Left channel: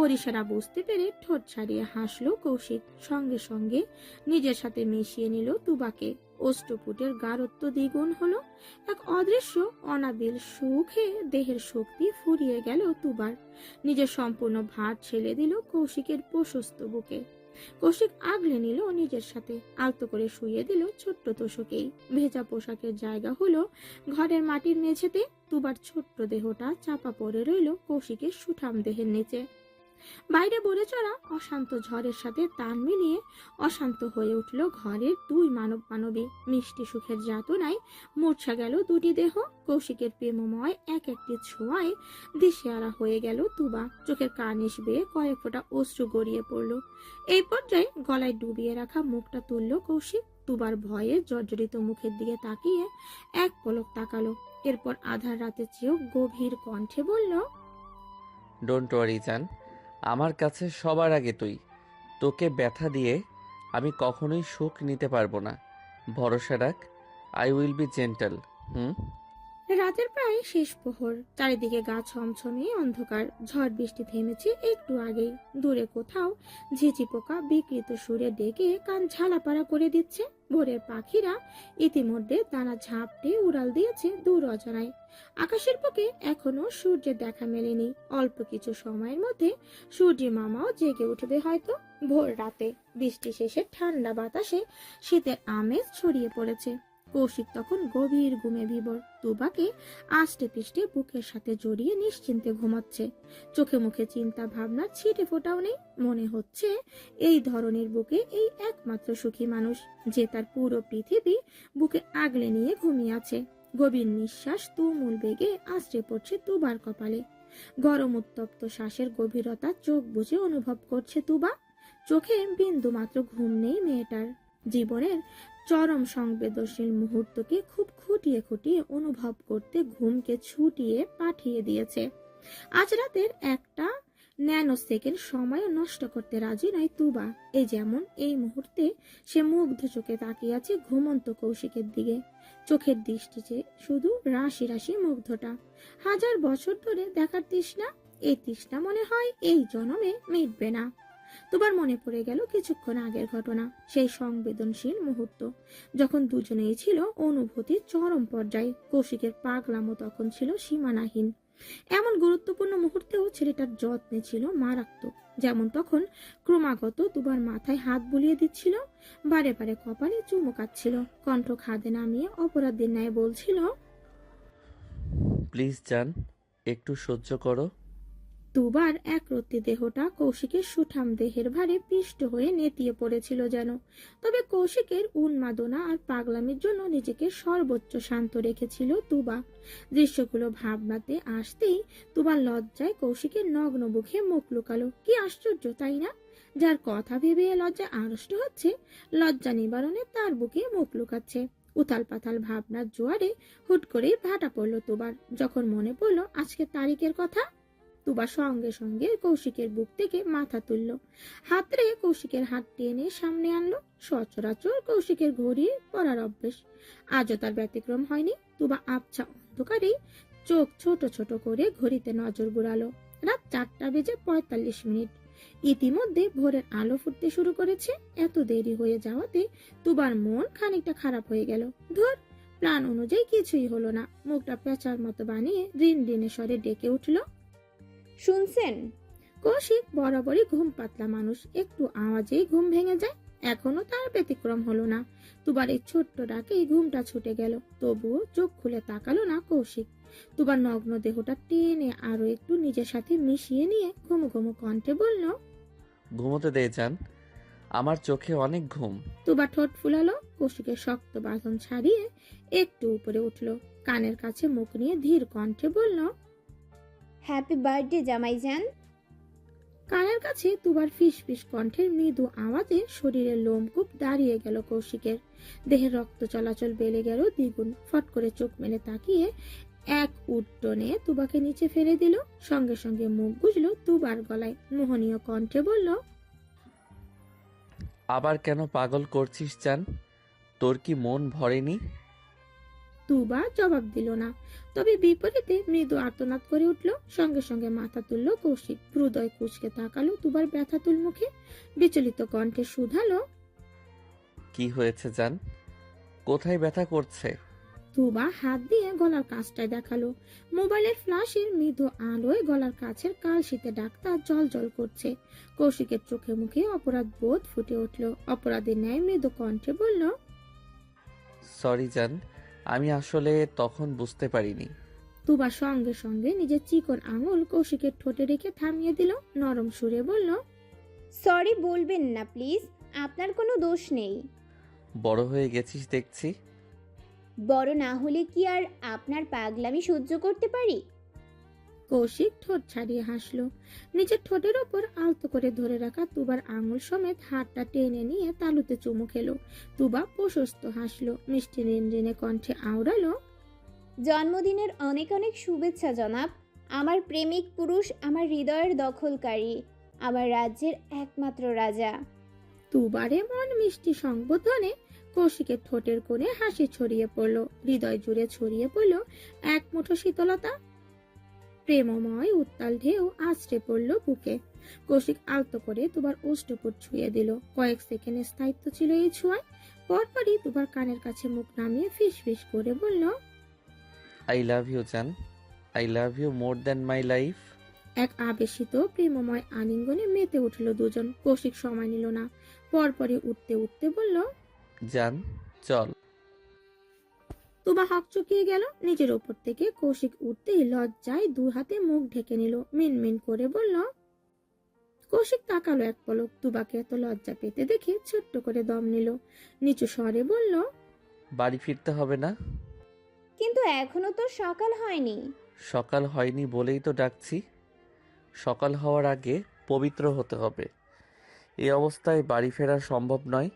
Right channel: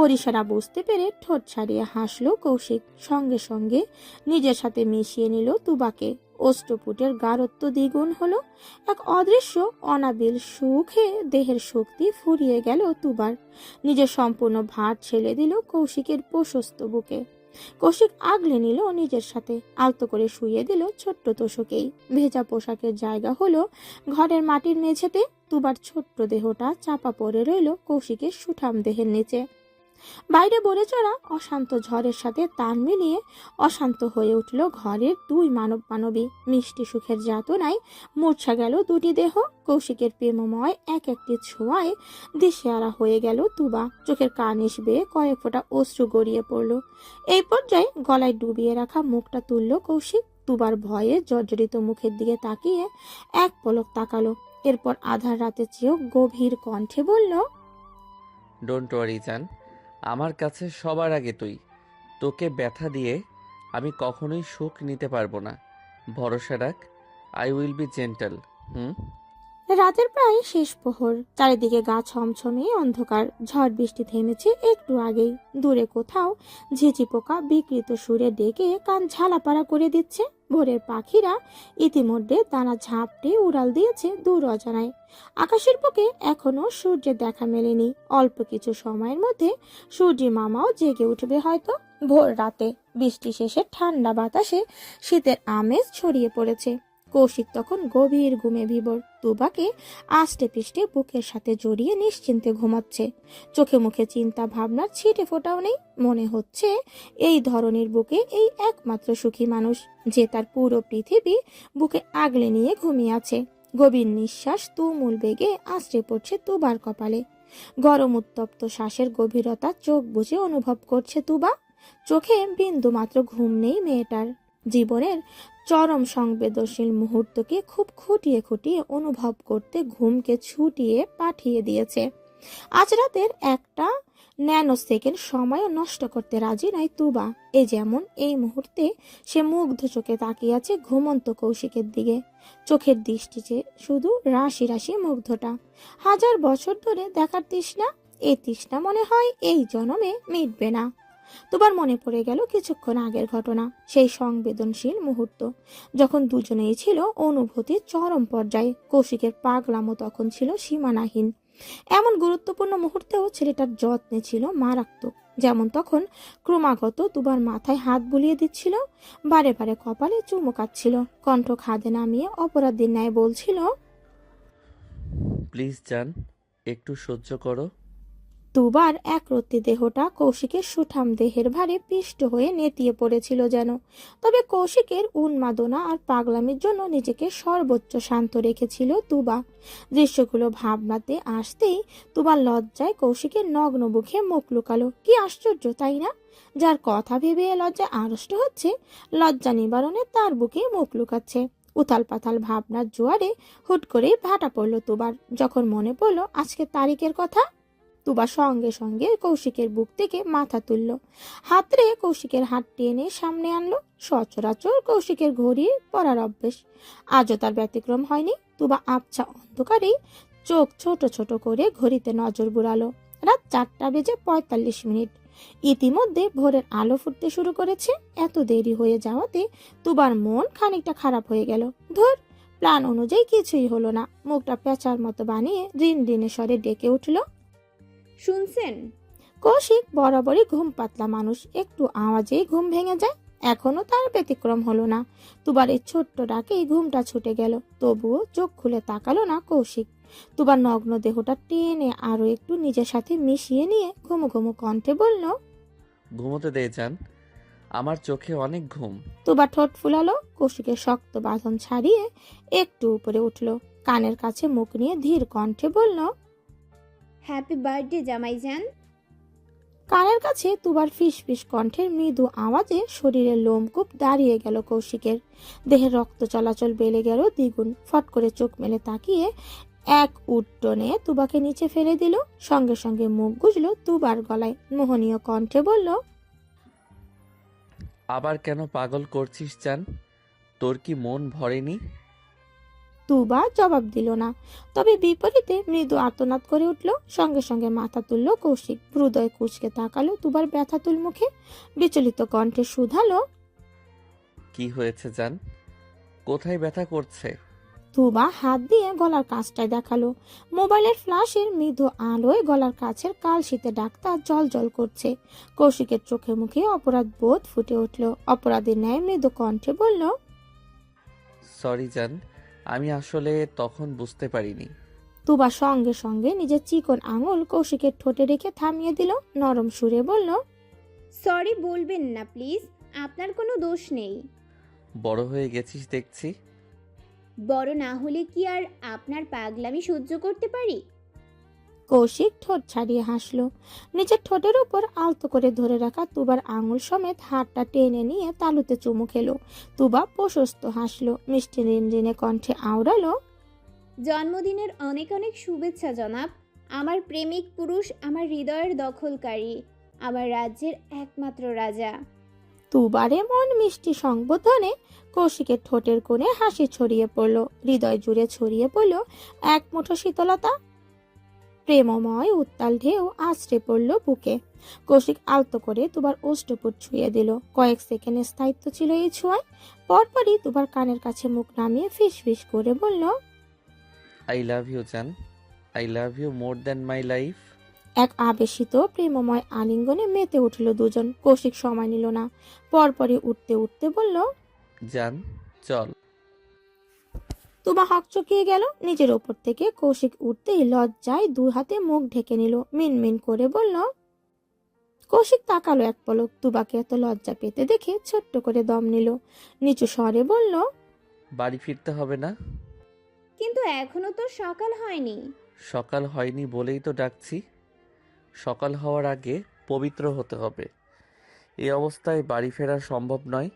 ওর ইশারা বুঝতে পেরে ঠোঁট ছাড়িয়ে হাসলো কৌশিক। সঙ্গে সঙ্গে নিজের সাথে মিশিয়ে নিল তুবাকে। অষ্টপুটের গাঢ়ত্ব দ্বিগুণ হলো। এক অদৃশ্য অনাবিল সুখে দেহের শক্তি ফুরিয়ে গেল তুবার। নিজের সম্পূর্ণ ভার ছেড়ে দিল কৌশিকের প্রশস্ত বুকে। কৌশিক আগলে নিল নিজের সাথে, আলতো করে শুইয়ে দিল ছোট্ট তোষকেই। ভেজা পোশাকের জায়গা হলো ঘরের মাটির মেঝেতে। তুবার ছোট্ট দেহটা চাপা পড়ে রইল কৌশিকের সুঠাম দেহের নিচে। বাইরে বলে চড়া অশান্ত ঝড়ের সাথে তাল মিলিয়ে অশান্ত হয়ে উঠল ঘরের দুই মানবী। মিষ্টি সুখের যাতনায় মূর্ছা গেল দুটি দেহ। কৌশিকের প্রেমময় এক একটি ছোঁয়ায় দিশেহারা হয়ে গেল তুবা। চোখের কার্নিশ বেয়ে কয়েক ফোঁটা অশ্রু গড়িয়ে পড়ল। এই পর্যায়ে গলায় ডুবিয়ে রাখা মুখটা তুলল কৌশিক। তুবার ভয়ে জর্জরিত মুখের দিকে তাকিয়ে এক পলক তাকালো। এরপর আধার রাতে চেয়েও গভীর কণ্ঠে বলল, ডোন্ট ওয়ারি জান, আমার কাছে সবার আগে তুই। তোকে ব্যথা দিয়ে আমি কখনোই সুখ নিতে পারবো না। ভরসা রাখ, আই উইল বি জেন্টাল। হুম। রাতের প্রায় শেষ প্রহর। চারিদিকে গা ছমছমে অন্ধকার। ঝড় বৃষ্টি থেমেছে একটু আগেই। দূরে কোথাও ঝিঁঝি পোকা বিকৃত সুরে ডেকে কান ঝালাপাড়া করে দিচ্ছে। ভোরের পাখিরা ইতিমধ্যে দানা ঝাপটে উড়াল দিয়েছে দূর অজানায়। আকাশের বুকে এখনো সূর্যের দেখা মেলেনি। অল্প কিছু সময়ের মধ্যে সূর্যি মামাও জেগে উঠবে হয়তো। ভোর রাতে বৃষ্টি শেষে ঠান্ডা বাতাসে শীতের আমেজ ছড়িয়ে পড়েছে। কৌশিক তখন গভীর ঘুমে বিভোর। তুবাকে আষ্টে পৃষ্ঠে বুকের সাথে জড়িয়ে নিশ্চিন্তে ঘুমাচ্ছে। চোখে মুখে চিন্তা ভাবনার ছিটে ফোটাও নেই। মনে হচ্ছে এই ধরনের বুকে এই একমাত্র সুখী মানুষ, যে তার পুরো পৃথিবী বুকে আগলে নিয়ে ঘুমিয়ে আছে। গভীর নিঃশ্বাস তুমুল বেগে আশ্রে পড়ছে তুবার কপালে। গরম উত্তপ্ত শ্বাসের গভীরতা চোখ বুজে অনুভব করছে তুবা। চোখে বিন্দু মাত্র ঘুম নেই মেয়েটার। জীবনের চরম সংবেদনশীল মুহূর্তকে খুব খুঁটিয়ে খুঁটিয়ে অনুভব করতে ঘুমকে ছুটিয়ে পাঠিয়ে দিয়েছে। আজ রাতের একটা ন্যানো সেকেন্ড সময়ও নষ্ট করতে রাজি নয় তুবা। এই যেমন এই মুহূর্তে সে মুগ্ধ চোখে তাকিয়ে আছে ঘুমন্ত কৌশিকের দিকে। চোখের দৃষ্টিতে শুধু রাশি রাশি মুগ্ধটা। হাজার বছর ধরে দেখার তৃষ্ণা। এই তৃষ্ণা মনে হয় এই জন্মে মিটবে না। তোমার মনে পড়ে গেল কিছুক্ষণ আগের ঘটনা, সেই সংবেদনশীল মুহূর্ত যখন দুজনেই ছিল অনুভূতির চরম পর্যায়ে। কৌশিকের পাগলামো তখন ছিল সীমানাহীন। এমন গুরুত্বপূর্ণ মুহূর্তেও ছেলেটার যত্নে ছিল মারাত্মক। যেমন তখন ক্রমাগত দুবার মাথায় হাত বুলিয়ে দিচ্ছিল, বারে বারে কপালে চুমু কাচ্ছিল, কণ্ঠ খাদে নামিয়ে অপরাধীর ন্যায় বলছিল, প্লিজ জান, একটু সহ্য করো। দুবার একরত্তি দেহটা কৌশিকের সুঠাম দেহের ভারে পিষ্ট হয়ে নেতিয়ে পড়েছিল যেন। তবে কৌশিকের উন্মাদনা আর পাগলামির জন্য নিজেকে সর্বোচ্চ শান্ত রেখেছিল তুবা। দৃশ্যগুলো ভাবনাতে আসতেই তুবার লজ্জায় কৌশিকের নগ্ন বুকে মুখ লুকালো। কি আশ্চর্য তাই না? যার কথা ভেবে লজ্জায় আড়ষ্ট হচ্ছে, লজ্জা নিবারণে তার বুকে মুখ লুকাচ্ছে। উথাল পাথাল ভাবনার জোয়ারে হুট করে ভাটা পড়ল তুবার। যখন মনে পড়লো আজকের তারিখের কথা, তুবা সঙ্গে সঙ্গে কৌশিকের বুক থেকে মাথা তুলল। হাতরে কৌশিকের হাত টেনে সামনে আনলো। সচরাচর কৌশিকের ঘড়ি পরার অভ্যেস, আজও তার ব্যতিক্রম হয়নি। তুবা আবছা অন্ধকারেই চোখ ছোট ছোট করে ঘড়িতে নজর বুলালো। রাত 4:45। ইতিমধ্যে ভোরের আলো ফুটতে শুরু করেছে। এত দেরি হয়ে যাওয়াতে তুবার মন খানিকটা খারাপ হয়ে গেল। ধর, প্ল্যান অনুযায়ী কিছুই হলো না। মুখটা পেঁচার মতো বানিয়ে রিন রিনে স্বরে ডেকে উঠল, শুনছেন? কৌশিক বরাবরই ঘুম পাতলা মানুষ, একটু আওয়াজেই ঘুম ভেঙে যায়। এখনো তার ব্যতিক্রম হলো না। তুবার এই ছোট্ট ডাকেই ঘুমটা ছুটে গেল। তবুও চোখ খুলে তাকালো না কৌশিক। তুবার নগ্ন দেহটা টেনে আরো একটু নিজের সাথে মিশিয়ে নিয়ে ঘুমো ঘুমো কণ্ঠে বলল, ঘুমোতে দে জান, আমার চোখে অনেক ঘুম। তুবার ঠোঁট ফুলালো। কৌশিকের শক্ত বাঁধন ছাড়িয়ে একটু উপরে উঠল। কানের কাছে মুখ নিয়ে ধীর কণ্ঠে বলল, হ্যাপি বার্থডে জামাইজান। কানের কাছে তুবার ফিস ফিস কণ্ঠের মৃদু আওয়াজে শরীরের লোমকূপ দাঁড়িয়ে গেল কৌশিকের। দেহের রক্ত চলাচল বেড়ে গেল দ্বিগুণ। ফট করে চোখ মেলে তাকিয়ে এক উড্ডনে তুবাকে নিচে ফেলে দিল। সঙ্গে সঙ্গে মুখ গুজল তুবার গলায়। মোহনীয় কণ্ঠে বলল, আবার কেন পাগল করছিস জান? তোর কি মন ভরেনি? তুবা জবাব দিল না, তবে বিপরীতে মৃদু আর্তনাদ করে উঠল। সঙ্গে সঙ্গে মাথা তুলল কৌশিক, হৃদয় কুঁচকে তাকালো তুবার ব্যথাতুল মুখে, বিচলিত কণ্ঠে শুধালো, কি হয়েছে জান? কোথায় ব্যথা করছে? তুবা হাত দিয়ে গলার কাছটায় দেখালো। মোবাইলের ফ্ল্যাশের মৃদু আলোয় গলার কাছের কালশীতে ডাক্তা জল জল করছে। কৌশিকের চোখে মুখে অপরাধ বোধ ফুটে উঠল। অপরাধের ন্যায় মৃদু কণ্ঠে বলল, সরি জান, আমি আসলে তখন বুঝতে পারিনি। তুবা সঙ্গে সঙ্গে নিজের চিকন আঙুল কৌশিকের ঠোঁটে রেখে থামিয়ে দিল। নরম সুরে বলল, সরি বলবেন না প্লিজ, আপনার কোনো দোষ নেই। বড় হয়ে গেছিস দেখছি। বড় না হলে কি আর আপনার পাগলামি সহ্য করতে পারি? কৌশিক ঠোঁট ছাড়িয়ে হাসল। নিজের ঠোঁটের উপর আলতো করে ধরে রাখা তুবার আঙুল সমেত হাতটা টেনে নিয়ে তালুতে চুমু খেলো। তুবা প্রশস্ত হাসল, মিষ্টি রিনরিনে কণ্ঠে আওড়ালো, জন্মদিনের অনেক অনেক শুভেচ্ছা জনাব। আমার প্রেমিক পুরুষ, আমার হৃদয়ের দখলকারী, আমার রাজ্যের একমাত্র রাজা। তুবারে মন মিষ্টি সংবোধনে কৌশিকের ঠোঁটের কোণে হাসি ছড়িয়ে পড়ল, হৃদয় জুড়ে ছড়িয়ে পড়ল এক মুঠো শীতলতা। প্রেমময় উত্তাল ঢেউ আছড়ে পড়ল বুকে। কৌশিক আলতো করে তুবার ওষ্ঠপুট ছুঁয়ে দিল। কয়েক সেকেন্ডের স্থায়িত্ব ছিল এই ছোঁয়ায়। পরপরই তুবার কানের কাছে মুখ নামিয়ে ফিস ফিস করে বলল, আই লাভ ইউ জান, I love you more than my life. এক আবেশিত প্রেমময় আলিঙ্গনে মেতে উঠল দুজন। কৌশিক সময় নিল না, পরপরই উঠতে উঠতে বলল, জান চল। তুবা হকচকিয়ে গেল। নিজের ওপর থেকে কৌশিক উঠতেই লজ্জায় দু হাতে মুখ ঢেকে নিল। মিনমিন করে বলল, কৌশিক তাকালো এক পলক। তুবাকে এত লজ্জা পেতে দেখে ছোট্ট করে দম নিল। নিচু স্বরে বলল, বাড়ি ফিরতে হবে না? কিন্তু এখনো তো সকাল হয়নি। সকাল হয়নি বলেই তো ডাকছি। সকাল হওয়ার আগে পবিত্র হতে হবে। এই অবস্থায় বাড়ি ফেরা সম্ভব নয়।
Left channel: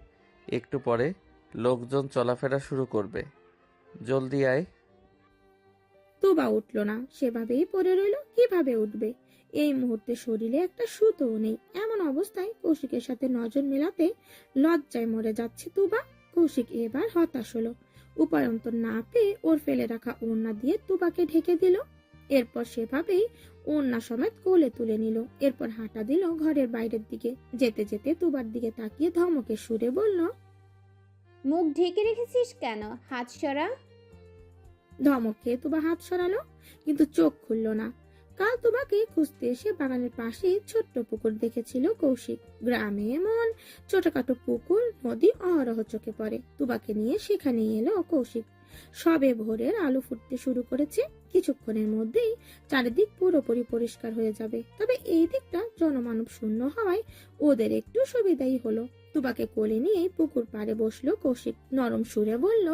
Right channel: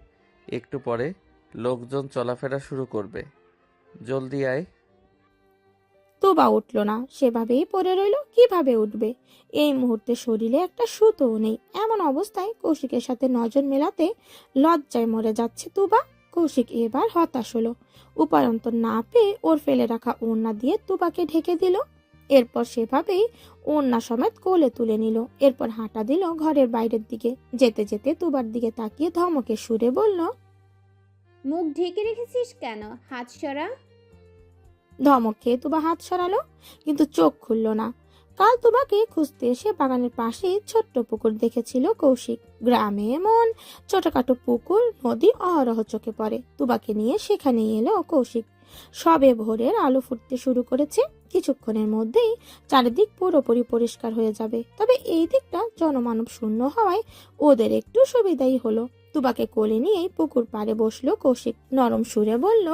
একটু পরে লোকজন চলাফেরা শুরু করবে। জলদি আয়। তুবা উঠল না, সেভাবেই পড়ে রইল। কিভাবে উঠবে? এই মুহূর্তে শরীরে একটা সুতোও নেই। এমন অবস্থায় কৌশিকের সাথে নজর মেলাতে লজ্জায় মরে যাচ্ছে তুবা। কৌশিক এবার হতাশ হলো। উপায়ন্তর না পেয়ে ওর ফেলে রাখা ওড়না দিয়ে তুবাকে ঢেকে দিল। এরপর সেভাবেই ওড়না সমেত কোলে তুলে নিল। এরপর হাঁটা দিল ঘরের বাইরের দিকে। যেতে যেতে তুবার দিকে তাকিয়ে ধমকে সুরে বলল, মুখ ঢেকে রেখেছিস কেন? হাত সরা। ধমক খেয়ে তুবা হাত সরালো, কিন্তু চোখ খুলল না। কাল তুবাকে খুঁজতে এসে বাগানের পাশে ছোট্ট পুকুর দেখেছিল কৌশিক। গ্রামে এমন ছোটখাটো পুকুর নদী অহরহ চোখে পড়ে। তুবাকে নিয়ে সেখানেই এলো কৌশিক। সবে ভোরের আলো ফুটতে শুরু করেছে। কিছুক্ষণের মধ্যেই চারিদিক পুরোপুরি পরিষ্কার হয়ে যাবে। তবে এই দিকটা জনমানব শূন্য হওয়ায় ওদের একটু সুবিধাই হলো। তুবাকে কোলে নিয়েই পুকুর পাড়ে বসলো কৌশিক। নরম সুরে বলল,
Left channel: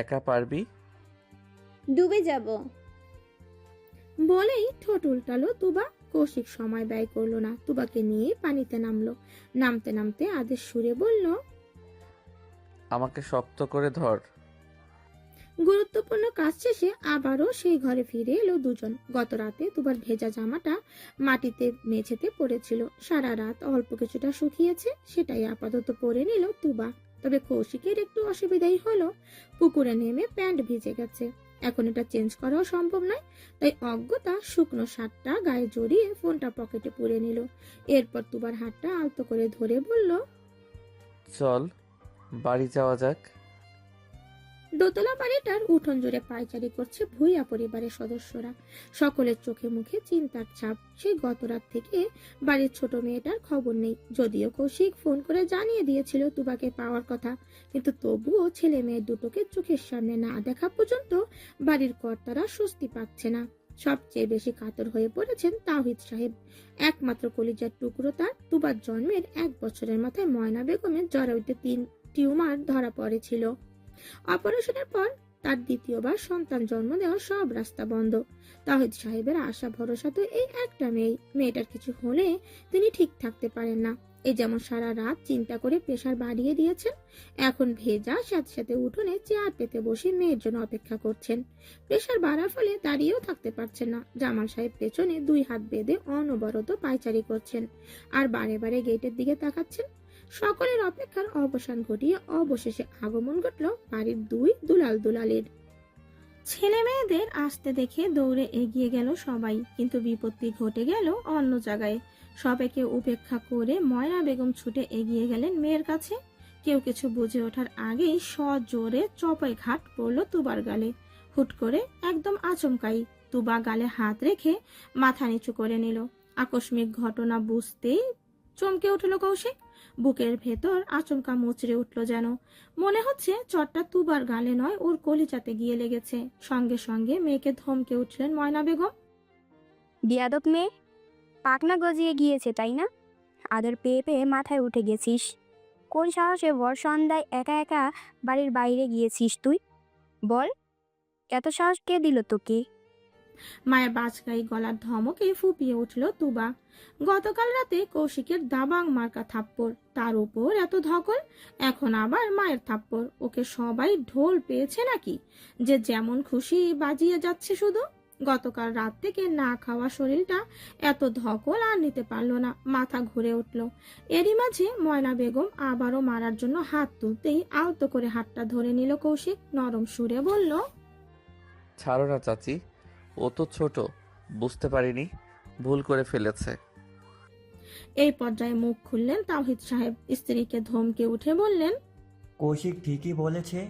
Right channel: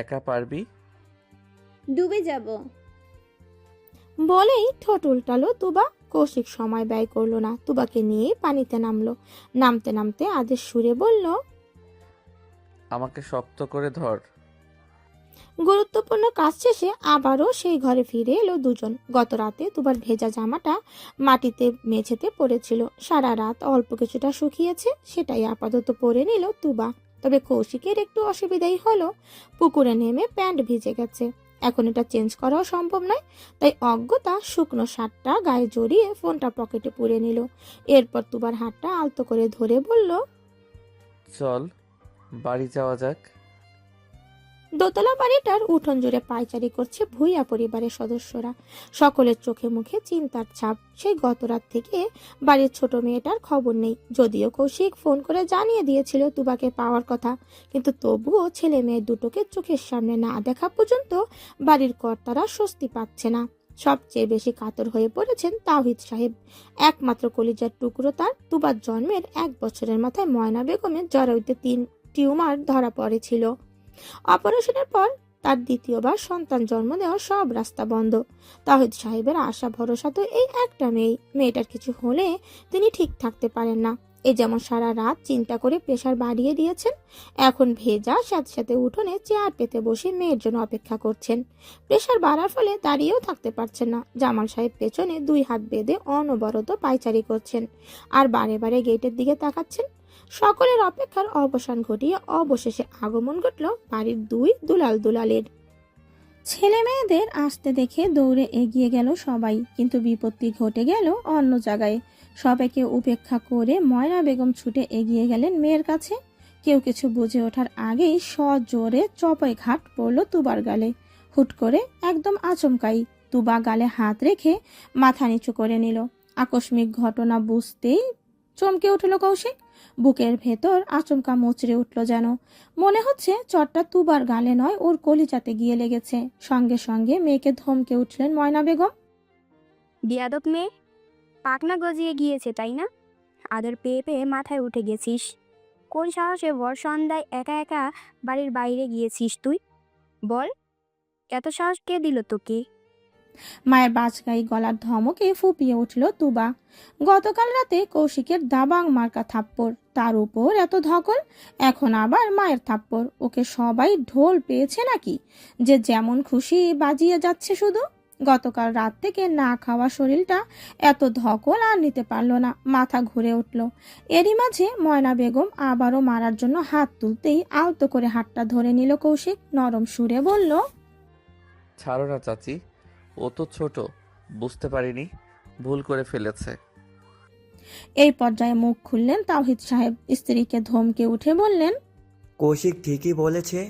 একা পারবি? ডুবে যাব। বলেই ঠোঁট উল্টালো তুবা। কৌশিক সময় ব্যয় করলো না, তুবাকে নিয়ে পানিতে নামলো। নামতে নামতে আদেশ সুরে বলল, আমাকে শক্ত করে ধর। গুরুত্বপূর্ণ কাজ শেষে আবারও সেই ঘরে ফিরে এলো দুজন। গত রাতে তুবার ভেজা জামাটা মাটিতে মেঝেতে পড়েছিল। সারা রাত অল্প কিছুটা শুকিয়েছে, সেটাই আপাতত পরে নিল তুবা। তবে কৌশিকের একটু অসুবিধাই হলো। পুকুরে নেমে প্যান্ট ভিজে গেছে, এখন এটা চেঞ্জ করাও সম্ভব নয়। তাই অজ্ঞতা শুকনো শার্টটা গায়ে জড়িয়ে ফোনটা পকেটে পুরে নিল। এরপর তুবার হাতটা আলতো করে ধরে বলল, চল বাড়ি যাওয়া যাক। দোতলা বাড়িটার উঠোন জুড়ে পায়চারি করছে ভূঁইয়া পরিবারের সদস্যরা। সকলের চোখে মুখে চিন্তার ছাপ। সেই গত রাত থেকে বাড়ির ছোট মেয়েটার খবর নেই। যদিও কৌশিক ফোন করে জানিয়ে দিয়েছিল তুবাকে পাওয়ার কথা, কিন্তু তবুও ছেলে মেয়ে দুটোকে চোখের সামনে না দেখা পর্যন্ত বাড়ির কর্তারা স্বস্তি পাচ্ছে না। সবচেয়ে বেশি কাতর হয়ে পড়েছেন তাওহিদ সাহেব। একমাত্র কলিজার টুকরো তার। তুবার জন্মের 1 বছরের মাথায় ময়না বেগমের জরায়ুতে 3 টিউমার ধরা পড়েছিল। অপারেশনের পর তার দ্বিতীয়বার সন্তান জন্ম দেওয়ার সব রাস্তা বন্ধ। তাওহিদ সাহেবের আশা ভরসা তো এই একটা মেয়েটার কিছু হলে তিনি ঠিক থাকতে পারেন না। এই যেমন সারা রাত চিন্তা করে প্রেসার বাড়িয়ে দিয়েছেন, এখন ভেজা সাথে সাথে উঠোনে চেয়ার পেতে বসে মেয়ের জন্য অপেক্ষা করছেন। প্রেসার বাড়ার ফলে দাঁড়িয়েও থাকতে পারছেন না। জামাল সাহেব পেছনে 2 হাত বেঁধে অনবরত পায়চারি করছেন আর বারে বারে গেটের দিকে তাকাচ্ছেন। সকলের অপেক্ষার অবসান ঘটিয়ে অবশেষে আগমন ঘটল বাড়ির দুই দুলাল দুলালের। ছেলে মেয়েদের আসতে দেখে দৌড়ে এগিয়ে গেল সবাই, কিন্তু বিপত্তি ঘটে গেল অন্য জায়গায়। সবাইকে উপেক্ষা করে ময়না বেগম ছুটে এগিয়ে গেলেন মেয়ের কাছে। কেউ কিছু বুঝে ওঠার আগেই সজোরে চপাই ঘাট পড়ল তুবার গালে। হুট করে একদম আচমকাই তুবা গালে হাত রেখে মাথা নিচু করে নিল। আকস্মিক ঘটনা বুঝতেই চমকে উঠল কৌশিক। বুকের ভেতর আচমকা মুচড়ে উঠল যেন। মনে হচ্ছে চটটা তুবার গালে নয়, ওর কলিজাতে গিয়ে লেগেছে। সঙ্গে সঙ্গে মেয়েকে ধমকে উঠলেন ময়না বেগম। বিয়াদব মেয়ে, পাকনা গজিয়ে গিয়েছে তাই না? আদর পেয়ে পেয়ে মাথায় উঠে গেছিস। কোন সাহসে ভর সন্ধ্যায় একা একা বাড়ির বাইরে গিয়েছিস তুই? বল, এত সাহস কে দিল তোকে? মায়ের বাজগাই গলার ধমকে ফুপিয়ে উঠল তুবা। গতকাল রাতে কৌশিকের দাবাং মার্কা থাপ্পড়, তার উপর এত ধকল, এখন আবার মায়ের থাপ্পড়। ওকে সবাই ঢোল পেয়েছে নাকি যে যেমন খুশি বাজিয়ে যাচ্ছে শুধু? গতকাল রাত থেকে না খাওয়া শরীরটা এত ধকল আর নিতে পারল না, মাথা ঘুরে উঠল। এরই মাঝে ময়না বেগম আবারও মারার জন্য হাত তুলতেই আলতো করে হাতটা ধরে নিল কৌশিক। নরম সুরে বলল, ছাড়ো না চাচি, ও তো ছোট, বুঝতে পারিনি, ভুল করে ফেলেছে। এই পর্যায়ে মুখ খুললেন তাওহিদ সাহেব। স্ত্রীকে ধমকে উঠে বললেন, কৌশিক ঠিকই বলেছে,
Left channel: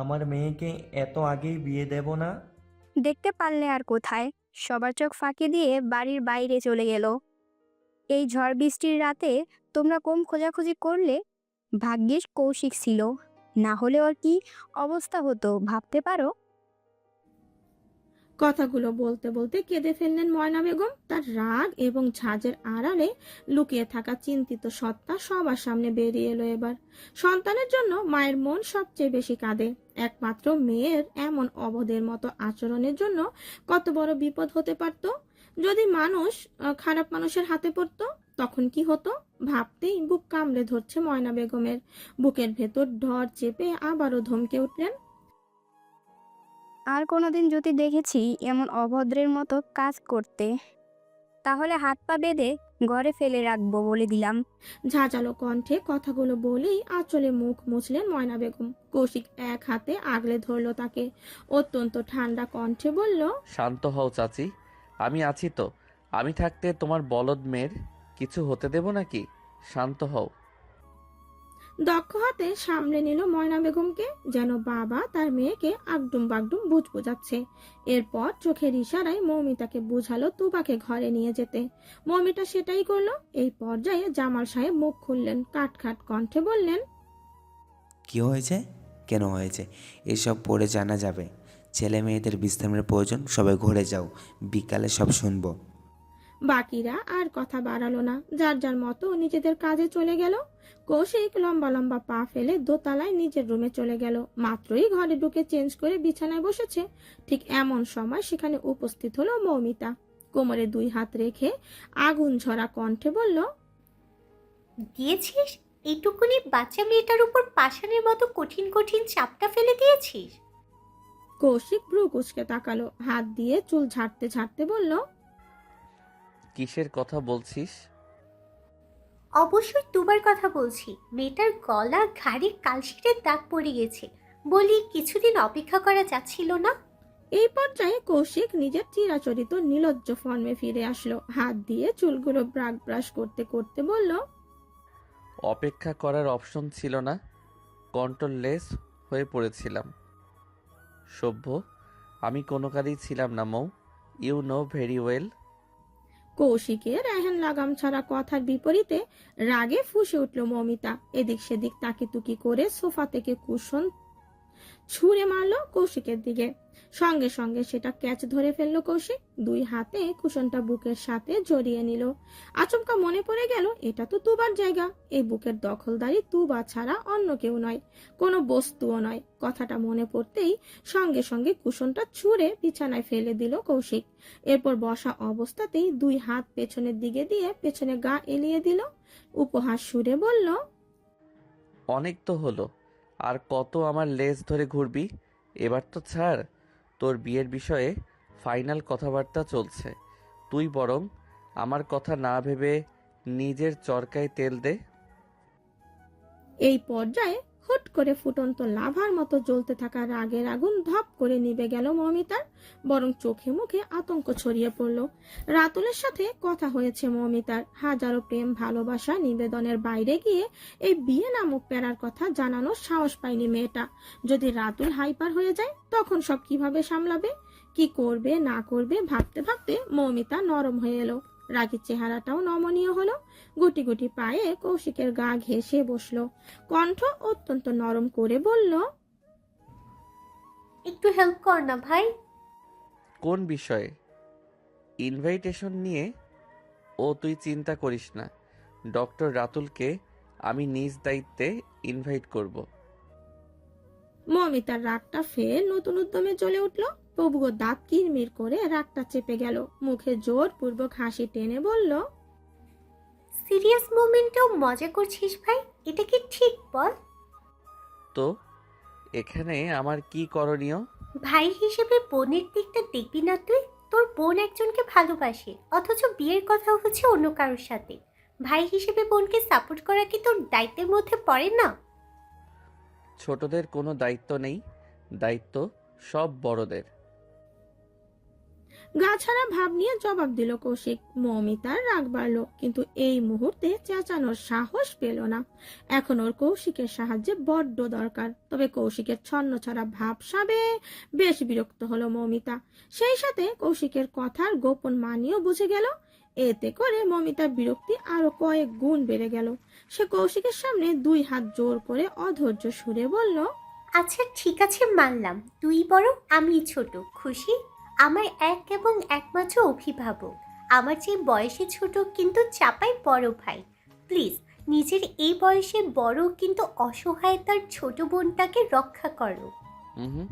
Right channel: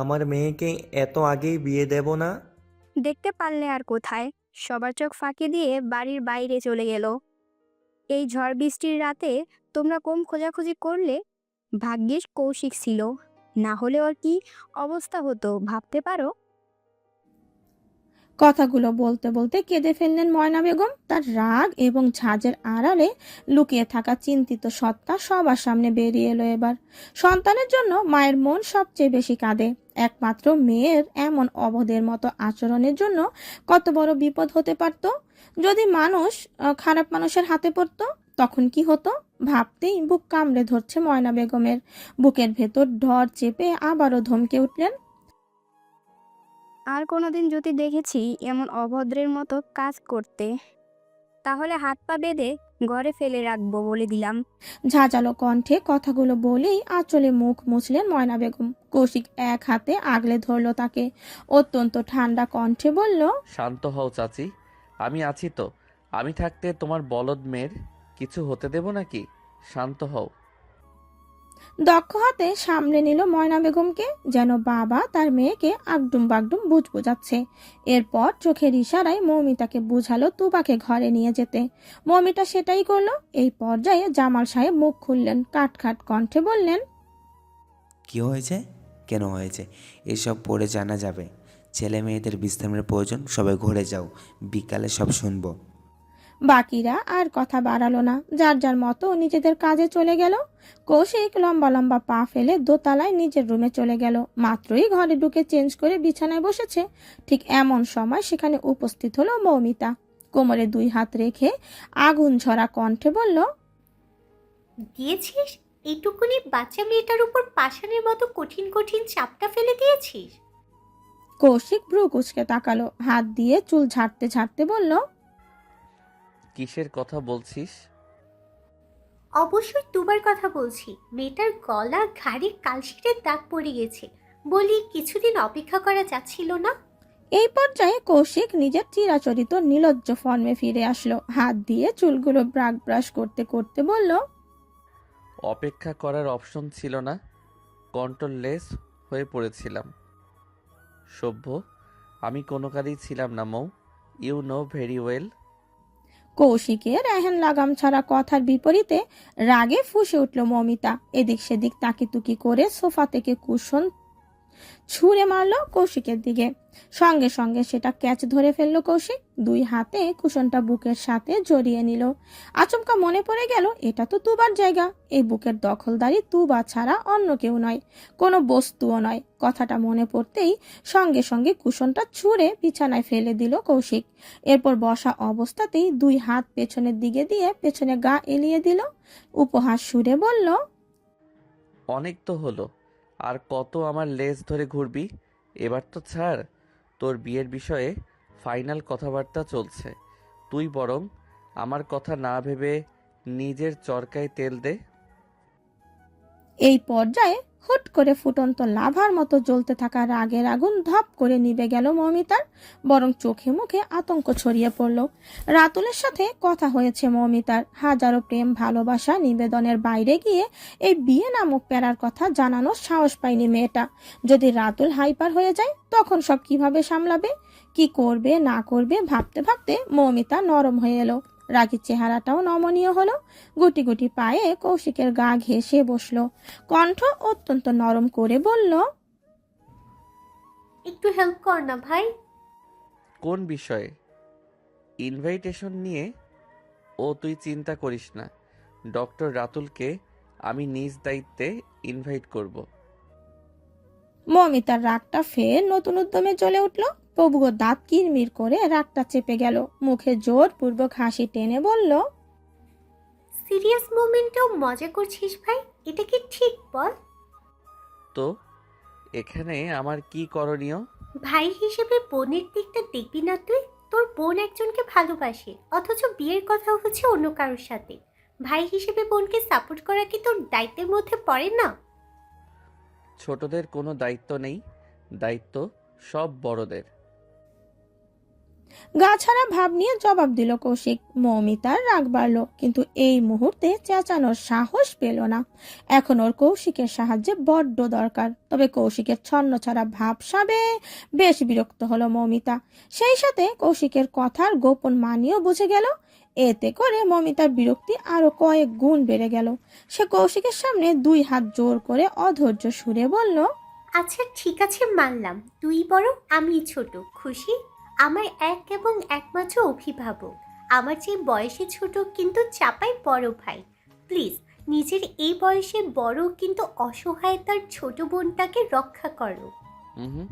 আমার মেয়েকে এত আগেই বিয়ে দেব না। দেখতে পারলে আর কোথায়, সবার চোখ ফাঁকি দিয়ে বাড়ির বাইরে চলে গেল। এই ঝড় বৃষ্টির রাতে তোমরা কম খোঁজাখুঁজি করলে। ভাগ্যিস কৌশিক ছিল, না হলে ওর কি অবস্থা হতো ভাবতে পারো? কথাগুলো বলতে বলতে কেঁদে ফেললেন ময়না বেগম। তার রাগ এবং ঝাঁজের আড়ালে লুকিয়ে থাকা চিন্তিত সত্তা সবার সামনে বেরিয়ে এলো এবার। সন্তানের জন্য মায়ের মন সবচেয়ে বেশি কাঁদে। একমাত্র মেয়ের এমন অবধের মতো আচরণের জন্য কত বড় বিপদ হতে পারত। যদি মানুষ খারাপ মানুষের হাতে পড়তো তখন কি হতো ভাবতেই বুক কামড়ে ধরছে ময়না বেগমের। বুকের ভেতর ঢর চেপে আবারও ধমকে উঠলেন, আর কোনোদিন যদি দেখেছি এমন অভদ্রের মতো কাজ করতে, তাহলে হাত পা বেঁধে ঘরে ফেলে রাখবো বলে দিলাম। ঝাঁঝালো কণ্ঠে কথাগুলো বলেই আঁচলে মুখ মুছলেন ময়না বেগম। কৌশিক এক হাতে আগলে ধরল তাকে। অত্যন্ত ঠান্ডা কণ্ঠে বলল, শান্ত হও চাচি, আমি আছি তো। আমি থাকতে তোমার বলদ মেয়ের কিছু হতে দেব নাকি? শান্ত হও। দক্ষ হাতে সামলে নিল ময়না বেগমকে, যেন বাবা তার মেয়েকে আগডুম বাগডুম বুঝ বোঝাচ্ছে। এরপর চোখের ইশারায় মৌমিতাকে বুঝালো তুবাকে ঘরে নিয়ে যেতে। মৌমিতা সেটাই করলো। এই পর্যায়ে জামাল সাহেব মুখ খুললেন, কাটখাট কণ্ঠে বললেন, কি হয়েছে, কেন হয়েছে এসব পরে জানা যাবে। ছেলে মেয়েদের বিশ্রামের প্রয়োজন, সবাই ঘরে যাও, বিকালে সব শুনবো। বাকিরা আর কথা বাড়ালো না, যার যার মতো নিজেদের কাজে চলে গেল। কৌশিক লম্বা লম্বা পা ফেলে দোতলায় নিজের রুমে চলে গেল। মাত্রই ঘরে ঢুকে চেঞ্জ করে বিছানায় বসেছে, ঠিক এমন সময় সেখানে উপস্থিত হলো মৌমিতা। কোমরে দুই হাত রেখে আগুন ঝরা কণ্ঠে বলল, দিয়েছিস? এইটুকুনি বাচ্চা মেয়েটার উপর পাষাণের মতো কঠিন কঠিন চাপটা ফেলে দিয়েছিস? কৌশিক ভ্রু কুঁচকে তাকালো, হাত দিয়ে চুল ঝাড়তে ঝাড়তে বলল, কিসের কথা বলছিস? অবশ্যই তুবার কথা বলছি। মেয়েটার গলা ঘাড়ে কালশিটের দাগ পড়ে গেছে। বলি কিছুদিন অপেক্ষা করা যাচ্ছিল না? এই পর্যায়ে কৌশিক নিজের চিরাচরিত নির্লজ্জ ফর্মে ফিরে আসলো। হাত দিয়ে চুলগুলো ব্রাশ ব্রাশ করতে করতে বলল, অপেক্ষা করার অপশন ছিল না, কন্ট্রোললেস হয়ে পড়েছিলাম। সভ্য আমি কোনো কাজেই ছিলাম না মৌ, ইউ নো ভেরি ওয়েল। কৌশিকের এহেন লাগাম ছাড়া কথার বিপরীতে রাগে ফুঁসে উঠল মৌমিতা। এদিক সেদিক তাকিতুকি করে সোফা থেকে কুশন ছুঁড়ে মারলো কৌশিকের দিকে। সঙ্গে সঙ্গে সেটা ক্যাচ ধরে ফেললো কৌশিক। দুই হাতে কুশনটা বুকের সাথে জড়িয়ে নিল। আচমকা মনে পড়ে গেল এটা তো তুবার জায়গা, এই বুকের দখলদারি তুবা ছাড়া অন্য কেউ নয়, কোনো বস্তুও নয়। কথাটা মনে পড়তেই সঙ্গে সঙ্গে কুশনটা ছুঁড়ে বিছানায় ফেলে দিল কৌশিক। এরপর বসা অবস্থাতেই দুই হাত পেছনের দিকে দিয়ে পেছনে গা এলিয়ে দিল। উপহাস সুরে বলল, অনেক তো হলো, আর কত আমার লেজ ধরে ঘুরবি? এবার তো ছাড়, তোর বিয়ের বিষয়ে ফাইনাল কথাবার্তা চলছে। তুই বরং আমার কথা না ভেবে নিজের চরকায় তেল দে। এই পর্যায়ে হুট করে ফুটন্ত লাভার মতো জ্বলতে থাকা রাগের আগুন ধপ করে নিভে গেল মৌমিতার, বরং চোখে মুখে আতঙ্ক ছড়িয়ে পড়ল। রাতুলের সাথে কথা হয়েছে মৌমিতার, হাজারো প্রেম ভালোবাসা নিবেদনের বাইরে গিয়ে এই বিয়ে নামক প্যারার কথা জানানোর সাহস পায়নি মেয়েটা। যদি রাতুল হাইপার হয়ে যায় তখন সব কিভাবে সামলাবে, কি করবে না করবে ভাবতে ভাবতে মৌমিতা নরম হয়ে এলো। রাগীর চেহারাটাও নমনীয় হলো। গুটি গুটি পায়ে কৌশিকের গা ঘেঁষে বসলো, কণ্ঠ অত্যন্ত নরম করে বলল, একটু হেল্প কর না ভাই। কোন বিষয়ে? ইনভাইটেশন নিয়ে? ও তুই চিন্তা করিস না, ডক্টর রাতুলকে আমি নিজ দায়িত্বে ইনভাইট করব। মৌমিতার রাগটা ফের নতুন উদ্যমে জ্বলে উঠল। প্রভুর দাঁত কিরমির করে রাগটা চেপে গেল, মুখে জোরপূর্বক হাসি টেনে বলল, সিরিয়াস মোমেন্টেও মজা করছিস ভাই, এটা কি ঠিক বল? তো এখানে আমার কি করণীয়? ভাই হিসেবে বোনের দিকটা দেখবি না তুই? তোর বোন একজনকে ভালোবাসে, অথচ বিয়ের কথা হচ্ছে অন্য কারোর সাথে। ভাই হিসেবে বোনকে সাপোর্ট করা কি তোর দায়িত্বের মধ্যে পড়ে না? ছোটদের কোনো দায়িত্ব নেই, দায়িত্ব সব বড়দের। গাছাড়া ভাব নিয়ে জবাব দিল কৌশিক। মৌমিতার রাগ বাড়ল, কিন্তু এই মুহূর্তে চেঁচানোর সাহস পেল না। এখন ওর কৌশিকের সাহায্যে বড্ড দরকার। তবে কৌশিকের ছন্নছাড়া ভাবসাবে বেশ বিরক্ত হলো মৌমিতা। সেই সাথে কৌশিকের কথার গোপন মানিও বুঝে গেল। এতে করে মৌমিতার বিরক্তি আরো কয়েক গুণ বেড়ে গেল। সে কৌশিকের সামনে দুই হাত জোর করে অধৈর্য সুরে বলল, আচ্ছা ঠিক আছে, মানলাম তুই বড় আমি ছোট, খুশি? আমার এক এবং একমাত্র অভিভাবক, আমার চেয়ে বয়সে ছোট কিন্তু চাপাই বড় ভাই। প্লিজ নিজের এই বয়সে বড় কিন্তু অসহায় তার ছোট বোনটাকে রক্ষা করো। হুম,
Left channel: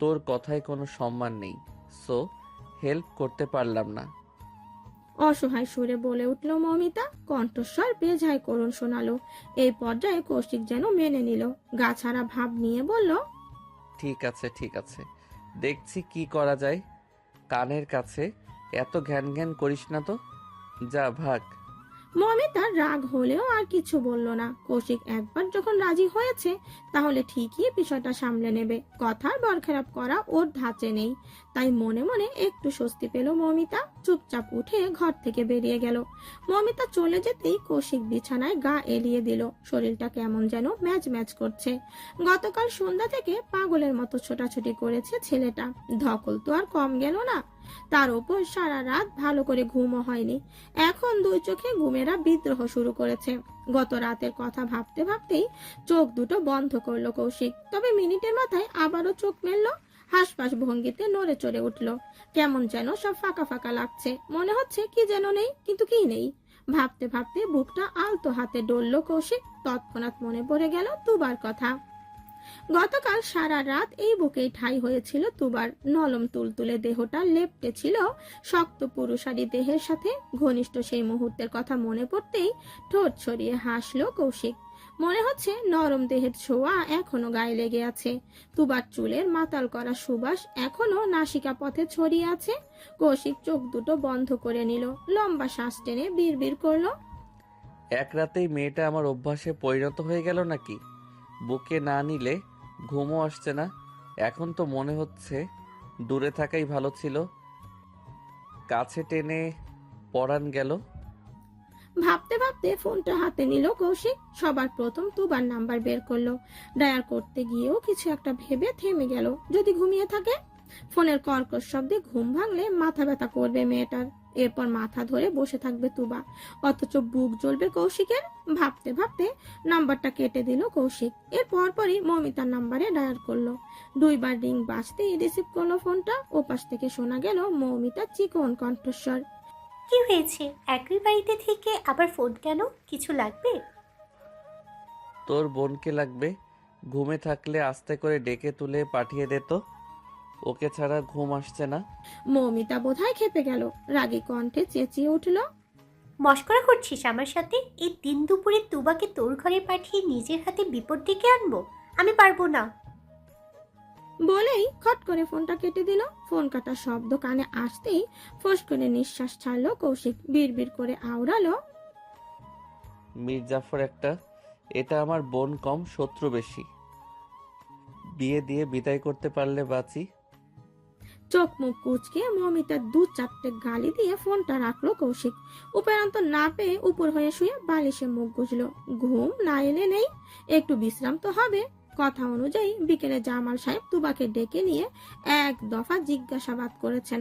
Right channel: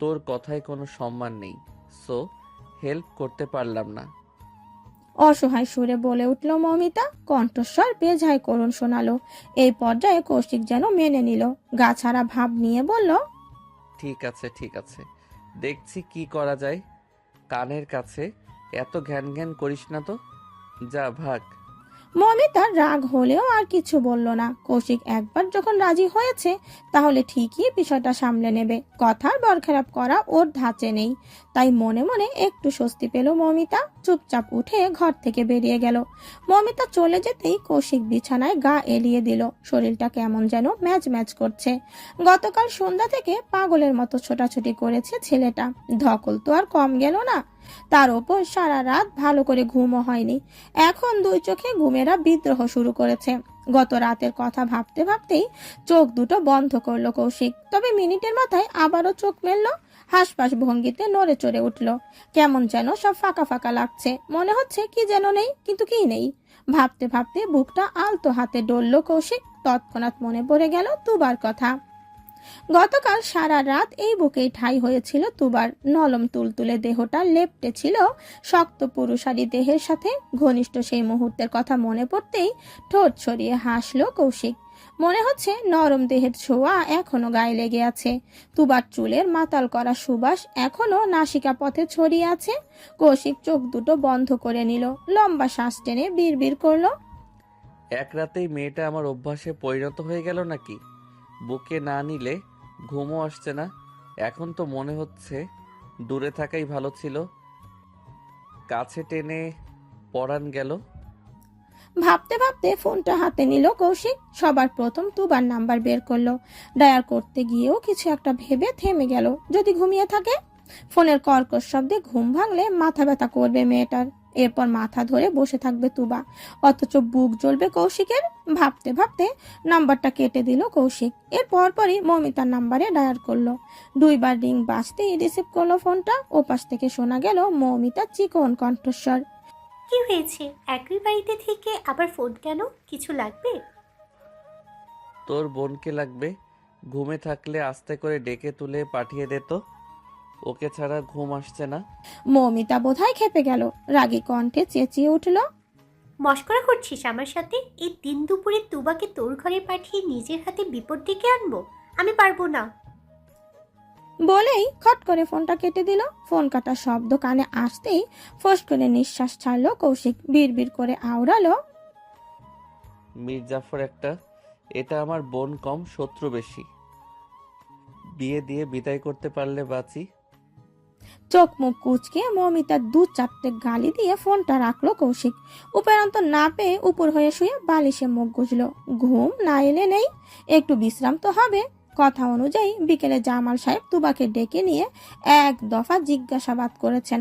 তোর কথায় কোনো সম্মান নেই, সো হেল্প করতে পারলাম না। অসহায় সুরে বলে উঠল মৌমিতা, কণ্ঠস্বর বেজায় করুণ শোনালো। এই পর্যায়ে কৌশিক যেন মেনে নিল, গাছাড়া ভাব নিয়ে বলল, ঠিক আছে ঠিক আছে, দেখছি কি করা যায়। কানের কাছে এত ঘ্যান ঘ্যান করিস না তো, যা ভাগ। মৌমিতার রাগ হলেও আর কিছু বলল না। কৌশিক একবার যখন রাজি হয়েছে তাহলে ঠিকই বিষয়টা সামলে নেবে, কথার বরখেলাপ করা ওর ধাঁচে নেই। তাই মনে মনে একটু স্বস্তি পেল মৌমিতা, চুপচাপ উঠে ঘর থেকে বেরিয়ে গেল। মৌমিতা চলে যেতেই কৌশিক বিছানায় গা এলিয়ে দিল, শরীরটা কেমন যেন ম্যাচ ম্যাচ করছে। গতকাল সন্ধ্যা থেকে পাগলের মতো ছোটাছুটি করেছে ছেলেটা, ধকল তো আর কম গেল না। তার ওপর সারা রাত ভালো করে ঘুমও হয়নি। এখন দুই চোখে ঘুমেরা বিদ্রোহ শুরু করেছে। গত রাতের কথা ভাবতে ভাবতেই চোখ দুটো বন্ধ করলো কৌশিক। তবে মিনিটের মাথায় আবারও চোখ মেলল, হাসপাস ভঙ্গিতে নড়ে চড়ে উঠল। কেমন যেন সব ফাঁকা ফাঁকা লাগছে, মনে হচ্ছে কি যেন নেই, কিন্তু কি নেই। ভাবতে ভাবতে বুকটা আলতো হাতে ডলল কৌশিক। তৎক্ষণাৎ মনে পড়ে গেল তুবার কথা। গতকাল সারা রাত এই বুকেই ঠাঁই হয়েছিল তুবার। নরম তুলতুলে দেহটা লেপ্টে ছিল শক্ত পুরুষালী দেহের সাথে। ঘনিষ্ঠ সেই মুহূর্তের কথা মনে পড়তেই ঠোঁট ছড়িয়ে হাসলো কৌশিক। মনে হচ্ছে নরম দেহের ছোঁয়া এখনো গায়ে লেগে আছে, তুবার চুলের মাতাল করা সুবাস এখনো নাসিকা পথে ছড়িয়ে আছে। কৌশিক চোখ দুটো বন্ধ করে নিল, লম্বা শ্বাস টেনে বিড়বিড় করলো, এক রাতেই মেয়েটা আমার অভ্যাসে পরিণত হয়ে গেল নাকি? বুকে না নিলে ঘুমও আসছে না। এখন তো মনে হচ্ছে দূরে থাকাই ভালো ছিল, কাছে টেনে পরান গেল। ভাবতে ভাবতে ফোনটা হাতে নিল কৌশিক। সবার প্রথম তুবার নাম্বার বের করলো। ডায়াল করতে গিয়েও কিছু একটা ভেবে থেমে গেল, যদি ঘুমিয়ে থাকে। ফোনের কর্কশ শব্দে ঘুম ভাঙলে মাথা ব্যথা করবে মেয়েটার। এরপর মাথা ধরে বসে থাকবে তুবা, অথচ বুক জ্বলবে কৌশিকের। ভাবতে ভাবতে নাম্বারটা কেটে দিল কৌশিক। এর পরপরই মৌমিতার নাম্বারে ডায়াল করলো। দুইবার রিং বাজতেই রিসিভ করলো ফোনটা। ওপাশ থেকে শোনা গেল মৌমিতার চিকন কণ্ঠস্বর, কি হয়েছে? একই বাড়িতে থেকে আবার ফোন কেন? কিছু লাগবে? তোর বোনকে লাগবে, ঘুমে থাকলে আস্তে করে ডেকে তুলে পাঠিয়ে দে তো, ওকে ছাড়া ঘুম আসছে না। মৌমিতা বোধহয় খেপে গেল, রাগী কণ্ঠে চেঁচিয়ে উঠল, মস্করা করছিস আমার সাথে? এই দিন দুপুরে তুবাকে তোর ঘরে পাঠিয়ে নিজের হাতে বিপদ ডেকে আনবো? আমি পারবো না। বলেই খট করে ফোনটা কেটে দিল। ফোন কাটার শব্দ কানে আসতেই ফোঁস করে নিঃশ্বাস ছাড়লো কৌশিক। বিড়বিড় করে আওড়ালো, মির্জাফর একটা, এটা আমার বোন কম, শত্রু বেশি। বিয়ে দিয়ে বিদায় করতে পারলে বাঁচি। চোখ মুখ কুচকে মৌমিতার 2-4টে গালি দিয়ে ফোনটা রাখলো কৌশিক। উপরান্ত না পেয়ে উপর হয়ে শুয়ে বালিশে মুখ গুজলো। ঘুম না এলে নেই, একটু বিশ্রাম তো হবে। কথা অনুযায়ী বিকেলে জামাল সাহেব তুবাকে ডেকে নিয়ে এক দফা জিজ্ঞাসাবাদ করেছেন।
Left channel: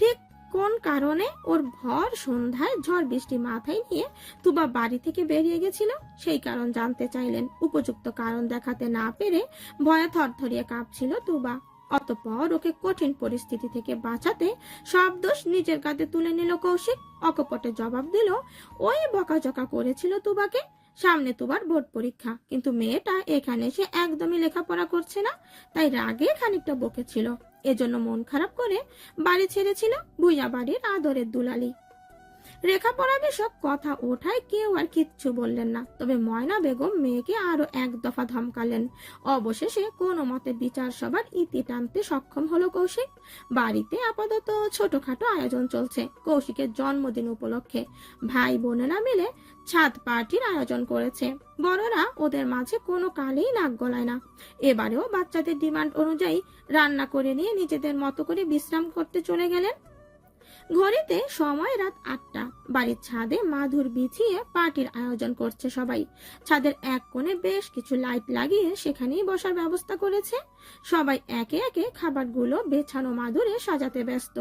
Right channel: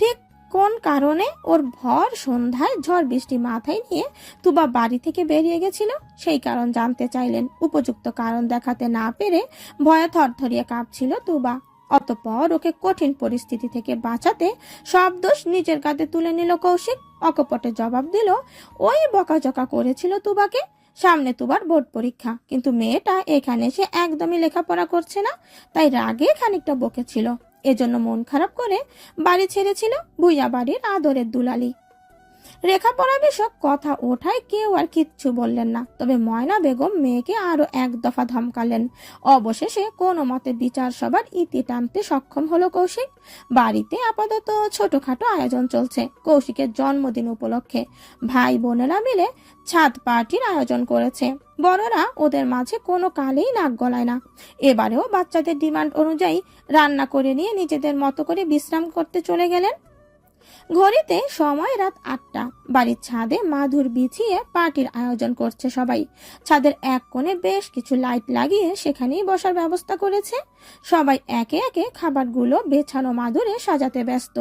ঠিক কোন কারণে ওর ভর সন্ধ্যায় ঝড় বৃষ্টি মাথায় নিয়ে তুবা বাড়ি থেকে বেরিয়ে গেছিল সেই কারণ জানতে চাইলেন। উপযুক্ত কারণ দেখাতে না পেরে ভয়ে থরথরিয়ে কাঁপছিল তুবা। অতঃপর ওকে কঠিন পরিস্থিতি থেকে বাঁচাতে সব দোষ নিজের কাঁধে তুলে নিল কৌশিক। অকপটে জবাব দিল, ওই বকাঝকা করেছিল তুবাকে। সামনে তুবার বোর্ড পরীক্ষা, কিন্তু মেয়েটা এখানে এসে একদমই লেখাপড়া করছে না, তাই রাগে খানিকটা বকেছিল। এজন্য মন খারাপ করে বাড়ি ছেড়েছিল। ভুইয়া বাড়ির আদরের দুলালি। লেখাপড়া বিষয়ক কথা ওঠায় কেউ আর কিচ্ছু বললেন না, তবে ময়না বেগম মেয়েকে আরো এক দফা ধমকালেন। অবশেষে কোনো মতে বিচার সভার ইতি টানতে সক্ষম হলো কৌশিক। বাড়িতে আপাতত ছোটখাটো আয়োজন চলছে। কৌশিকের জন্মদিন উপলক্ষে ভাই বোনেরা মিলে ছাদ পার্টির আয়োজন করেছে। বড়রা ওদের মাঝে কোনো কালেই নাক গলায় না। এবারেও বাচ্চাদের ডিমান্ড অনুযায়ী রান্না করে নিয়ে নিজেদের মতো করে বিশ্রাম করতে চলে গেলেন। ঘড়িতে সময় রাত 8টা। বাড়ির ছাদে মাদুর বিছিয়ে পার্টির আয়োজন করছে সবাই। ছাদের এক কোণে বেশ কিছু লাইট লাগিয়ে সেখানেই বসার ব্যবস্থা করেছে। সবাই একে একে খাবারগুলো বেছানো মাদুরে সাজাতে ব্যস্ত।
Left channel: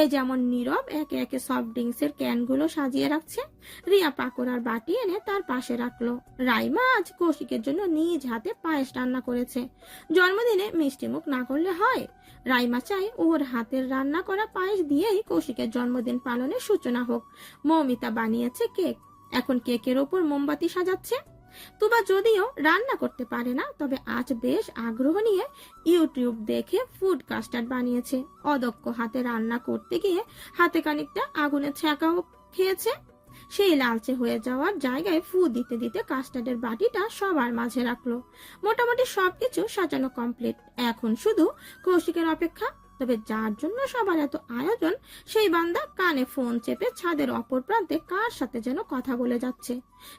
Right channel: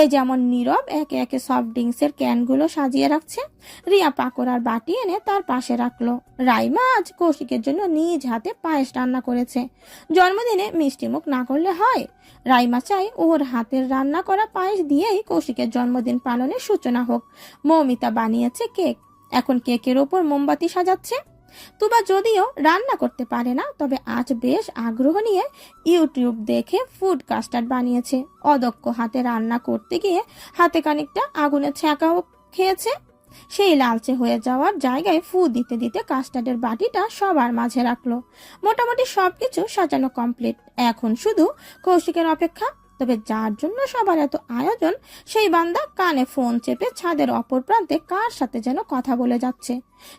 এই যেমন নীরব একে একে সফট ড্রিঙ্কসের ক্যানগুলো সাজিয়ে রাখছে। রিয়া পাকোড়ার বাটি এনে তার পাশে রাখলো। রাইমা আজ কৌশিকের জন্য নিজ হাতে পায়েস রান্না করেছে। জন্মদিনে মিষ্টি মুখ না করলে হয়। রাইমা চায় ওর হাতের রান্না করা পায়েস দিয়েই কৌশিকের জন্মদিন পালনের সূচনা হোক। মৌমিতা বানিয়েছে কেক, এখন কেকের ওপর মোমবাতি সাজাচ্ছে। তুবা যদিও রান্না করতে পারে না, তবে আজ বেশ আগ্রহ নিয়ে ইউটিউব দেখে ফুড কাস্টার্ড বানিয়েছে। অদক্ষ হাতে রান্না করতে গিয়ে হাতে খানিকটা আগুনের ছ্যাঁকাও খেয়েছে। সেই লালচে হয়ে যাওয়ার জায়গায় ফু দিতে দিতে কাস্টার্ডের বাটিটা সবার মাঝে রাখলো। মোটামুটি সবকিছু সাজানো কমপ্লিট, এখন শুধু কৌশিকের অপেক্ষা। তবে যার জন্য সবার এত আয়োজন সেই বান্দা কানে ফোন চেপে ছাদের অপর প্রান্তে কার সাথে যেন কথা বলে যাচ্ছে।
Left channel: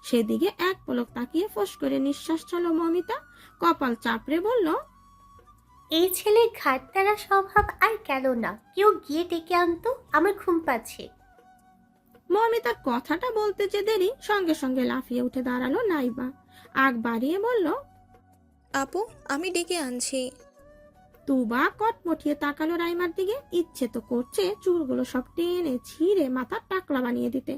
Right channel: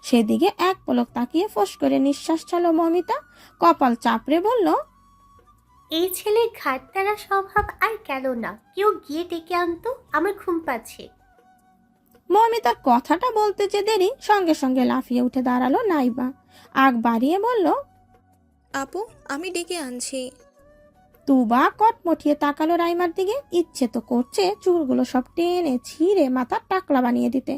সেদিকে এক পলক তাকিয়ে ফোঁস করে নিঃশ্বাস ছাড়ল মৌমিতা। কপাল চাপড়ে বলল, এই ছেলের ঘাটতারা স্বভাব আর গেল না। কেউ গিয়ে ডেকে আনতো, আমার ঘুম পাচ্ছে। মৌমিতার কথাটা বলতে যে দেরি, সঙ্গে সঙ্গে লাফিয়ে উঠে দাঁড়ালো নাইবা। আগ বাড়িয়ে বলল, আপু, আমি ডেকে আনছি। তুবা কটমটিয়ে তাকালো রাইমার দিকে। ইচ্ছে তো করছে চুলগুলো সব টেনে ছিঁড়ে মাথার টাকলা বানিয়ে দিতে।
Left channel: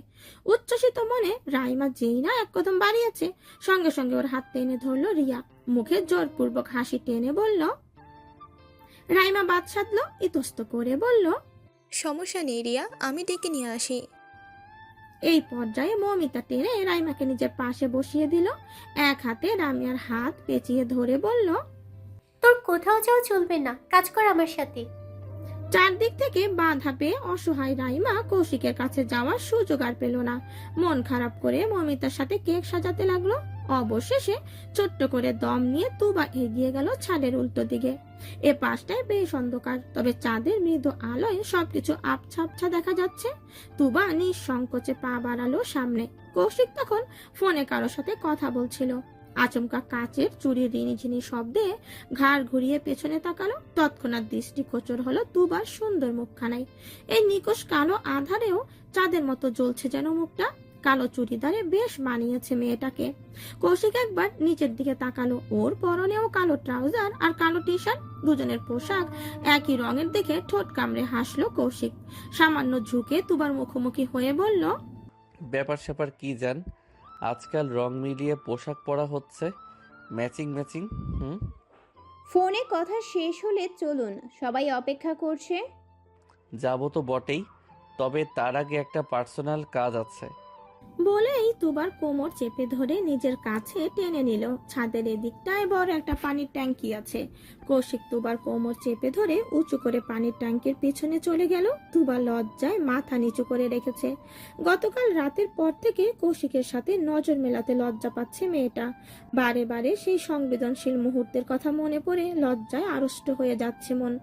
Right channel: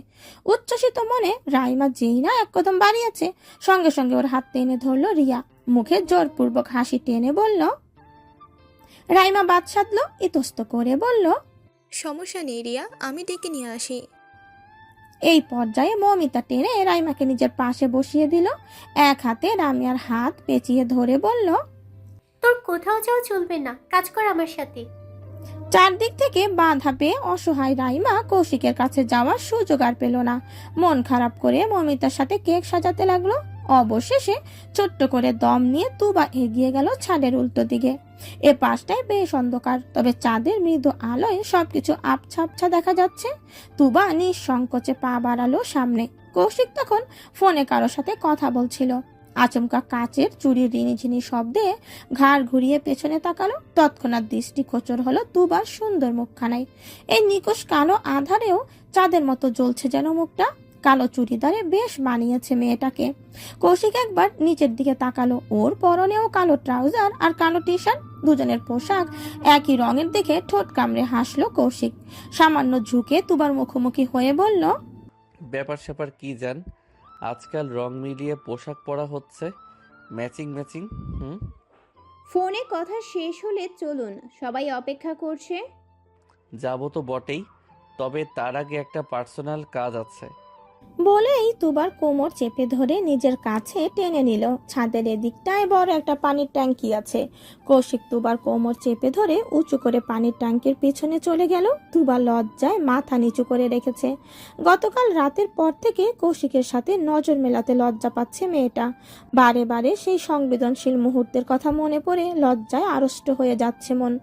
উচ্ছ্বসিত মনে রাইমা যেই না এক কদম বাড়িয়েছে, সঙ্গে সঙ্গে ওর হাত টেনে ধরলো রিয়া। মুখে জোরপূর্বক হাসি টেনে বলল, রাইমা বাদ সাধলো, ইতস্ত করে বলল, সমস্যা নেই রিয়া, আমি ডেকে নিয়ে আসি। এই পর্যায়ে মৌমিতা টেনে রাইমাকে নিজের পাশে বসিয়ে দিল। এক হাতে রামিয়ার হাত পেঁচিয়ে ধরে বলল, তোর কোথাও যাওয়া চলবে না, কাজ কর আমার সাথে। চারদিক থেকে বাধা পেয়ে অসহায় রাইমা কৌশিকের কাছে যাওয়ার সুযোগ আর পেল না। মন খারাপ করে মৌমিতার সাথে কেক সাজাতে লাগলো। অবশেষে ছোট্ট করে দম নিয়ে তুবা এগিয়ে গেল ছাদের উল্টো দিকে। এ পাশটায় বেশ অন্ধকার, তবে চাঁদের মৃদু আলোয় সবকিছু আবছা আবছা দেখা যাচ্ছে। তুবা নিঃসংকোচে পা বাড়ালো সামনে। কৌশিক তখন ফোনে কারোর সাথে কথা বলছিল। আচমকা কাচের চুরির রিনিঝিনি শব্দে ঘাড় ঘুরিয়ে পেছনে তাকালো। তৎক্ষণাৎ দৃষ্টি গোচর হলো তুবার সুন্দর মুখখানায়। এই নিকোষ কালো আধারেও চাঁদের মতো জ্বলছে যেন মুখটা। কালো চুড়িদারে বেশ মানিয়েছে মেয়েটাকে। কৌশিক একবার নিচের দিকে তাকালো। ওর পরনেও কালো ট্রাউজার আর কালো টি শার্ট, দুজনের পোশাক একই রঙের দেখে ঠোঁট কামড়ে হাসলো কৌশিক। সামান্য ঝুঁকে তুবার মুখোমুখি হয়ে বলল, ব্যাপার স্যাপার কি জান, আজকাল রং মিলিয়ে পোশাক পরা হচ্ছে, ম্যাচিং ম্যাচিং। ফোনে কথা শেষ হলে চলুন, সবাই অপেক্ষা করছে। যাবো তো বটেই, তবে তার আগে একটা পার্সোনাল কাজ আছে। বলেই তুবার কোমর চেপে ধরে নিজের কাছে টেনে নিল। ছাদের এদিকটায় বড় একটা পানির ট্যাঙ্কি আছে। কৌশিক তুবার কোমর চেপে ধরে উঁচু করে পানির ট্যাঙ্কির পিছনে চলে গেল। তুবা লজ্জায় মাথা নিচু করে রেখেছে। গতকাল রাতের পর থেকে কৌশিকের সাথে নজর মেলাতে লজ্জা পাচ্ছে মেয়েটা। বারে বারে সেই সংবেদনশীল মুহূর্তের কথা মনে পড়ে লজ্জায় আড়ষ্ট হয়ে যাচ্ছে মন।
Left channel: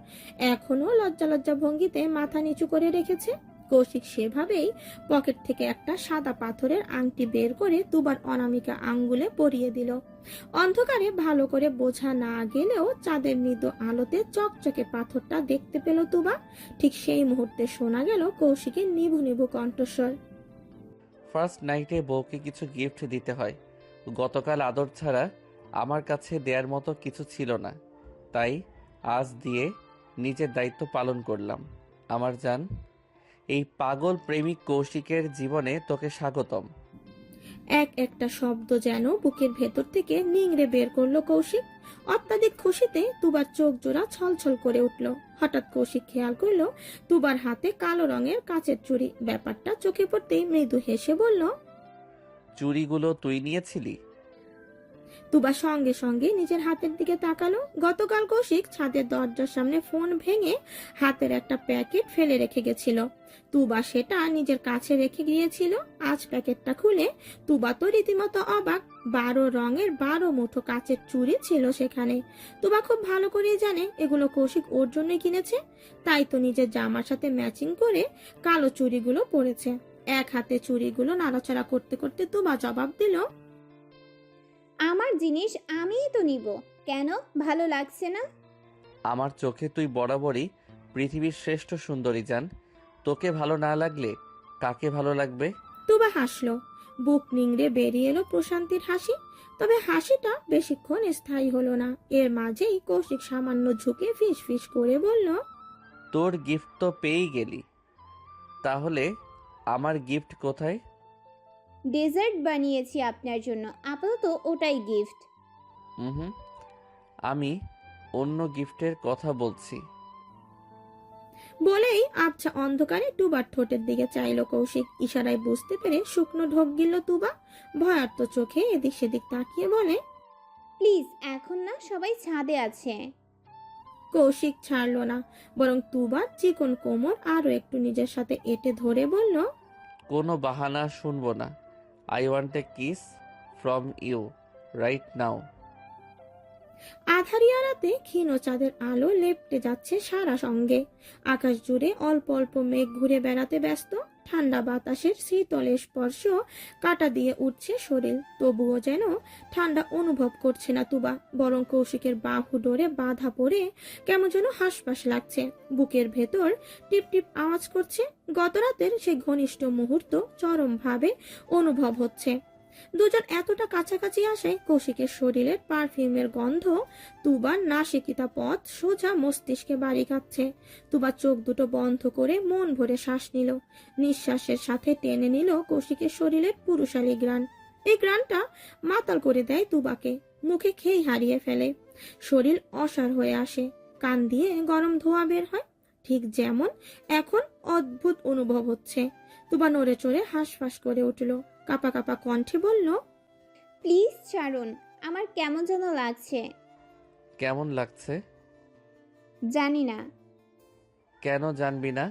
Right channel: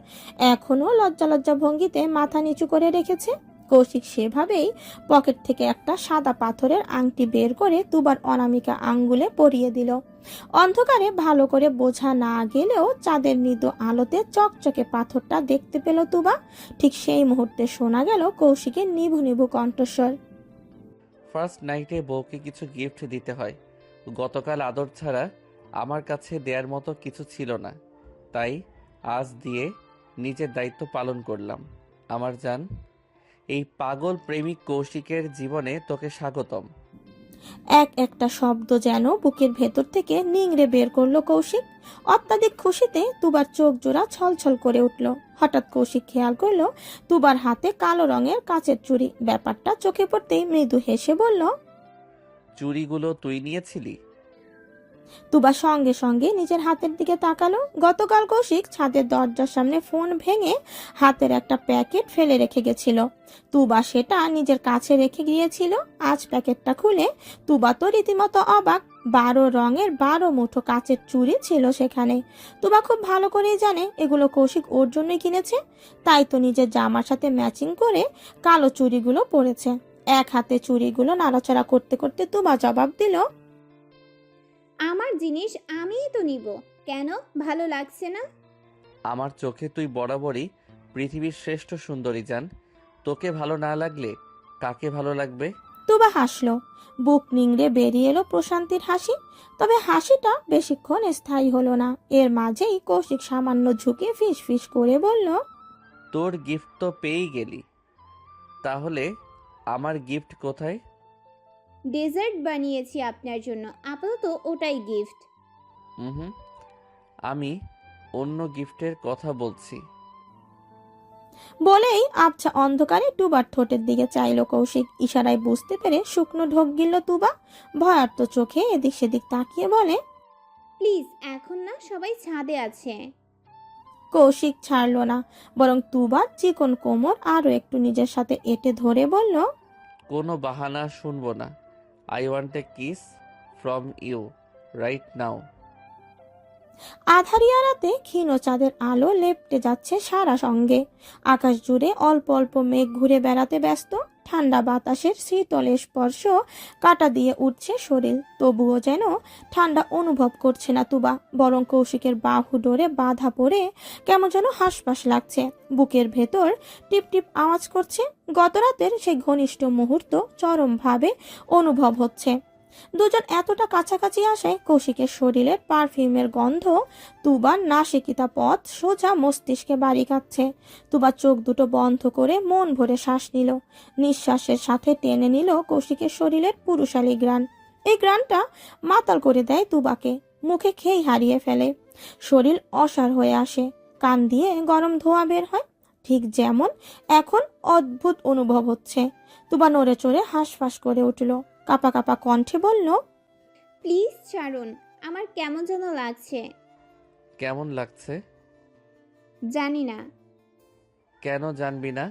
এখনো লজ্জা লজ্জা ভঙ্গিতে মাথা নিচু করে রেখেছে। কৌশিক সেভাবেই পকেট থেকে একটা সাদা পাথরের আংটি বের করে তুবার অনামিকা আঙ্গুলে পরিয়ে দিল। অন্ধকারে ভালো করে বোঝা না গেলেও চাঁদের মৃদু আলোতে চকচকে পাথরটা দেখতে পেল তুবা। ঠিক সেই মুহূর্তে শোনা গেল কৌশিকের নিভু নিভু কণ্ঠস্বর। ফার্স্ট নাইটে বউকে কিছু গিফট দিতে হয়। গতকাল আদর ছাড়া আমার কাছে দেওয়ার মতো কিছু ছিল না, তাই আজ দিয়ে নিজের দায়িত্ব পালন করলাম। আমার জান, এই পাগল প্রেমিক কৌশিকের জীবনে তোকে স্বাগতম। এক একটা শব্দ যেন বুকের ভেতর থেকে নিংড়ে বের করলো কৌশিক। অত্যাধিক খুশিতে তুবার চোখ জোড়া ছলছল করে উঠল। হঠাৎ কৌশিক খেয়াল করলো তুবার হাতে কালো রঙের কাচের চুড়ি। ব্যাপারটা চোখে পড়তেই মৃদু হেসে বলল, চুড়িগুলো তুই নিয়েছিলি? তুবা সঙ্গে সঙ্গে নিজের হাতের দিকে তাকালো। গতকাল কৌশিক ছাদের দরজার সামনে ফোন ভেঙে হাতের একটা প্যাকেট ফেলে রেখে গেছিল। তুবা সেটা নিজের কাছে রেখে গিয়েছিল। আজ প্যাকেটটা খুলে তুবা তো রীতিমতো অবাক। 12 রঙের 12 মুঠো কাচের চুড়ি ছিল সেখানে। তুবা খুব ভালো করেই জানে এগুলো কৌশিক ওর জন্যই কিনেছে, তাই তো নিজের জামার সাথে ম্যাচিং করে কালো চুড়িগুলো পরেছে। এক হাতে চুড়িগুলো নাড়াচাড়া করতে করতে তুবা জবাব দিল, আমার জিনিস আমিই তো নিব, কেন ভালো লাগছে না? আমার চোখে তুই বরাবরই পৃথিবীর শ্রেষ্ঠ সুন্দরী জান। তোকে ভালো না লাগলে কাকে ভালো লাগবে? তুবা হাসলো। বুক নিংড়ে বেরিয়ে এলো প্রশান্তির হাসি। তবে হাসিটা বেশিক্ষণ স্থায়ী হলো না। এর মাঝেই কৌশিক সামান্য ঝুঁকে ফিস ফিস করে বলল, তোর গিফট তো পেয়েই গেলি, তাহলে আমার গিফট কোথায়? ডেজার্ট বানিয়েছি আপনার জন্য, আপাতত ওটাই গিফট। হুম, আমি অন্য গিফটের কথা বলছি। বলেই আবছা অন্ধকারে তুবার ঠোঁটের দিকে চাইলো কৌশিক। ইশারায় বুঝতে পেরে শুকনো ঢোক গিলল তুবা। ভয়ার্ত চোখে এদিক সেদিক তাকিয়ে বলে, প্লিজ এখন না, সবাই ছাদে আছে। কৌশিক ছাড়লো না, বরং তুবার চিকন কোমর আরো একটু নিজের সাথে এঁটে ধরে বলল, কোনো বাহানা শুনবো না। I want a kiss from you right now. আধারিয়া রাতে ক্ষীণ চাঁদের আলো লেপ্টে যাচ্ছে সারা সঙ্গে। আকাশ জুড়ে অল্প অল্প মেঘ ঘুরে বেড়াতে ব্যস্ত। ঠান্ডা বাতাসের শীতল স্পর্শ কাটা দিয়ে উঠছে শরীর। তবুও যেন ঠান্ডা অনুভব করছে না তুবা, বরং কৌশিকের বাহু ডোরে বাধা পড়ে কেমন যেন হাঁসফাঁস লাগছে। বুকের ভেতর টিপ টিপ আওয়াজ করছে। গত রাতের সেই ঘনিষ্ঠ মুহূর্ত চরমভাবে অনুভব হচ্ছে। দুজন এতটা কাছাকাছি আসে কৌশিকের শরীরের পারফিউমের গন্ধ তুবার নাসিকিতা পথ সোজা মস্তিষ্কে বাড়ি খাচ্ছে। তুবা চোখ দুটো বন্ধ করে মন ভরে শ্বাস নিল। নিঃশ্বাসের সাথে টেনে নিল কৌশিকের শরীরের পুরুষালী গ্রাণ। এই গ্রাণটা মাতাল করে দেয় তুবাকে, মুখে খেই হারিয়ে ফেলে। শরীর অসাড় হয়ে আসে, কান দিয়ে গরম ধোঁয়া বের হয়। ঠিক যেমন এখন অদ্ভুত অনুভব হচ্ছে। তুবা নড়ে চড়ে হাঁসফাঁস করে উঠল। কাপা কাপা কণ্ঠে বলল, প্লিজ ছাড়ুন, আমার কেমন যেন লাগছে। কেমন লাগছে? জানি না। কেন জানবি না?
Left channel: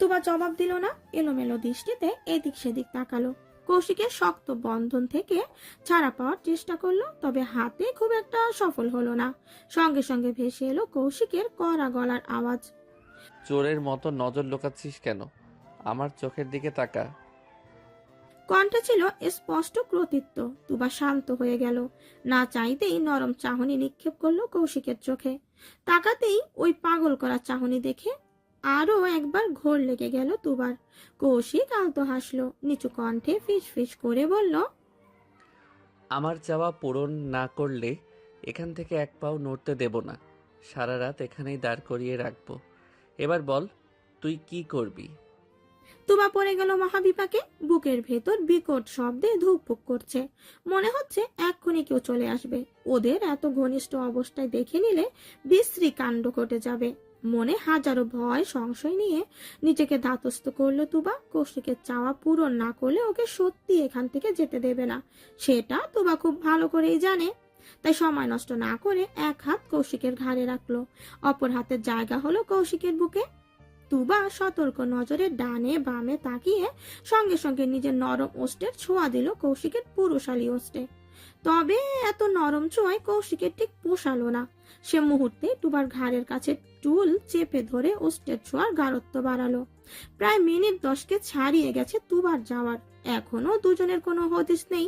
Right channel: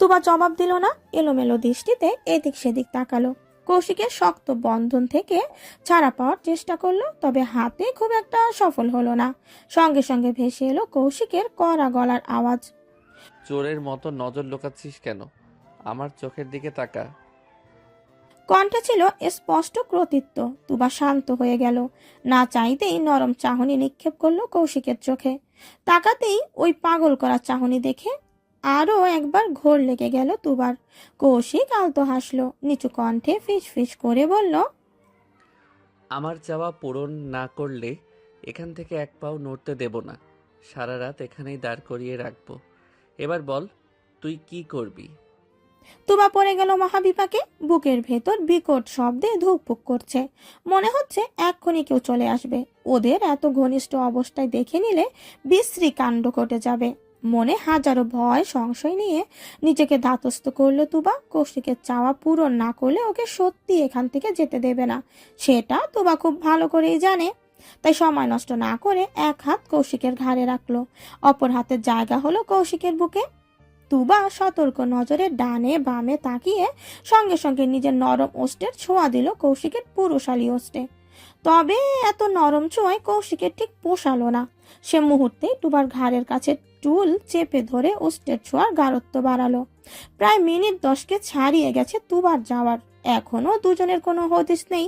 তুবা জবাব দিল না। এলোমেলো দৃষ্টিতে এদিক সেদিক তাকালো। কৌশিকের শক্ত বন্ধন থেকে ছাড়া পাওয়ার চেষ্টা করলো, তবে হাতে খুব একটা সফল হলো না। সঙ্গে সঙ্গে ভেসে এলো কৌশিকের কড়া গলার আওয়াজ, চোরের মতো নজর লুকাচ্ছিস কেন? আমার চোখের দিকে তাকা। কণ্ঠে ছিল স্পষ্ট কর্তৃত্ব। তুবা শান্ত হয়ে গেল। না চাইতেই নরম চাহনি নিক্ষেপ করলো কৌশিকের চোখে। তাকাতেই ওই পাগল করা চাহনি দেখে আরো একবার ঘোর লেগে গেল তুবার। কৌশিক আলতো হাসলো, নিচু কণ্ঠে ফিস ফিস করে বলল, আমার চাওয়া পূরণ না করলে এখান থেকে এক পাও নড়তে দেব না। সারা রাত এখানেই দাঁড় করিয়ে রাখবো। এবার বল, তুই কি করবি? তুবা পড়ে গেল মহাবিপাকে। বুকের ভেতর বিকট শব্দে ধুকপুক করছে। মনে হচ্ছে এক্ষুনি কেউ চলে আসবে। ওদের এত ঘনিষ্ঠ অবস্থায় দেখে নিলে বিশ্রী কাণ্ড ঘটে যাবে। মনে হাজারো ভয় সংশয় নিয়ে নিজেকে ধাতস্থ করলো তুবা। কৌশিকের চাওয়া পূরণ না করলে ওকে সত্যি এখান থেকে যেতে দেবে না, সেটা তুবা খুব ভালো করেই জানে। তাই সময় নষ্ট না করে এক হাত কৌশিকের ঘাড়ে রাখলো, অপর হাতের জায়গা হলো কৌশিকের বুকে। তুবা সতর্ক নজরে ডানে বামে তাকিয়ে সঙ্গে সঙ্গে নিজের নরম ওষ্ঠের ছোঁয়া দিল কৌশিকের পুরুষালী ওষ্ঠে। তবে এত নরম ছোঁয়ায় কৌশিকের ঠিক পোষালো না। সে মুহূর্তে তুবার ঘাড়ের কাছে টুল চেপে ধরে ওস্টের ছোঁয়ার গাঢ়ত্ব বাড়ালো। প্রায় মিনিট 10কে ছাড়িয়ে গেছে তুবার যাওয়ার, এখনো দুজনের কোনো হদিস নেই।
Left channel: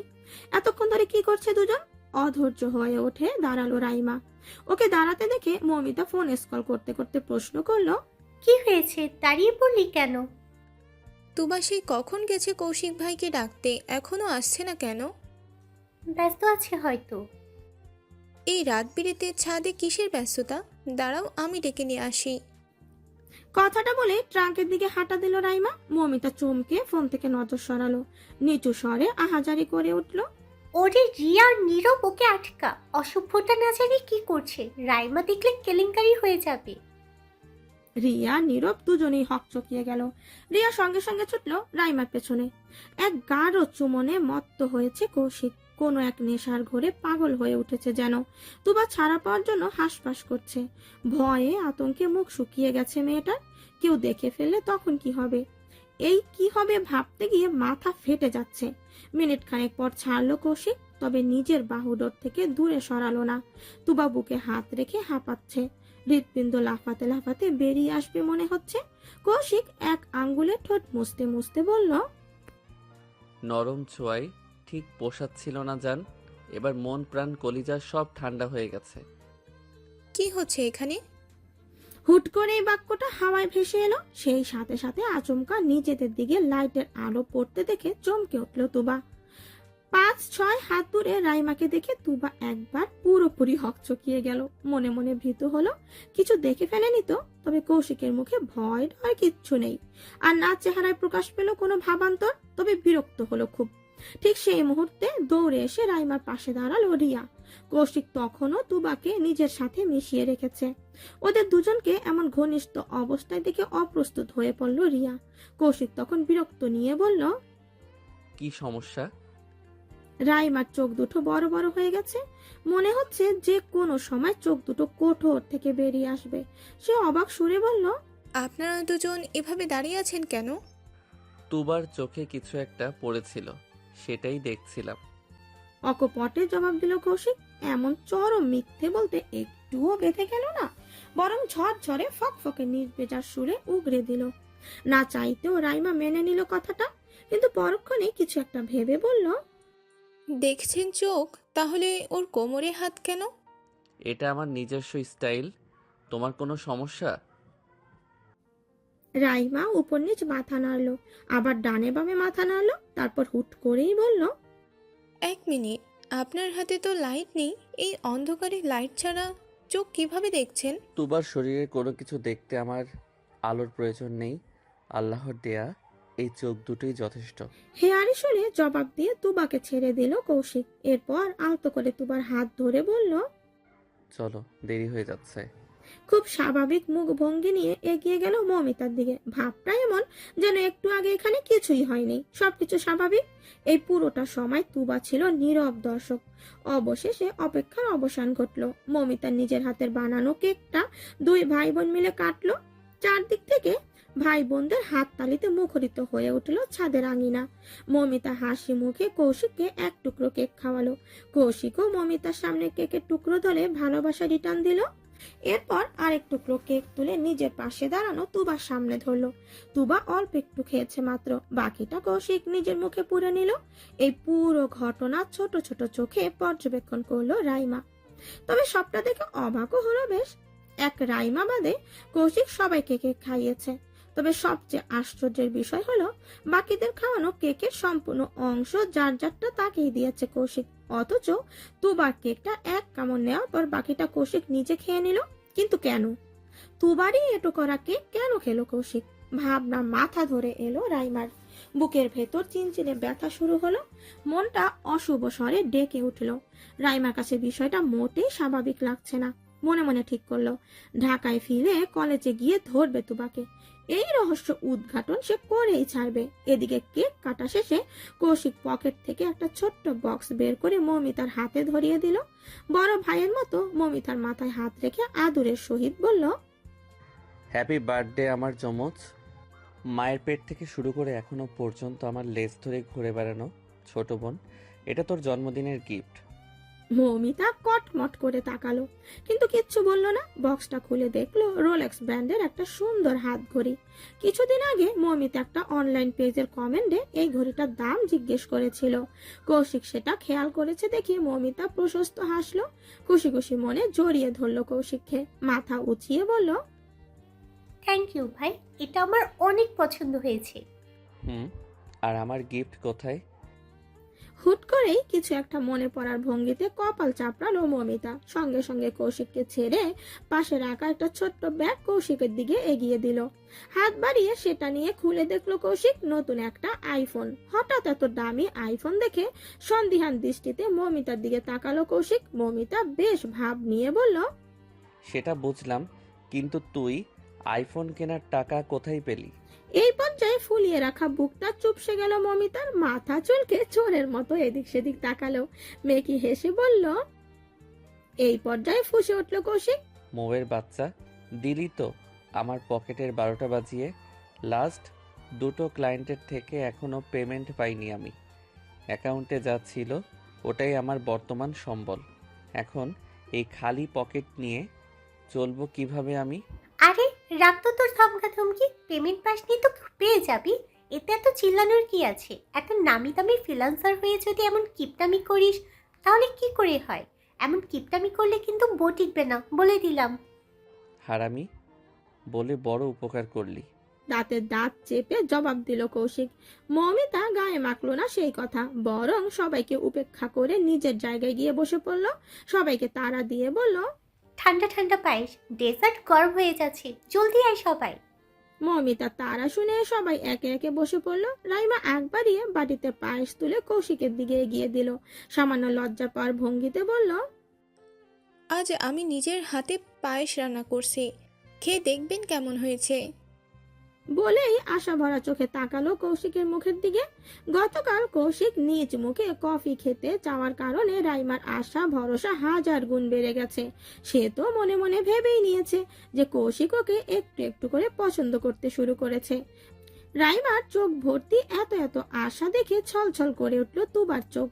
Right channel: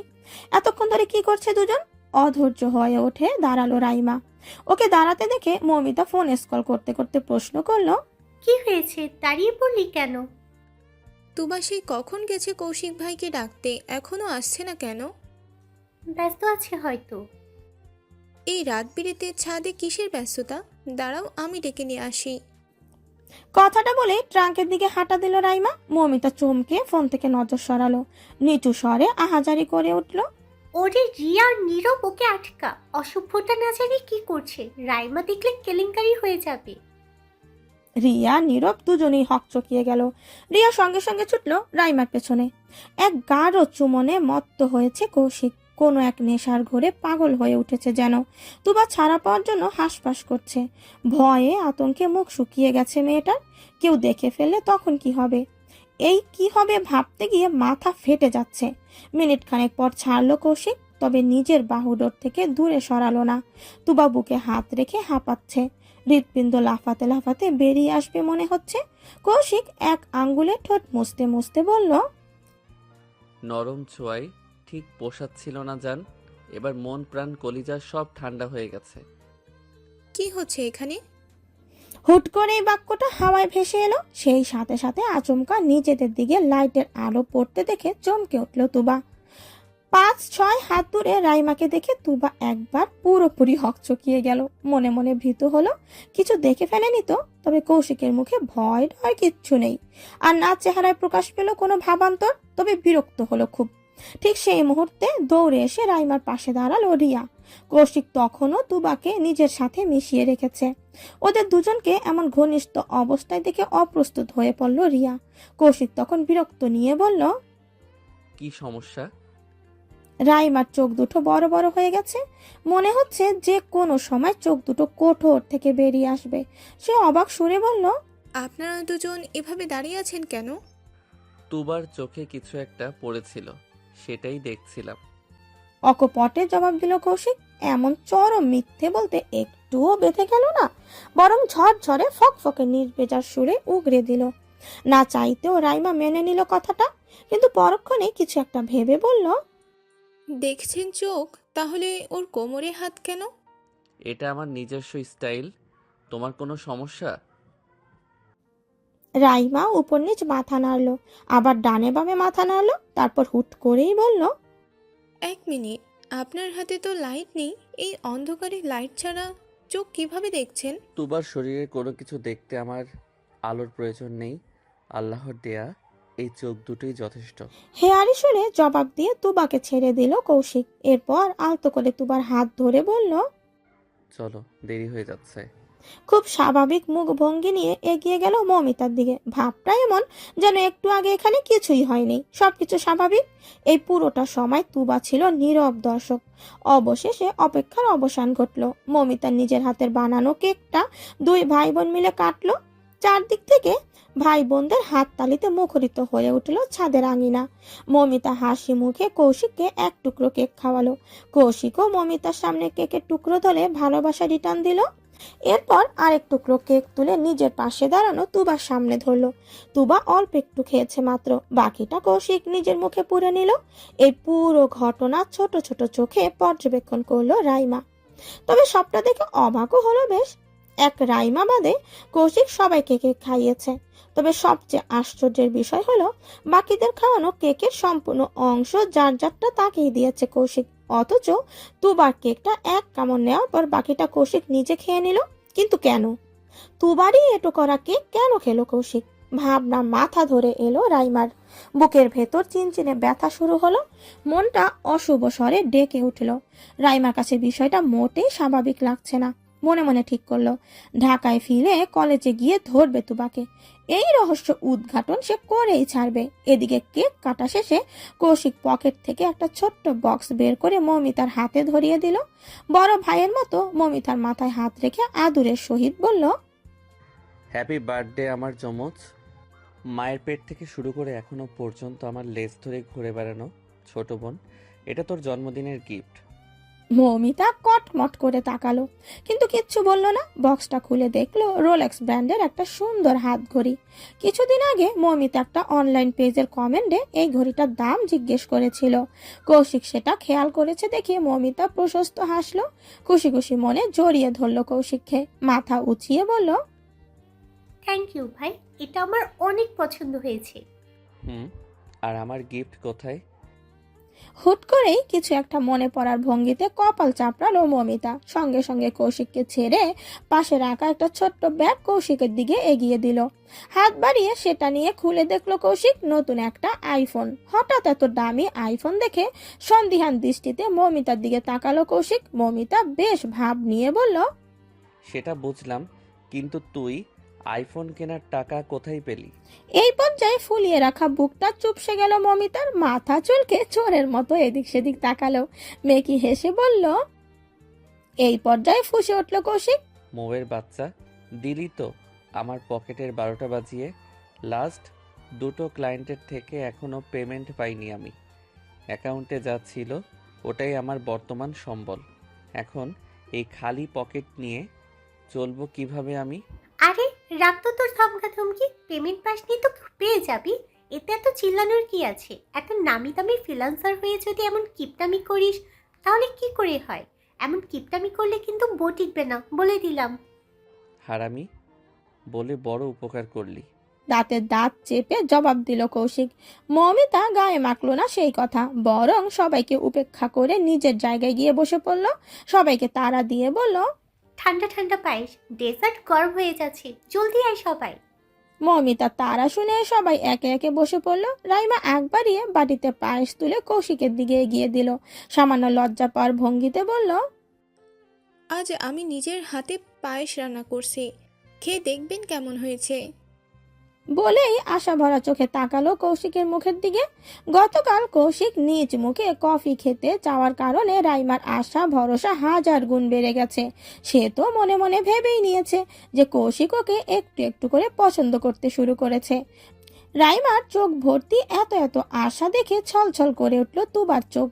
এতক্ষণ ধরে কি করছে দুজন? অধৈর্য হয়ে ওঠে দাঁড়ালো রাইমা। ওকে দাঁড়াতে দেখে মৌমিতা ফোন স্কল করতে করতে প্রশ্ন করলো, কি হয়েছে, দাঁড়িয়ে পড়লি কেন? তুবা সেই কখন গেছে কৌশিক ভাইকে ডাকতে, এখনো আসছে না কেন? ব্যস্ত আছে হয়তো। এই রাত বিরেতে ছাদে কিসের ব্যস্ততা? দাঁড়াও, আমি ডেকে নিয়ে আসি। কথাটা বলে ট্রাঙ্কের দিকে হাঁটা দিল রাইমা। মৌমিতা চমকে ফোন থেকে নজর সরালো, নিচু স্বরে আহাজারি করে উঠল, ওরে রিয়া আর নীরব, ওকে আটকা। অসভ্যতা না জানি কি করছে, রাইমা দেখলে কেলেঙ্কারি হয়ে যাবে। রিয়া নীরব দুজনেই হকচকিয়ে গেল। রিয়া সঙ্গে সঙ্গে ছুটল রাইমার পেছনে। এক গাঢ় চুমনে মত্ত হয়েছে কৌশিক, কোনো এক নেশার ঘোরে পাগল হয়ে উঠেছে যেন। তুবা ছাড়া পাওয়ার জন্য হাঁসফাঁস করছে। ভয়ে আতঙ্কে মুখ শুকিয়ে গেছে মেয়েটার। কেউ দেখে ফেললে তখন কি হবে? এই কি হবে ভাবতে গিয়ে মাথা ফেটে যাচ্ছে। মিনিট খানেক পর ছাড়লো কৌশিক, তবে নিজের বাহুডোর থেকে দূরে সরালো না। তুবা বুকে হাত রেখে হাঁপাচ্ছে। হৃৎপিণ্ড লাফাতে লাফাতে বেরিয়ে আসবে মনে হচ্ছে। কৌশিক এক আঙ্গুলে ঠোঁট মুছতে মুছতে বলল, নরম ছোঁয়ায় ঠিক পোষাচ্ছিল না জান। এবার মন প্রাণ কলিজা সব ঠান্ডা হয়ে গেছে। কি হচ্ছে এখানে? হুট করে এই বাক্যটা হাওয়ায় ভেসে এলো। সেই সাথে সাথে আচমকা নিজেদের দিকে লাইটের আলো পড়তে দেখে চমকে উঠল তুবা। 5-6 হাত দূরে রাইমাকে দেখে তুবা একবার পুরোপুরি হকচকিয়ে গেল। মনে মনে ভীত হলো, কিছু দেখে ফেলেনি তো। তবে কৌশিকের মুখে ভয় ডর কিচ্ছু নেই, আর না চেহারায় প্রকাশ পেল কোনো ভাবান্তর। তবে বিরক্ত হলো খুব। ঠিক সেই মুহূর্তে দৌড়ে এসে রাইমার পাশে দাঁড়ালো রিয়া। কৌশিক তখনও তুবাকে নিজের সাথে মিশিয়ে রেখেছে। ওদের দুজনকে এমন ঘনিষ্ঠ অবস্থায় দেখে অপ্রস্তুত হয়ে পড়ল রিয়া। কৌশিক তখন বিরক্ত নিয়ে বলল, কি সমস্যা? রাইমার চোখ দুটো বড় বড় হয়ে গেছে। মনে হচ্ছে যে কোনো সময় চোখ দুটো কোঠর থেকে বেরিয়ে আসবে। সে অবাক সুরে বলল, আপনারা দুজন এভাবে দাঁড়িয়ে আছেন কেন? তুবার চোখে কিছু একটা পড়েছিল, সেটাই দেখছিলাম। অকপটে জবাব দিল কৌশিক। এমন চরম মিথ্যে বলতে একটুও বেঁধে গেল না, বরং ঝরঝরে ফকফকে নির্বেজার সুরে উগরে দিল। না চাইতেও রাইমা মেনে নিল কথাটা, কিন্তু পরক্ষণে কিছু একটা ভেবে বলল, দেখছেন চোখ, তাহলে ওর কোমরে হাত কেন? এটা আমার নিজস্ব স্টাইল। তোমার কোনো সমস্যা? রাইমা উপর নিচ মাথা নাড়লো, আবার ডানে বামে মাথা নাড়লো, তারপর হুট করেই বলল, এক মিনিট, আপনার হাতে তো লাইট নেই। এই অন্ধকারে লাইট ছাড়া চোখ কিভাবে দেখছেন? তুবার শরীরে কোনো কিছু দেখতে আমার আলোর প্রয়োজন নেই। আল্লাহর দেয়া এই চোখ দুটোই যথেষ্ট। হেয়ারি সুরে জবাব দিয়ে তুবাকে ছেড়ে দিল কৌশিক। এরপর আলতো করে তুবার হাত ধরে বলল, চলো, দেরি হয়ে যাচ্ছে। খুব স্বাভাবিক মুখ ভঙ্গি নিয়ে এগিয়ে গেল মৌমিতার দিকে। ভাবটা এমন যেন একটু আগে এখানে কিছুই হয়নি, সবকিছু স্বাভাবিক। এই পুরোটা সময় তুবা ছিল নীরব দর্শক। অবশেষে অপেক্ষার অবসান ঘটল। মৌমিতার নিজের হাতের বানানো কেকটা দুই ভাই বোন মিলে কাটলো। চারদিক থেকে ভাই বোনদের হাত তালিতে মুখরিত হয়ে উঠল ছাদের আঙিনা। মৌমিতা হাসি মুখে কৌশিককে এক টুকরো কেক খাওয়ালো। কৌশিকও মৌমিতার সামনে কেকের টুকরো ধরে ভালোবাসা রিটার্ন দিল। এরপর আরেক টুকরো কেক তুলে নিজের পাশে দাঁড়ানো তুবার সামনে ধরলো। তুবা অল্প একটু খেয়েছে মাত্র, বাকিটা কৌশিক নিজের মুখে পুরে নিল। এই পুরো ঘটনা ছোট ছোট চোখে পর্যবেক্ষণ করলো রাইমা। তবে সবটা দেখে অবাকও হলো বেশ। এক রাইমা বাদে কৌশিক সবাইকে কেক খাইয়েছে। তবে সবচেয়ে আশ্চর্যের বিষয় হলো, বাকিদের খাওয়ানো কেকের সম্পূর্ণ অংশ যার যারটা তাকেই দিয়েছে কৌশিক। অথচ তুবার কেকটা এক কামড় নেওয়ার পর বাকিটা কৌশিক নিজে খেয়ে নিল। কিন্তু কেন? তুবারই এটো করা কেক কেন খেলো কৌশিক? ভাবনা মাথা ধরে এলো রাইমার। বুকের ভেতর চিনচিনে ব্যথা শুরু হলো। মনটা অশুভ স্বরে ডেকে উঠল। রাইমার কাছে বিষয়টা মোটেই স্বাভাবিক লাগছে না। মনে মনে ঠিক করলো, ঢাকায় ফিরে কলেজে গিয়ে ধরবে তুবাকে। এই রহস্য উদ্ঘাটন সে করেই ছাড়বে। এদিকে কেক কাটা শেষে কৌশিক পকেট থেকে একটা ছোট্ট বক্স বের করে মৌমিতার হাতে ধরিয়ে দিল। বড় ভাইয়ের মতো মৌমিতার মাথায় হাত রেখে আদুরের সহিত বলল, হ্যাপি বার্থডে আমার যমজ। মায়ের পেট থেকে শুরু করে এখনো পর্যন্ত আমার লেজ ধরে ঘুরে বেড়ানো ছোট বোন, এটা তোর জন্মদিনের গিফট। মৌমিতা কটমট করে তাকালো, কিন্তু কিচ্ছু বলল না। বক্সটা খুলে দেখলো রোলেক্স ব্র্যান্ডের একটা সুন্দর হাত ঘড়ি। কিছুদিন আগে মৌমিতা একটা অনলাইন পেজের কমেন্টে এই ঘড়িটার দাম জিজ্ঞেস করেছিল। কৌশিক সেটা খেয়াল করেছে দেখে মৌমিতা প্রশস্ত হাসলো। খুশি খুশি মনে জড়িয়ে ধরলো কৌশিককে, মাথা উঁচিয়ে বলল, থ্যাংক ইউ ভাই, এটা আমার অনেক পছন্দ হয়েছে। আর আমার গিফট কোথায়? হুট করেই কিছু একটা মনে পড়ার ভঙ্গিতে কপাল চাপড়ালো মৌমিতা। সঙ্গে সঙ্গে কৌশিককে ছেড়ে পাশে রাখা একটা ছোট্ট ব্যাগ কৌশিকের দিকে এগিয়ে দিল। হাত বাড়িয়ে সেটা নিয়ে খুলে দেখলো কৌশিক নতুন একটা আইফোন। হঠাৎ এত দামি আইফোন দেখে সন্দিহান দৃষ্টিতে মৌমিতার দিকে তাকালো কৌশিক। মৌমিতা বেশ ভাব নিয়ে বলল, সেটা বুঝলাম, কিন্তু তুই আইফোন কেনার টাকা কোথায় পেলি? এই পর্যায়ে ফুলিয়ে রাখা বুকটা চুপসে গেল মমিতার। মাথা চুলকে চোরের মতো এদিক সেদিক তাকালো। মেকি হেসে বলল, এই পর্যায়ে ফুঁসে উঠল কৌশিক। মৌয়ের বাচ্চা, দিলি তো আমার পকেটের 12টা বাজিয়ে। লাস্ট দুটো ক্লায়েন্টের থেকে এখনও পেমেন্ট পাইনি আমি। অ্যাকাউন্টে যা ছিল ওটাই আমার বর্তমান সম্বল। এখন এই খালি পকেট নিয়ে চলবো কিভাবে আমি? আরে রাখ তো তোর ধমকা ধমকি, পেমেন্ট পাসনি তো পেয়ে যাবি, এতে এত চিল্লানোর কি আছে? এত নামি দামি ফ্রিল্যান্সার হয়ে যদি এমন কিপটামি করিস তাহলে কি করে হয়? এমন কিপটামি করলে কিন্তু বউ টিকবে না, বলে দিলাম। হারামি বলে বড় উপকার করলি। দাঁতের দাঁত চেপে জবাব দিল কৌশিক। মমিতা গায়ে মাখলো না সেই কথা, বরং সবাইকে উপেক্ষা করে নিজের জায়গায় গিয়ে বসে পড়ল। সবাইকে তাড়া দিয়ে বলল, ঠান্ডা ঠান্ডা পায়েস, ডেজার্ট গরম হয়ে যাচ্ছে, জলদি আয় সবাই। মমিতা তারা শুনে সবাই একে একে বসে পড়ল। রাইমা এক বাড়িয়ে বাটিতে পায়েস তুলে কৌশিকের দিকে এগিয়ে দিল। সামান্য লজ্জা পাওয়ার ভঙ্গিতে বলল, আজ আমি নিজের হাতে পায়েস রান্না করছি, খেয়ে দেখবেন কেমন হয়েছে। বলেই আশা ভরা চোখে তাকালো কৌশিকের মুখের দিকে। গতকাল কৌশিক নিজ মুখে কফি খেতে চাওয়ার কারণে রাইমার আশা ভরসা হাজার গুণ বেড়ে গেছে। সে তো মনে মনে ভেবেই নিয়েছে যে কৌশিক ওকে একটু একটু করে পছন্দ করতে শুরু করেছে। রাইমার চোখ ভর্তি এত এত আশা দেখে ছলছল করে উঠল তুবার চোখ।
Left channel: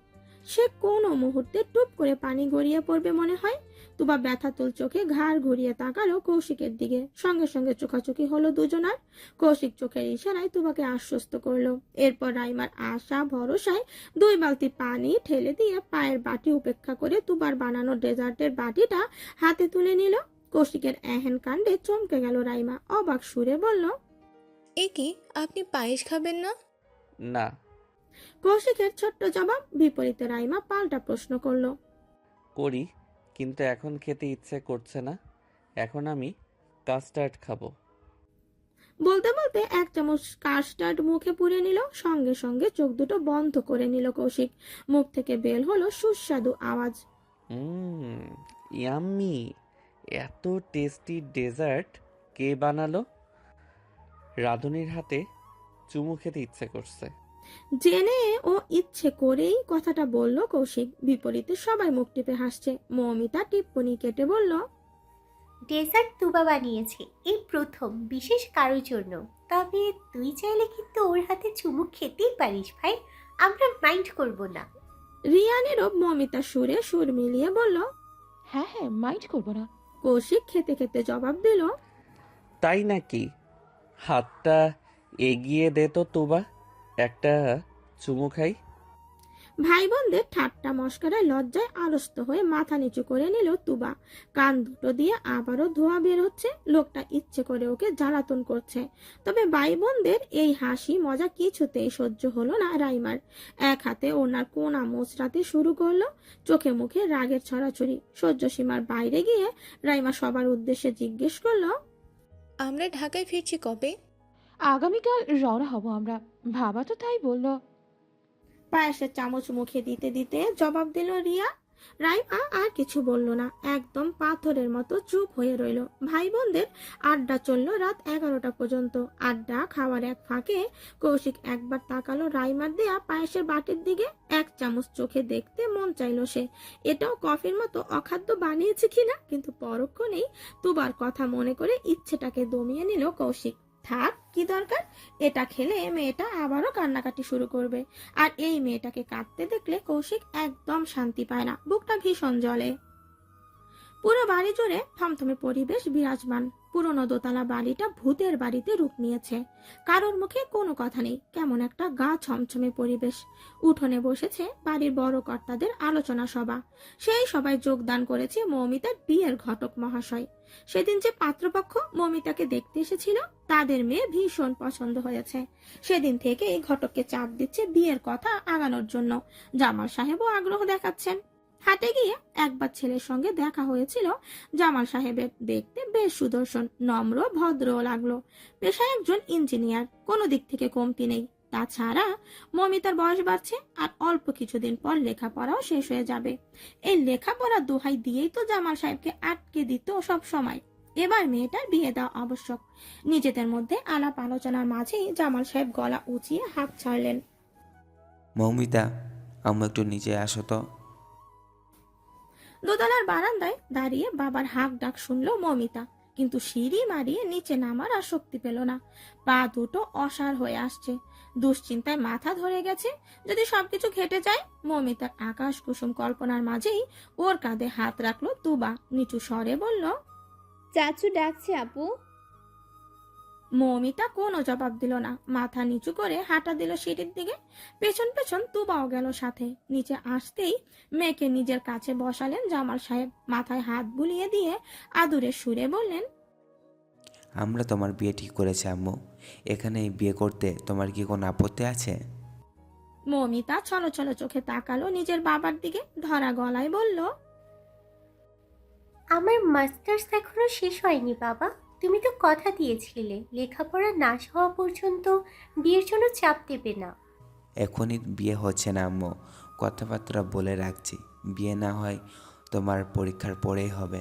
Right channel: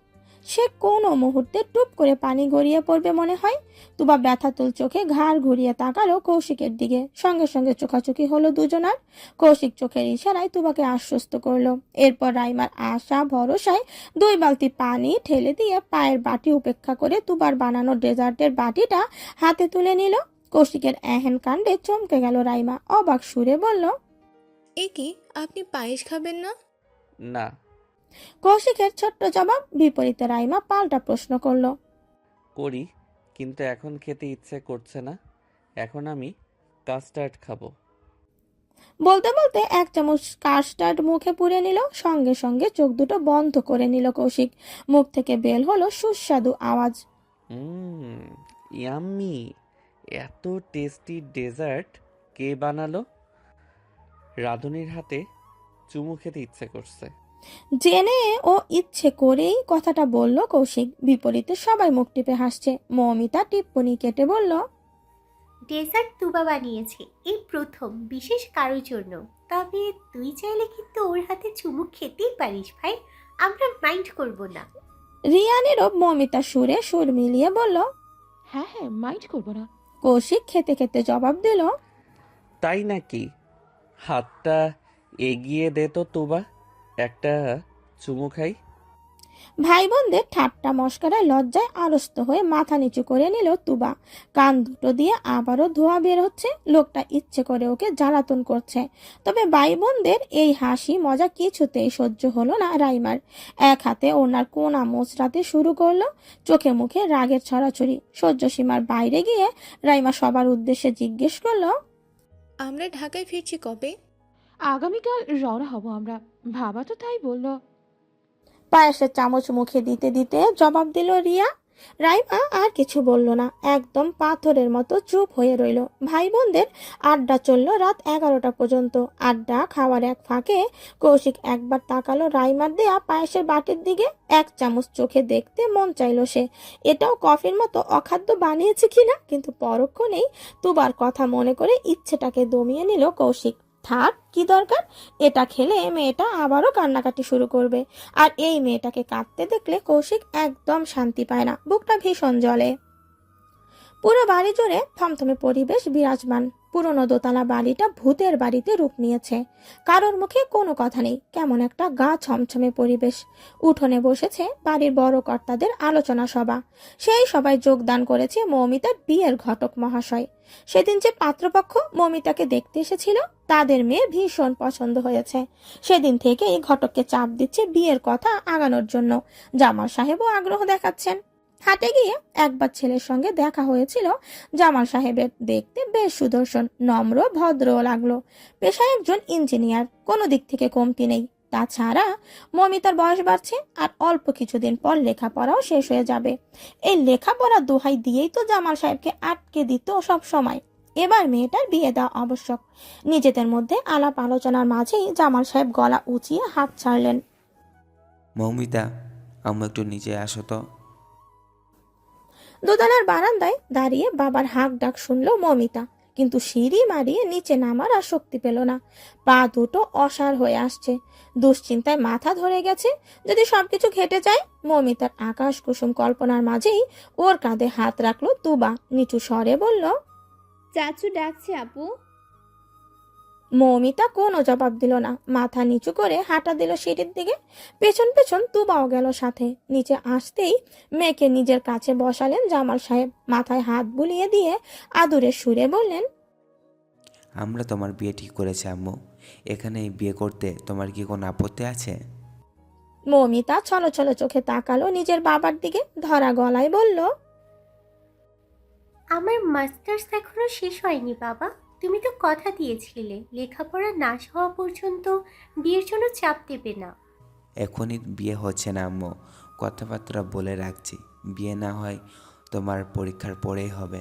সে কোনো মুহূর্তে টুপ করে পানি গড়িয়ে পড়বে মনে হয়। তুবা ব্যথাতুল চোখে ঘাড় ঘুরিয়ে তাকালো কৌশিকের দিকে। সঙ্গে সঙ্গে চোখাচোখি হলো দুজনার। কৌশিক চোখের ইশারায় তুবাকে আশ্বস্ত করলো। এরপর রাইমার আশা ভরসায় 2 বালতি পানি ঠেলে দিয়ে পায়ের বাটি উপেক্ষা করে তুবার বানানো ডেজার্টের বাটিটা হাতে তুলে নিল। কৌশিকের এহেন কাণ্ডে চমকে গেল রাইমা। অবাক সুরে বলল, এ কি, আপনি পায়েস খাবেন না? না। কৌশিকের ছোট্ট জবাব বিপরীতে রাইমা পাল্টা প্রশ্ন করলো, করি, কিন্তু এখন খেতে ইচ্ছে করছে না। এখন আমি কাস্টার্ড খাবো। বলতে বলতে 1 চামচ কাস্টার্ড মুখে পুরে নিল। সঙ্গে সঙ্গে চোখ দুটো বন্ধ করে নিল কৌশিক। মুখ থেকে বের হলো সুস্বাদু আওয়াজ, ইয়াম্মি। এত টেস্টি ডেজার্ট কে বানালো? রাঁধুনির হাতে চুমু খেতে ইচ্ছে করছে। জেনে ও ইচ্ছে করেই কথাটা বলল কৌশিক। বিপরীতে সবাই মুখ টিপে হাসছে। মৌমিতা টিপ্পনি কেটে বলল, ডেজার্ট তুবা বানিয়েছে এই প্রথম, বিশেষ কারোর জন্য। তবে তুই চাইলে কিন্তু ওর হাতে চুমু খেতেই পারিস ভাই, আমরা মাইন্ড করব না। রিয়ানেরও মৌমিতা সুরে সুর মিলিয়ে বলল, হ্যাঁ হ্যাঁ, মাইন্ড করবো না। কৌশিক খেতে খেতে জবাব দিল, তাই নাকি? হাতটা এগিয়ে দে তো তুবা, একটা চুমু খাই। ভাই বোনদের ঠাট্টা মস্করায় লজ্জায় আড়স্ত হয়ে মাথা নিচু করে নিল তুবা। কান দুটো দিয়ে আবারও ধোঁয়া বের হচ্ছে। লোকটা ইচ্ছে করে ওকে জ্বালাতন করছে। তবে ভাই বোনদের এই হাসি মজা কিছুতেই সহ্য হলো না রাইমার। এক হাতে ওনার কোনা মোচড়াতে শুরু করলো। চোখে মুখে রাগের ছড়াছড়ি। সহ্য সীমার বাইরে গিয়ে রাইমা সবার উদ্দেশ্যে জিজ্ঞেস করলো, আমরা ঢাকায় ফিরছি কবে? আগামীকাল রওনা হব আমরা, বাবা তো তাই বললো। পায়েসের চামচ মুখে দিতে দিতে জবাব দিল রিয়া। রাইমা আর কিছু বলল না, একদম পাথরের মতো চুপ হয়ে রইল। ভাই বোনদের আড্ডা চলল রাত 11টা পর্যন্ত। আড্ডা খাওয়ার এক ফাঁকে কৌশিক একবার তাকালো রাইমার দেয়া পায়েসের বাটির দিকে। 1 চামচ চোখে দেখতে মন চাইল সে। এটাও কফির মতো অখাদ্য বানিয়েছে কিনা, কিন্তু পরক্ষণেই তুবার কথা মনে করে ইচ্ছেটাকে দমিয়ে নিল কৌশিক। থাক, কি দরকার? এটা খেলে মেয়েটা আবারও কান্নাকাটি শুরু করবে। আর এই মেয়েটাকে কাঁদতে দেখলে কৌশিক একদম শান্তি পায় না, বুকটা ভীষণ জ্বলে। পুরো বাড়ি জুড়ে থমথমে পরিবেশ বিরাজমান। পুরনো দোতলা বাড়িটা ভূতের বাড়িতে রূপ নিয়েছে। কারোর মুখে কোনো কথা নেই, কেমন একটা গা ছমছমে পরিবেশ। উঠোনে বসেছে বাড়ির বড় কর্তাদের আলোচনা সভা। সেই সবাই যোগদান করেছে মৌমিতার বিয়ের ঘটক মহাশয়। সেদিন যে পাত্রপক্ষ মৌমিতাকে দেখতে এসেছিল, তাদের মেয়ে ভীষণ পছন্দ হয়েছে। সেদিন থেকেই ঘটককে চাপ দিচ্ছে বিয়ের কথা আগানোর জন্য। জামাল সাহেবও আগ্রহ দেখাচ্ছেন। হাটে গিয়ে একবার ছেলের সঙ্গে দেখা হয়েছিল। জামাল সাহেবের দেখতে বেশ সুদর্শন, নম্র, ভদ্রও লাগলো। পেশায় একজন ইঞ্জিনিয়ার, কোনো দিক থেকে কমতি নেই। তাছাড়া মমিতার বয়স বাড়ছে, আর অল্প কিছুদিন পর লেখাপড়াও শেষ হয়ে যাবে। এই লেখাপড়া দোহাই দিয়েই তো জামাল সাহেবকে আটকে দিত সব সময়। এবার মেয়েটার বিয়ে দেওয়া আবশ্যক। নিজেদের মধ্যে আলাপ আলোচনার মাঝেই জামাল সাহেব গলা উঁচিয়ে হাত ছাড়লেন। মৌমিতা, আম্মু একটু নিচে আসো তো। দোতলার বারান্দায় দাঁড়িয়ে বাবার হাঁক ডাক শুনল মমিতা, কিন্তু সিঁড়ি মারিয়ে নিচে নামার আর শক্তি পেল না। পা দুটো অসাড় হয়ে আসছে। দুশ্চিন্তায় মাথা ধরে গেছে, যদি সবকিছু ঘেটে যায়। মমিতার আকাশ কুসুম কল্পনার মাঝেই ওর কাঁধে হাত রাখলো তুবা। নিচু স্বরে বলল, চাচু ডাকছে আপু। মৌমিতা কোনো জবাব দিল না, মাথা নিচু করে হাঁটা দিল সিঁড়ির দিকে। পেছন পেছন তুবাও গেল সাথে। নিচে আসতেই মেয়েকে নিজের কাছে বসালেন জামাল সাহেব। মাথায় হাত বুলিয়ে দিয়ে আদুরের সুরে বললেন, আমরা তোমার বিয়ে ঠিক করেছি আম্মু। এখানে এই বিয়ে করতে তোমার কি কোনো আপত্তি আছে? মৌমিতা ছলো ছলো চোখে তাকালো নিজের বাবার দিকে, ধরা গলায় বলল, আমার মাস্টার্স এখনো শেষ হয়নি বাবা। তুমি তো কথা দিয়েছিলে লেখাপড়া না হওয়া পর্যন্ত বিয়ের জন্য চাপ দেবে না। এখনই বিয়ে হচ্ছে না আম্মু, কথাবার্তা বলে রাখছি। বিয়ে না হয় তোমার পরীক্ষার পরেই হবে।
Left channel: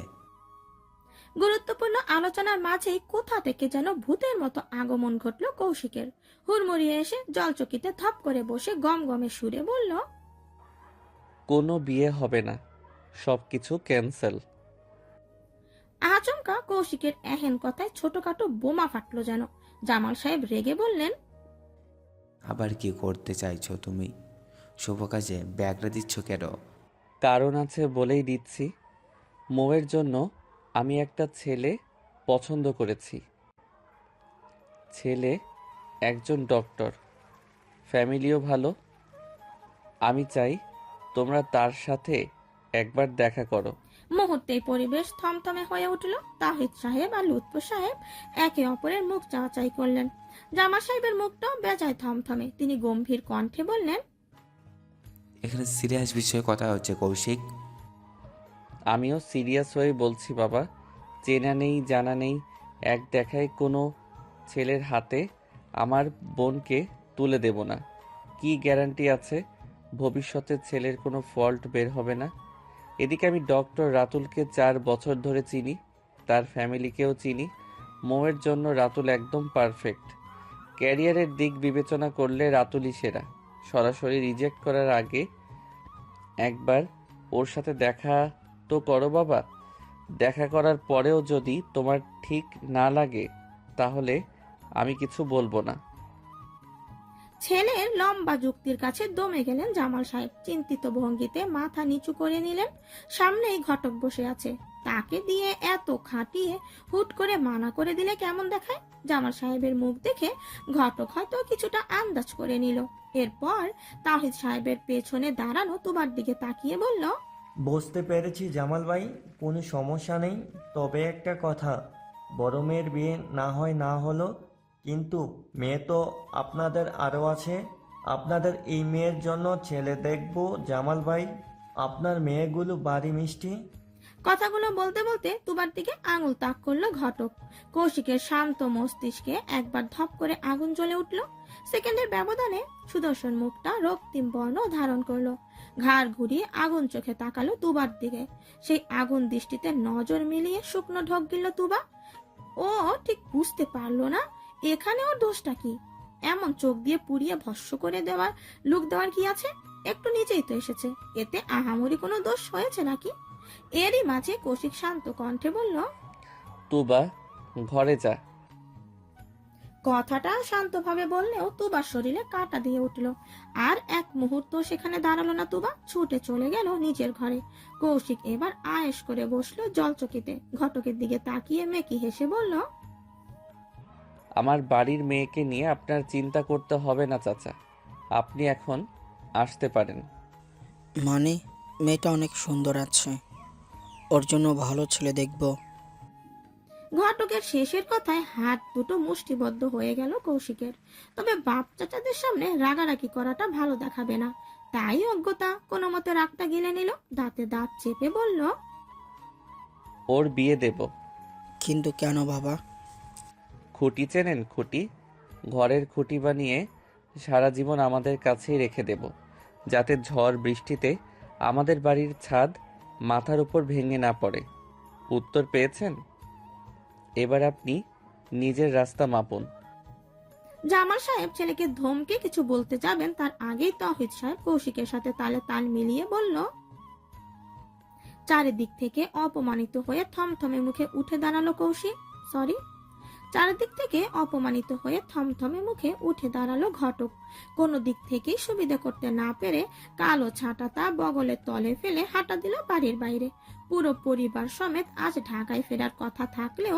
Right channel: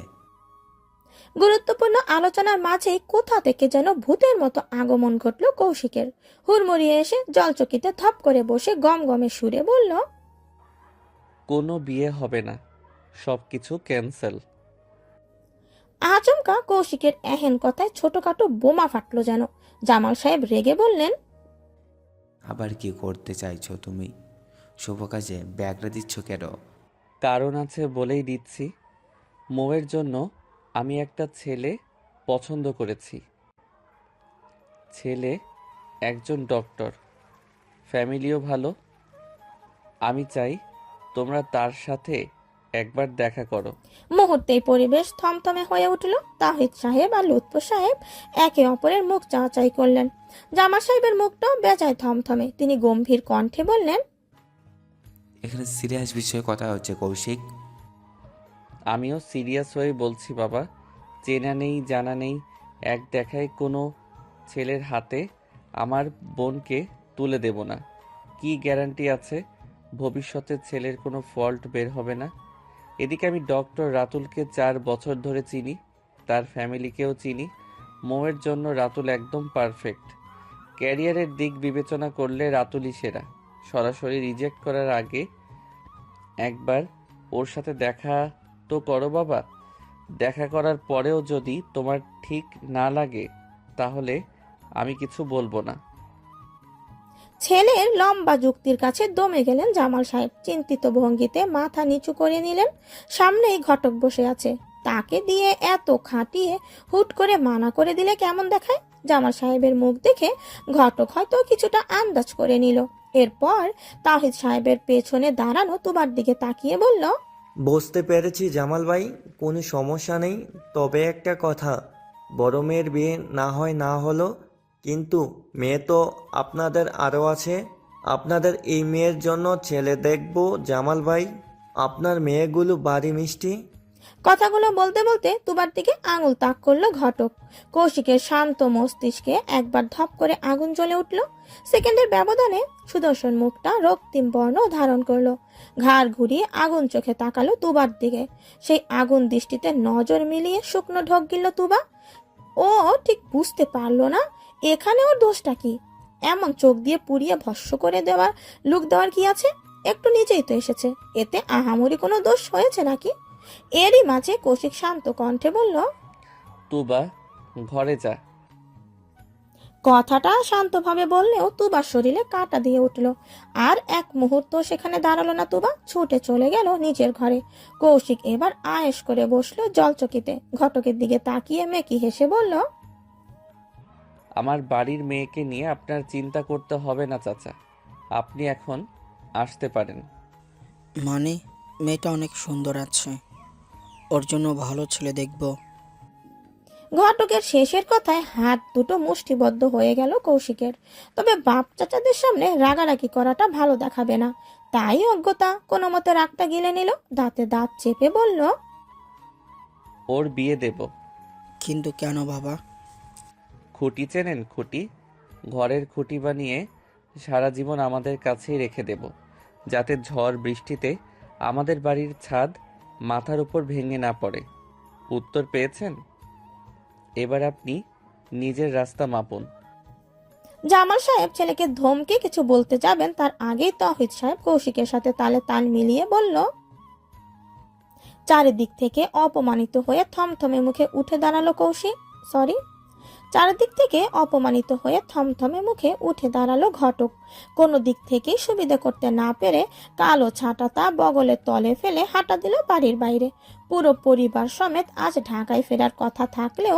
গুরুত্বপূর্ণ আলোচনার মাঝেই কোথা থেকে যেন ভূতের মতো আগমন ঘটল কৌশিকের। হুড়মুড়িয়ে এসে জলচকিতে থপ করে বসে গমগমে সুরে বলল, কোনো বিয়ে হবে না, সব কিছু ক্যান্সেল। আচমকা কৌশিকের এহেন কথায় ছোটখাটো বোমা ফাটলো যেন। জামাল সাহেব রেগে বললেন, আবার কি করতে চাইছো তুমি? শুভ কাজে ব্যাগরা দিচ্ছ কেন? কারণ আছে বলেই দিচ্ছি। মৌয়ের জন্য আমি একটা ছেলে পছন্দ করেছি। ছেলে একজন ডক্টর, ফ্যামিলিও ভালো। আমি চাই তোমরা তার সাথে একবার দেখা করো। মুহূর্তেই পরিবেশ থমথমে হয়ে উঠল। তাহিদ সাহেব আর লুৎফু সাহেব একে অপরের মুখ চাওয়াচাই করলেন। জামাল সাহেবের মুখটাও বেজায় থমথমে। তিনি গম্ভীর কণ্ঠে বললেন, এখানে সিরিয়াস বিষয়ে কথা হচ্ছে কৌশিক। আমিও সিরিয়াস হয়ে বলছি বাবা। চেনা নেই জানা নেই, এক দেখায় কোনো ছেলের হাতে আমার বোনকে তুলে দেব না। কি গ্যারান্টি আছে ভবিষ্যতে ছেলের কোনো ফল্ট বের হবে না? এদিকে আমি ডক্টর রাতুলকে 4 বছর ধরে চিনি, তার ফ্যামিলিকেও চিনি। মৌয়ের জন্য রাতুল একদম পারফেক্ট। ক্যারিয়ারের দিক বিবেচনা করলে রাতুলই সেরা। সরাসরি রিজেক্ট করার আগে একবার ওর সাথে দেখা তো করো বাবা। দেখা করার পরেও যদি তোমার ঠিক না লাগে তাহলে আমি কিছু বলবো না। ছেলের লম্বা যুক্তির কাছে দমে গেলেন জামাল সাহেব। চিন্তিত ভঙ্গিতে মাথা নিচু করে নিলেন। সামনেই ঘটক বসে আছে, তাকে দিয়ে এত খাটিয়ে হুট করে মানা করে দিলে কেমন দেখায়। জামাল সাহেবের মুখ দেখে ঘটক হয়তো কিছুটা আন্দাজ করে নিল। এরপর তাহিদ সাহেবের পেছনে দাঁড়ানো তুবার দিকে তাকিয়ে বলল, বুঝতে পেরেছি জামাল ভাই, কোনো সমস্যা নেই। তবে একটা কথা, বড় মেয়ের বিয়ে না হয় না হলো, কিন্তু মেয়ে তো আপনাদের আরও আছে। আপনাদের এই মেয়ের জন্য ছেলে দেখব জামাল ভাই। আপনার মেয়েগুলো বাড়ি মিষ্টি। কথাগুলো বলতে বলতে তুবার দিকে আঙুল তাক করলো ঘটক। কৌশিকের শান্ত মস্তিষ্কে একবার ধপ করে আগুন জ্বলে উঠল। সেকেন্ডের ব্যবধানে সুদর্শন মুখটা রক্তিম বর্ণ ধারণ করলো। ঘাড় ঘুরিয়ে আগুন চোখে তাকালো তুবার দিকে। সেই আগুন দৃষ্টিতে নজর মিলিয়ে শুকনো ঢোক গিলল তুবা। ও ঠিক বুঝতে পারলো না এখানে ওর দোষটা কি। এমন চোখ দিয়ে পুড়িয়ে ভস্ম করে দেওয়ার লুক দেওয়ার কি আছে? একটু নিচেই তো এসেছে, এতে আহামরি কোনো দোষ হয়েছে নাকি? এরই মাঝে কৌশিক শান্ত কণ্ঠে বলল, তুবা ঘরে যা। কথাটা শান্তভাবে বললেও তুবার শরীরে কাঁটা দিয়ে উঠল। আর এক মুহূর্ত সেখানে দাঁড়ালো না তুবা, ছুটে চলে গেল নিজের ঘরে। কৌশিক এবার আয়েশ করে বসলো জলচকিতে, ঘটকের দিকে তাকিয়ে মেকি হেসে বলল, আমার বাড়ির মেয়েকে নিয়ে আপনার চিন্তা করতে হবে না চাচা, আপনি এখন আসতে পারেন। মানে মেয়েটা অনেক সুন্দর আছে, ওর জন্য ভালো ছেলে দেখব। ঘটকের শেষের কথায় হাত দুটো মুষ্টিবদ্ধ হয়ে গেল কৌশিকের। তবে বাপ চাচাদের সামনে রাগারাগি করাটা ভালো দেখাবে না, তাই অজ্ঞতা কোনো মতে রাগটা গিলে নিল, দাঁতে দাঁত চেপে বলল, ওর বিয়ে দেব। কিন্তু কেন বাবা? খুঁটি চেনেন? খুঁটি, ঘরের খুঁটি বানিয়ে সারা জীবন আমাদের কাছেই রেখে দেব, যাতে ঝড় বৃষ্টিতে আমাদের বাড়ির ছাদ মাথার উপর ভেঙে না পড়ে। উত্তর পেয়েছেন? এবার আপনি নিজের রাস্তা মাপুন। জামাল সাহেব ছেলেকে ধমকে কিছু বলতে যাবেন, তার আগেই তৌহিদ সাহেব কৌশিকের সাথে তালে তাল মিলিয়ে বলল, চারিদিক থেকে অপমানিত হয়ে থমথমে মুখে উঠে দাঁড়ালো কৌশিক। চারিদিক থেকে অপমানিত হয়ে থমথমে মুখে উঠে দাঁড়ালো ঘটক। কোনো দিক থেকেই সুবিধা করতে না পেরে কালো ছাঁটাটা বগলের তলে ফেলে হাঁটা দিল বাড়ির বাইরে। পুরো পরিবার সমেত আজ ঢাকায় ফেরার কথা থাকলেও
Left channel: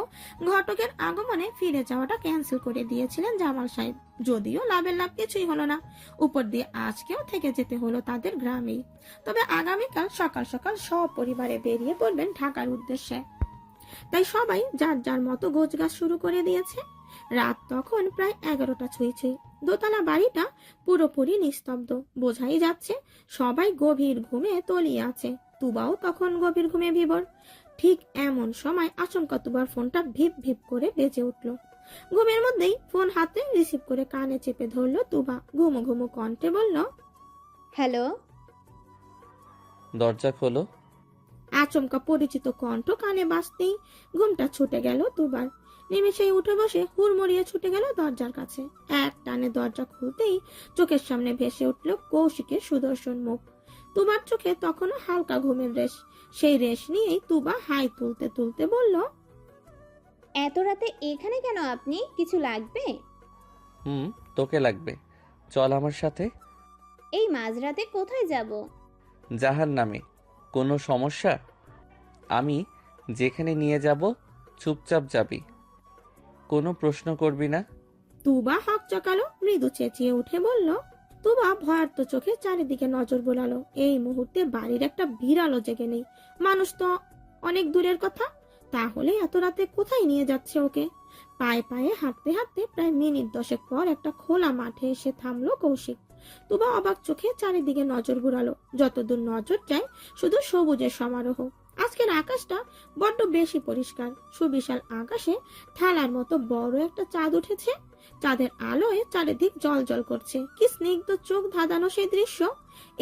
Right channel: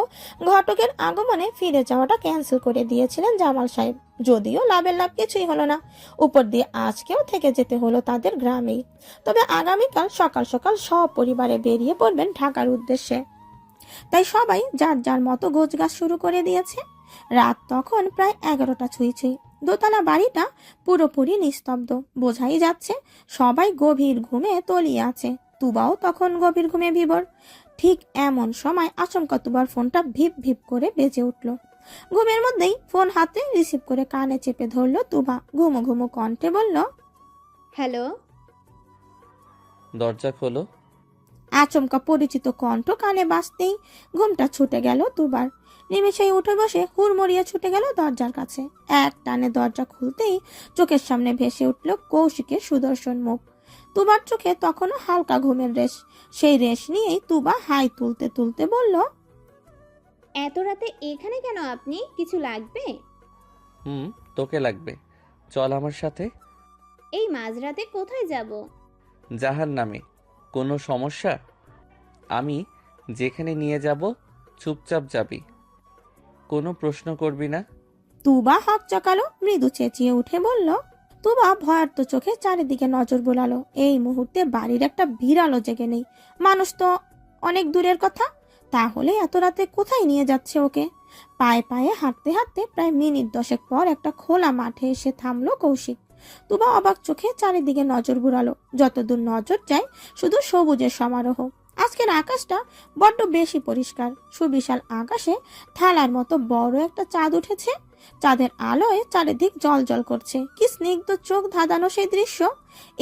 ঘটকের আগমনে ফিরে যাওয়াটা ক্যান্সেল করে দিয়েছিলেন জামাল সাহেব। যদিও লাভের লাভ কিছুই হলো না, উপর দিয়ে আজকেও থেকে যেতে হলো তাদের গ্রামেই। তবে আগামীকাল সকাল সকাল সব পরিবারে বেরিয়ে পড়বেন ঢাকার উদ্দেশ্যে। তাই সবাই যার যার মতো গোছগাছ শুরু করে দিয়েছে। রাত তখন প্রায় 11টা ছুঁই ছুঁই। দোতলা বাড়িটা পুরোপুরি নিস্তব্ধ, বোঝাই যাচ্ছে সবাই গভীর ঘুমে তলিয়ে আছে। তুবাও তখন গভীর ঘুমে বিভোর। ঠিক এমন সময় আচমকা তুবার ফোনটা ভিপ ভিপ করে বেজে উঠল। ঘুমের মধ্যেই ফোন হাতে রিসিভ করে কানে চেপে ধরলো তুবা। ঘুমো ঘুমো কণ্ঠে বলল, হ্যালো। দরজা খোলো। আচমকা পরিচিত কণ্ঠ কানে বাজতেই ঘুমটা ছুটে গেল দুবার। নিমেষেই উঠে বসে হুড়মুড়িয়ে ছুটে গেল দরজার কাছে। এক টানে দরজা খুলতেই চোখের সামনে ভেসে উঠল কৌশিকের সুদর্শন মুখ। তুবার চোখে তখনও হালকা ঘুমের রেশ। সেই রেশ নিয়েই তুবা হাই তুলতে তুলতে বলল, এত রাতে এখানে কেন আপনি? কিছু লাগবে? তোকে লাগবে, চল আমার সাথে। এই মাঝরাতে কোথায় যাব? জাহান্নামে। কোনো সমস্যা? আমি যেখানে নিয়ে যাব চুপচাপ যাবি, কোনো প্রশ্ন করবি না। তুবা হাত চকালো, মৃদু চেঁচিয়ে উঠে বলল। তুবা ভয়ার্ত চোখে চারিদিকে নজর বোলালো। এই মুহূর্তে বাড়ির একটা বিড়ালও জেগে নেই, মানুষ তো অনেক দূরের কথা। তাহলে এত রাতে কোথায় নিয়ে যাচ্ছে ওকে? পায়ে পায়ে হাঁটতে হাঁটতে প্রায় মিনিট 10 পর একটা খোলা মাঠে এসে থামলো কৌশিক। তুবা অবাক চোখে চারিদিকে নজর বুড়ালো। যতদূর নজর যায় শুধু সবুজের সমারোহ। আজকের আকাশটা বড্ড বেশি পরিষ্কার। সুবিশাল আকাশে থালার মতো বড় একটা চাঁদ উঠেছে। চাঁদের আলোয় চারিদিক জল জল করছে। কি স্নিগ্ধ চোখ ধাঁধানো সেই দৃশ্য!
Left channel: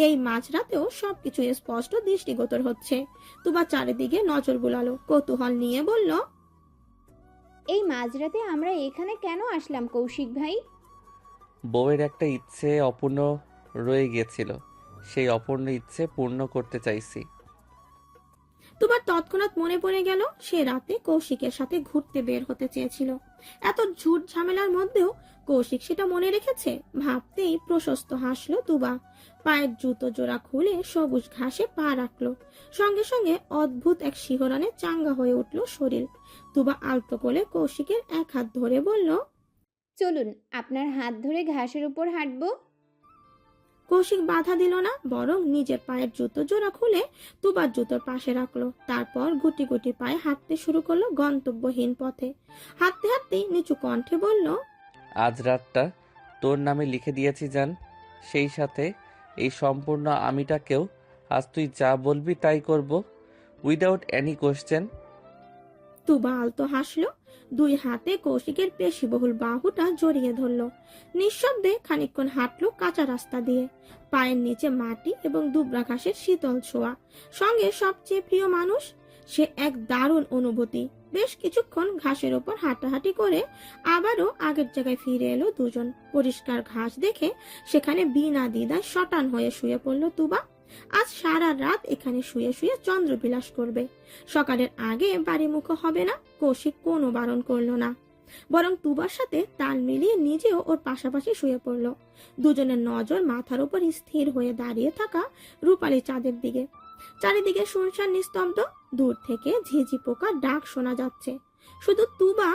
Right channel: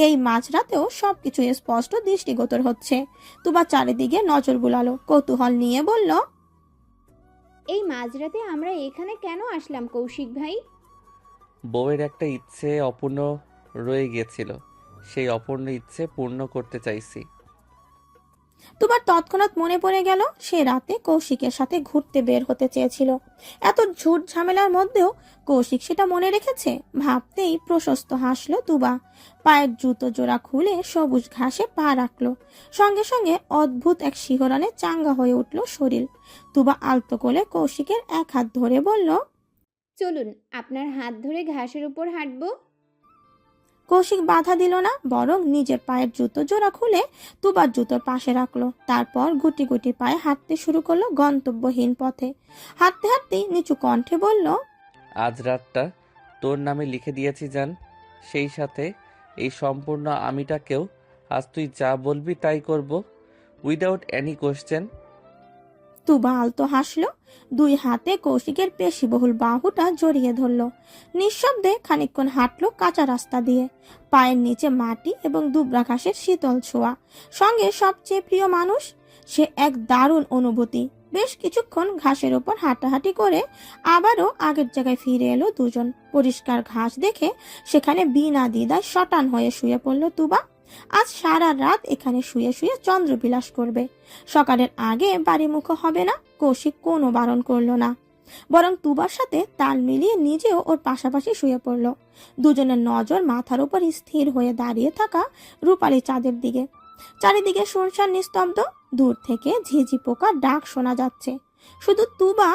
এই মাঝরাতেও সবকিছু স্পষ্ট দৃষ্টিগোচর হচ্ছে। তুবা চারিদিকে নজর বুলালো, কৌতূহল নিয়ে বলল, এই মাঝরাতে আমরা এখানে কেন আসলাম কৌশিক ভাই? বউয়ের একটা ইচ্ছে অপূর্ণ রয়ে গিয়েছিল, সেই অপূর্ণ ইচ্ছে পূর্ণ করতে চাইছি। তুবার তৎক্ষণাৎ মনে পড়ে গেল সে রাতে কৌশিকের সাথে ঘুরতে বের হতে চেয়েছিল। এত ঝুট ঝামেলার মধ্যেও কৌশিক সেটা মনে রেখেছে। ভাবতেই প্রশস্ত হাসলো তুবা। পায়ের জুতো জোড়া খুলে সবুজ ঘাসে পা রাখলো। সঙ্গে সঙ্গে অদ্ভুত এক শিহরণে চাঙ্গা হয়ে উঠল শরীর। তুবা আলতো করে কৌশিকের এক হাত ধরে বলল, চলুন, আপনার হাত ধরে ঘাসের উপর হাঁটবো। কৌশিক বাধা দিল না, বরং নিজের পায়ের জুতো জোড়া খুলে তুবার জুতোর পাশে রাখলো। তারপর গুটি গুটি পায়ে হাঁটতে শুরু করলো গন্তব্যহীন পথে। হাঁটতে হাঁটতেই নিচু কণ্ঠে বলল, আজ রাতটা তোর নামে লিখে দিয়েছি জান, সেই সাথে এই সম্পূর্ণ আমিটাকেও আজ তুই যা বলবি তাই করব, উইদাউট এনি কোশ্চেন। তুবা আলতো হাসলো। দুই হাতে কৌশিকের পেশিবহুল বাহুটা জড়িয়ে ধরলো। নিঃশব্দে খানিকক্ষণ হাঁটলো কাঁচা রাস্তা দিয়ে। পায়ের নিচে মাটি এবং দুবরা ঘাসের শীতল ছোঁয়া, সঙ্গে সবচেয়ে প্রিয় মানুষ। সে এক দারুণ অনুভূতি। বেশ কিছুক্ষণ ঘাসের উপর হাঁটাহাঁটি করে আবারও আগের জায়গায় ফিরে এলো দুজন। পরিষ্কার ঘাস দেখে সেখানে বিনা দ্বিধায় শটান হয়ে শুয়ে পড়ল তুবা। আজ সারা রাত এখানে শুয়ে শুয়ে চন্দ্রবিলাস করবে। সকালের আগে বাড়িমুখো হবে না। কৌশিক কোনো বারণ করলো না। বরং তুবার সাথে তাল মিলিয়ে নিজেও ওর পাশাপাশি শুয়ে পড়ল। দুজনের নজর মাথার উপর স্থির হয়ে দাঁড়িয়ে থাকা রূপালী চাঁদের দিকে। চারিদিকে শুনশান নিস্তব্ধ, দূর থেকে ঝিঝি পোকার ডাক শোনা যাচ্ছে। শুধু তুবা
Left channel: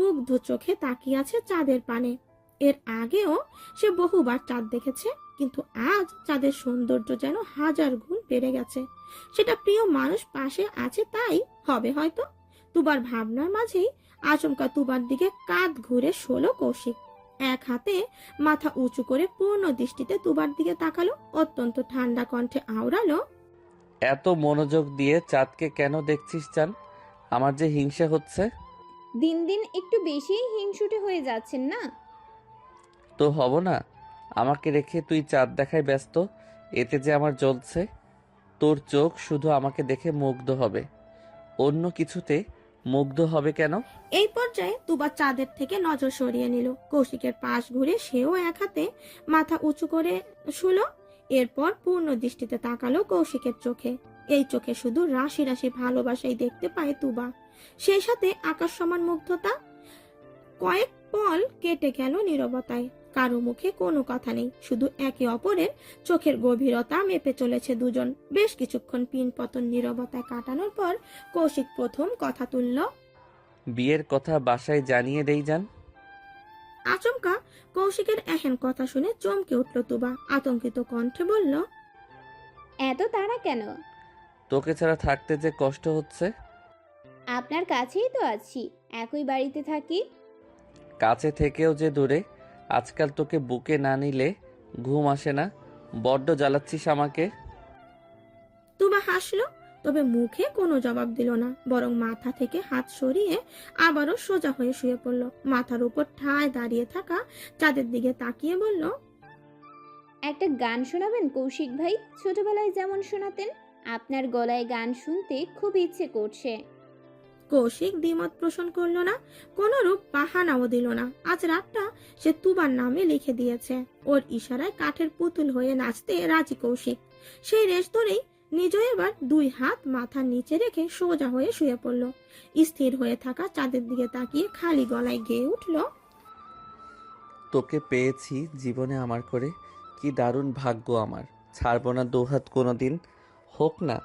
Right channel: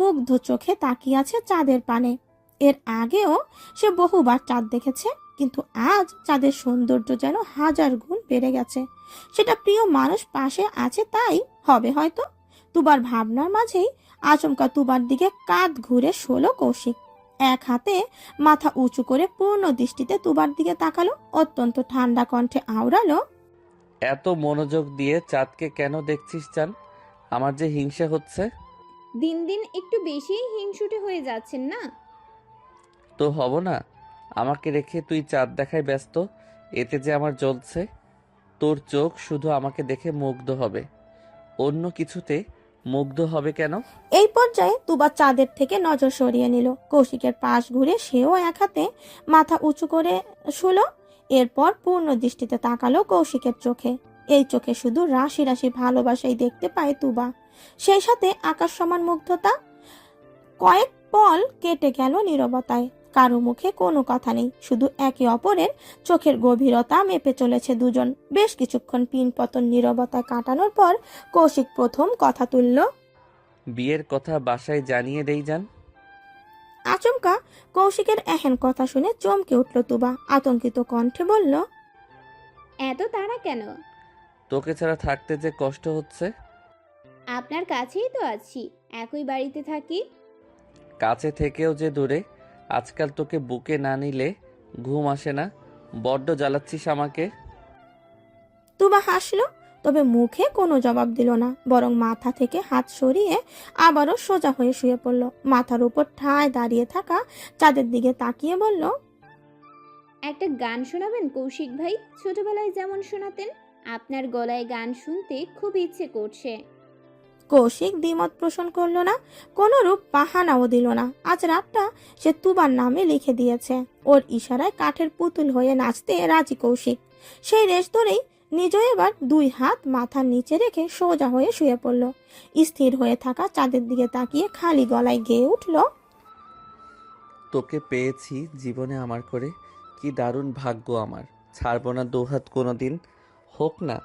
মুগ্ধ চোখে তাকিয়ে আছে চাঁদের পানে। এর আগেও সে বহুবার চাঁদ দেখেছে, কিন্তু আজ চাঁদের সৌন্দর্য যেন 1000 গুণ বেড়ে গেছে। সেটা প্রিয় মানুষ পাশে আছে তাই হবে হয়তো। তুবার ভাবনার মাঝেই আচমকা তুবার দিকে কাঁধ ঘুরে শোলো কৌশিক। এক হাতে মাথা উঁচু করে পূর্ণ দৃষ্টিতে তুবার দিকে তাকালো, অত্যন্ত ঠান্ডা কণ্ঠে আওড়ালো, এত মনোযোগ দিয়ে চাঁদকে কেন দেখছিস চান? আমার যে হিংসা হচ্ছে। দিন দিন একটু বেশি হিংসুটে হয়ে যাচ্ছেন না? তো হব না? আমাকে রেখে তুই চাঁদ দেখায় ব্যস্ত, এতে যে আমার জ্বলছে। তোর চোখ শুধু আমাকে দেখে মুগ্ধ হবে, অন্য কিছুতে মুগ্ধ হবে কেন? এই পর্যায়ে তুবা চাঁদের থেকে নজর সরিয়ে নিল। কৌশিকের পাশ ঘুরে সেও এক হাতে মাথা উঁচু করে শুলো। এরপর পূর্ণ দৃষ্টিতে তাকালো কৌশিকের চোখে। এই চোখে শুধু রাশি রাশি ভালোবাসাই দেখতে পায় তুবা, সেই সাথে আকাশ সমান মুগ্ধতা। কয়েক পল কেটে গেল নীরবতায়, কারো মুখে কোনো কথা নেই, শুধু একে অপরের চোখের গভীরতা মেপে চলেছে দুজন। বেশ কিছুক্ষণ পিনপতন নীরবতায় কাটানোর পর কৌশিক প্রথম কথা তুলল, বিয়ের কথা বাসায় জানিয়ে দেই যান। আচমকা কৌশিকের এহেন কথা শুনে চমকে উঠল তুবা, আতঙ্কিত কণ্ঠে বলল, এত তাড়া কেন? তোকে ছাড়া থাকতে যে কষ্ট হচ্ছে। আপনার কাছেই তো আছি, একই বাড়িতে থাকি। কাছে থেকেও যে দূরে। আজকাল তোকে বুকে না নিলে ঘুম আসে না, বড্ড জ্বালাচ্ছিস আমাকে। তুবা হাসলো, তবে মুখে কোনো জবাব দিল না, বরং মাথা থেকে হাত সরিয়ে আবারও সোজা হয়ে শুয়ে পড়ল। মাথার উপর ঠায় দাঁড়িয়ে থাকা চাঁদের দিকে তাকিয়ে বলল, একটা গান শোনাবেন কৌশিক ভাই? ছোটবেলায় যেমন শোনাতেন। আপনার গলায় গান শুনতে খুব ইচ্ছে করছে। কৌশিক দ্বিমত পোষণ করলো না, কোনো রূপ বাহানাও দিল না। আজ রাতটা সে তুবার নামে লিখে দিয়েছে। ওর ইশারায় কাঠের পুতুল হয়ে নাচতে রাজি কৌশিক। সেই রেশ ধরেই নিজেও এবার 2 হাত মাথার নিচে রেখে সোজা হয়ে শুয়ে পড়ল। স্থির হয়ে থাকা চাঁদের দিকে তাকিয়ে খালি গলায় গেয়ে উঠল, তোকে পেয়েছি জীবনে আমার করে, কি দারুণ ভাগ্য আমার। ছাড়বো না দুহাত কোনোদিন, হোক না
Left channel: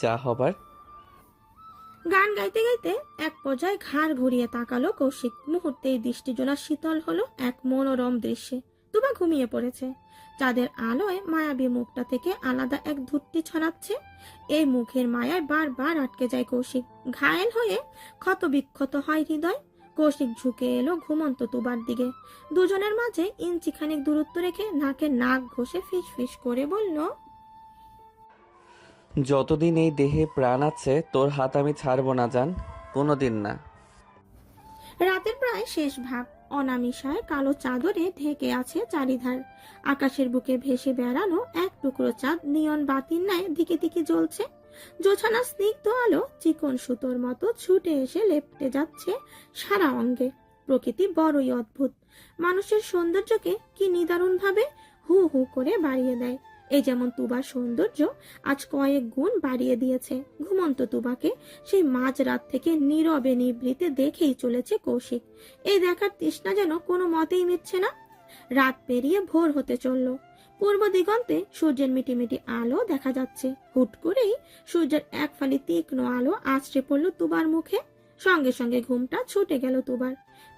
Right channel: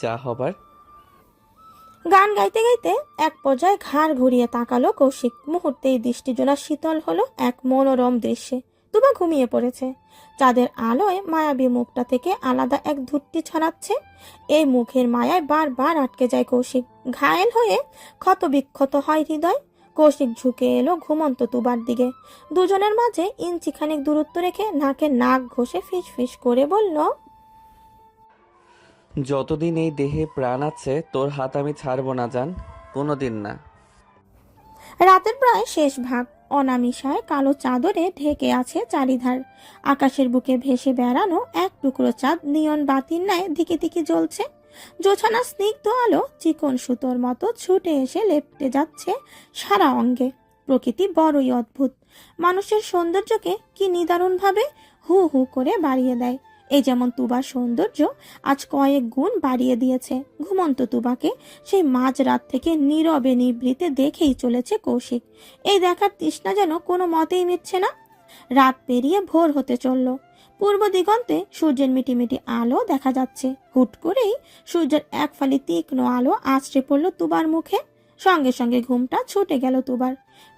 যা হবার। গান গাইতে গাইতে এক পর্যায়ে ঘাড় ঘুরিয়ে তাকালো কৌশিক। মুহূর্তেই দৃষ্টিজোড়া শীতল হলো এক মনোরম দৃশ্যে। তুবা ঘুমিয়ে পড়েছে। চাঁদের আলোয় মায়াবী মুখটা থেকে আলাদা এক ধূর্তি ছড়াচ্ছে। এই মুখের মায়ায় বারবার আটকে যায় কৌশিক। ঘায়েল হয়ে ক্ষতবিক্ষত হয় হৃদয়। কৌশিক ঝুঁকে এলো ঘুমন্ত তুবার দিকে। দুজনের মাঝে ইঞ্চিখানিক দূরত্ব রেখে নাকে নাক ঘষে ফিস ফিস করে বলল, যতদিন এই দেহে প্রাণ আছে তোর হাত আমি ছাড়বো না জান, কোনোদিন না। রাতের প্রায় শেষ ভাগ। অনামিশায় কালো চাদরে ঢেকে আছে চারিধার। আকাশের বুকে ভেসে বেড়ানো এক টুকরো চাঁদ নিয়ন বাতির ন্যায় দিকে দিকে জ্বলছে। জোছানা স্নিগ্ধ আলো চিকন সুতোর মতো ছুটে এসে লেপ্টে যাচ্ছে সারা অঙ্গে। প্রকৃতি বড়ই অদ্ভুত, মানুষের সৌন্দর্যকে কি নিদারুণভাবে হু হু করে বাড়িয়ে দেয়। এই যেমন তুবার সৌন্দর্য আজ কয়েক গুণ বাড়িয়ে দিয়েছে। ঘুমন্ত তুবাকে সেই মাঝরাত থেকে নীরবে নিভৃতে দেখেই চলেছে কৌশিক। এই দেখার তৃষ্ণা যেন কোনো মতেই মিটছে না। রাত পেরিয়ে ভোর হতে চলল। পূর্ব দিগন্তে সূর্যের মিটিমিটি আলো দেখা যাচ্ছে। হুট করেই সূর্যের এক ফালি তীক্ষ্ণ আলো আছড়ে পড়ল তুবার মুখে। সঙ্গে সঙ্গে ঘুমটা ছুটে গেল তুবার।